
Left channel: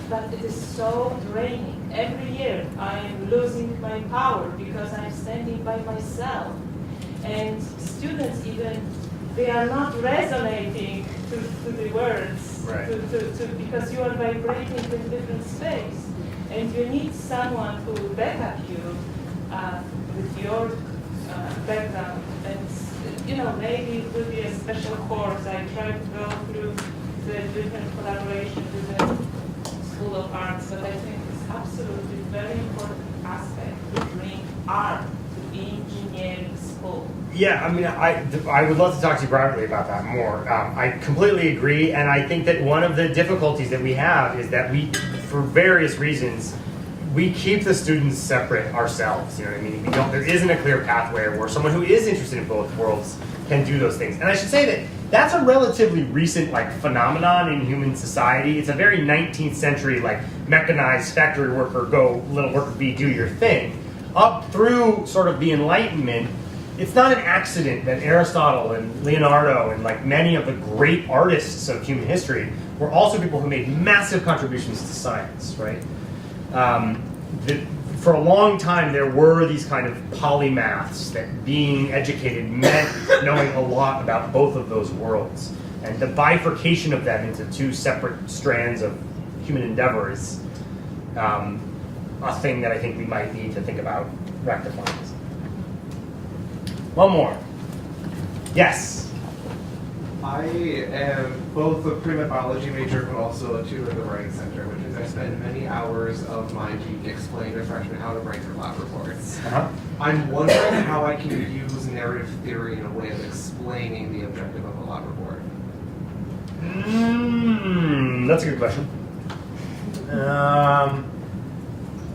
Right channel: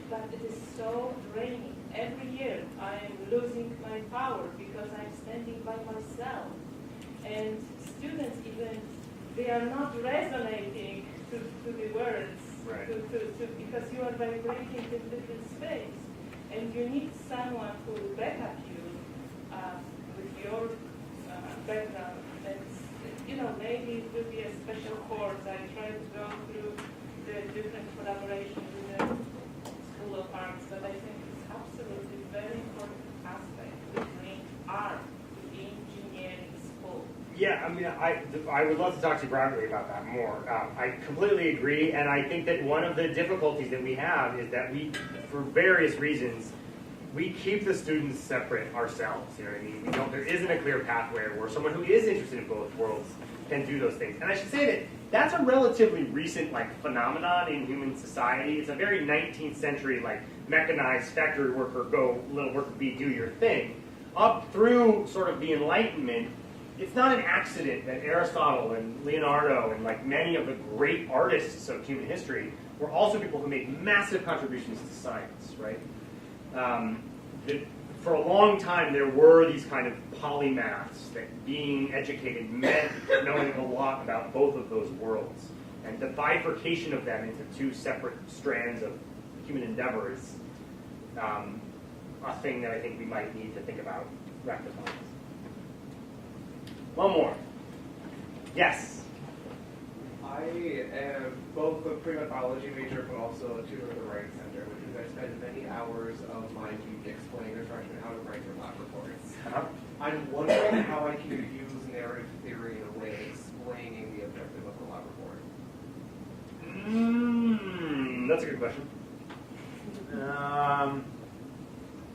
but it is so draining. Every year I am losing my power because I'm standing by myself. And students even, they are not resonating to the words, Right. because you are vibrating in different space. And you need someone who will back up you with your background. And maybe it will be a special course. I try to go through the different collaboration with the School of Arts, but I think it's absolutely very important aspect to bring art to engineering school. Yeah, I mean, I would love to talk to you privately about that more. I completely agree, and I think that one of the difficulties that we have is that we, for various reasons, we keep the students separate ourselves. You know what I mean? There isn't a clear pathway where someone who is interested in both worlds can do those things. And I should say that that's a relatively recent phenomenon in human society. It's a very 19th century mechanized factory worker, go little worker bee, do your thing. Up through sort of the Enlightenment, it's not an accident that Aristotle and Leonardo and many of the great artists of human history were also people who made massive contributions to science, right? For a long time, there were these kind of polymaths that being educated meant knowing a lot about both of those worlds. And the bifurcation of them into two separate strands of human endeavor is a thing that I think we might need to think about rectifying. One more. Yes? I am both a pre-med biology major, but also a tutor at the Writing Center, which means I spend many hours of my week explaining to freshmen how to write their lab reports. I'm wondering how I can use narrative theory in a way of explaining the objective of a lab report. That's a good question.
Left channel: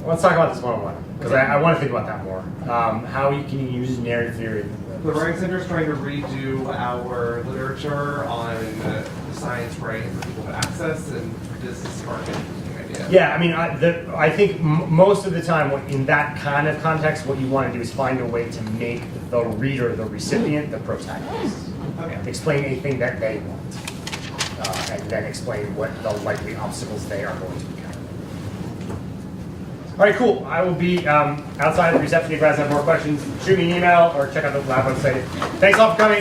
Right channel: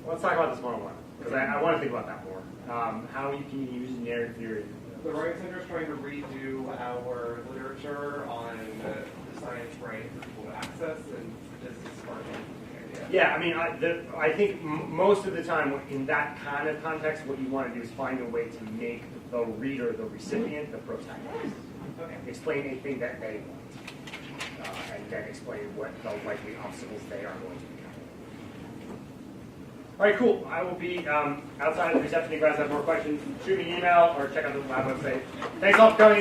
Let's talk about this one-on-one, because I want to think about that more. How can you use narrative theory? The Writing Center is trying to redo our literature on the science writing for people to access, and this is spark an interesting idea. Yeah, I mean, I think most of the time, in that kind of context, what you want to do is find a way to make the reader, the recipient, the protagonist. Okay. Explain a thing that they want, and then explain what the likely obstacles they are going to encounter. All right, cool. I will be outside of the reception. If you guys have more questions, shoot me an email or check out the lab website. Thanks all for coming.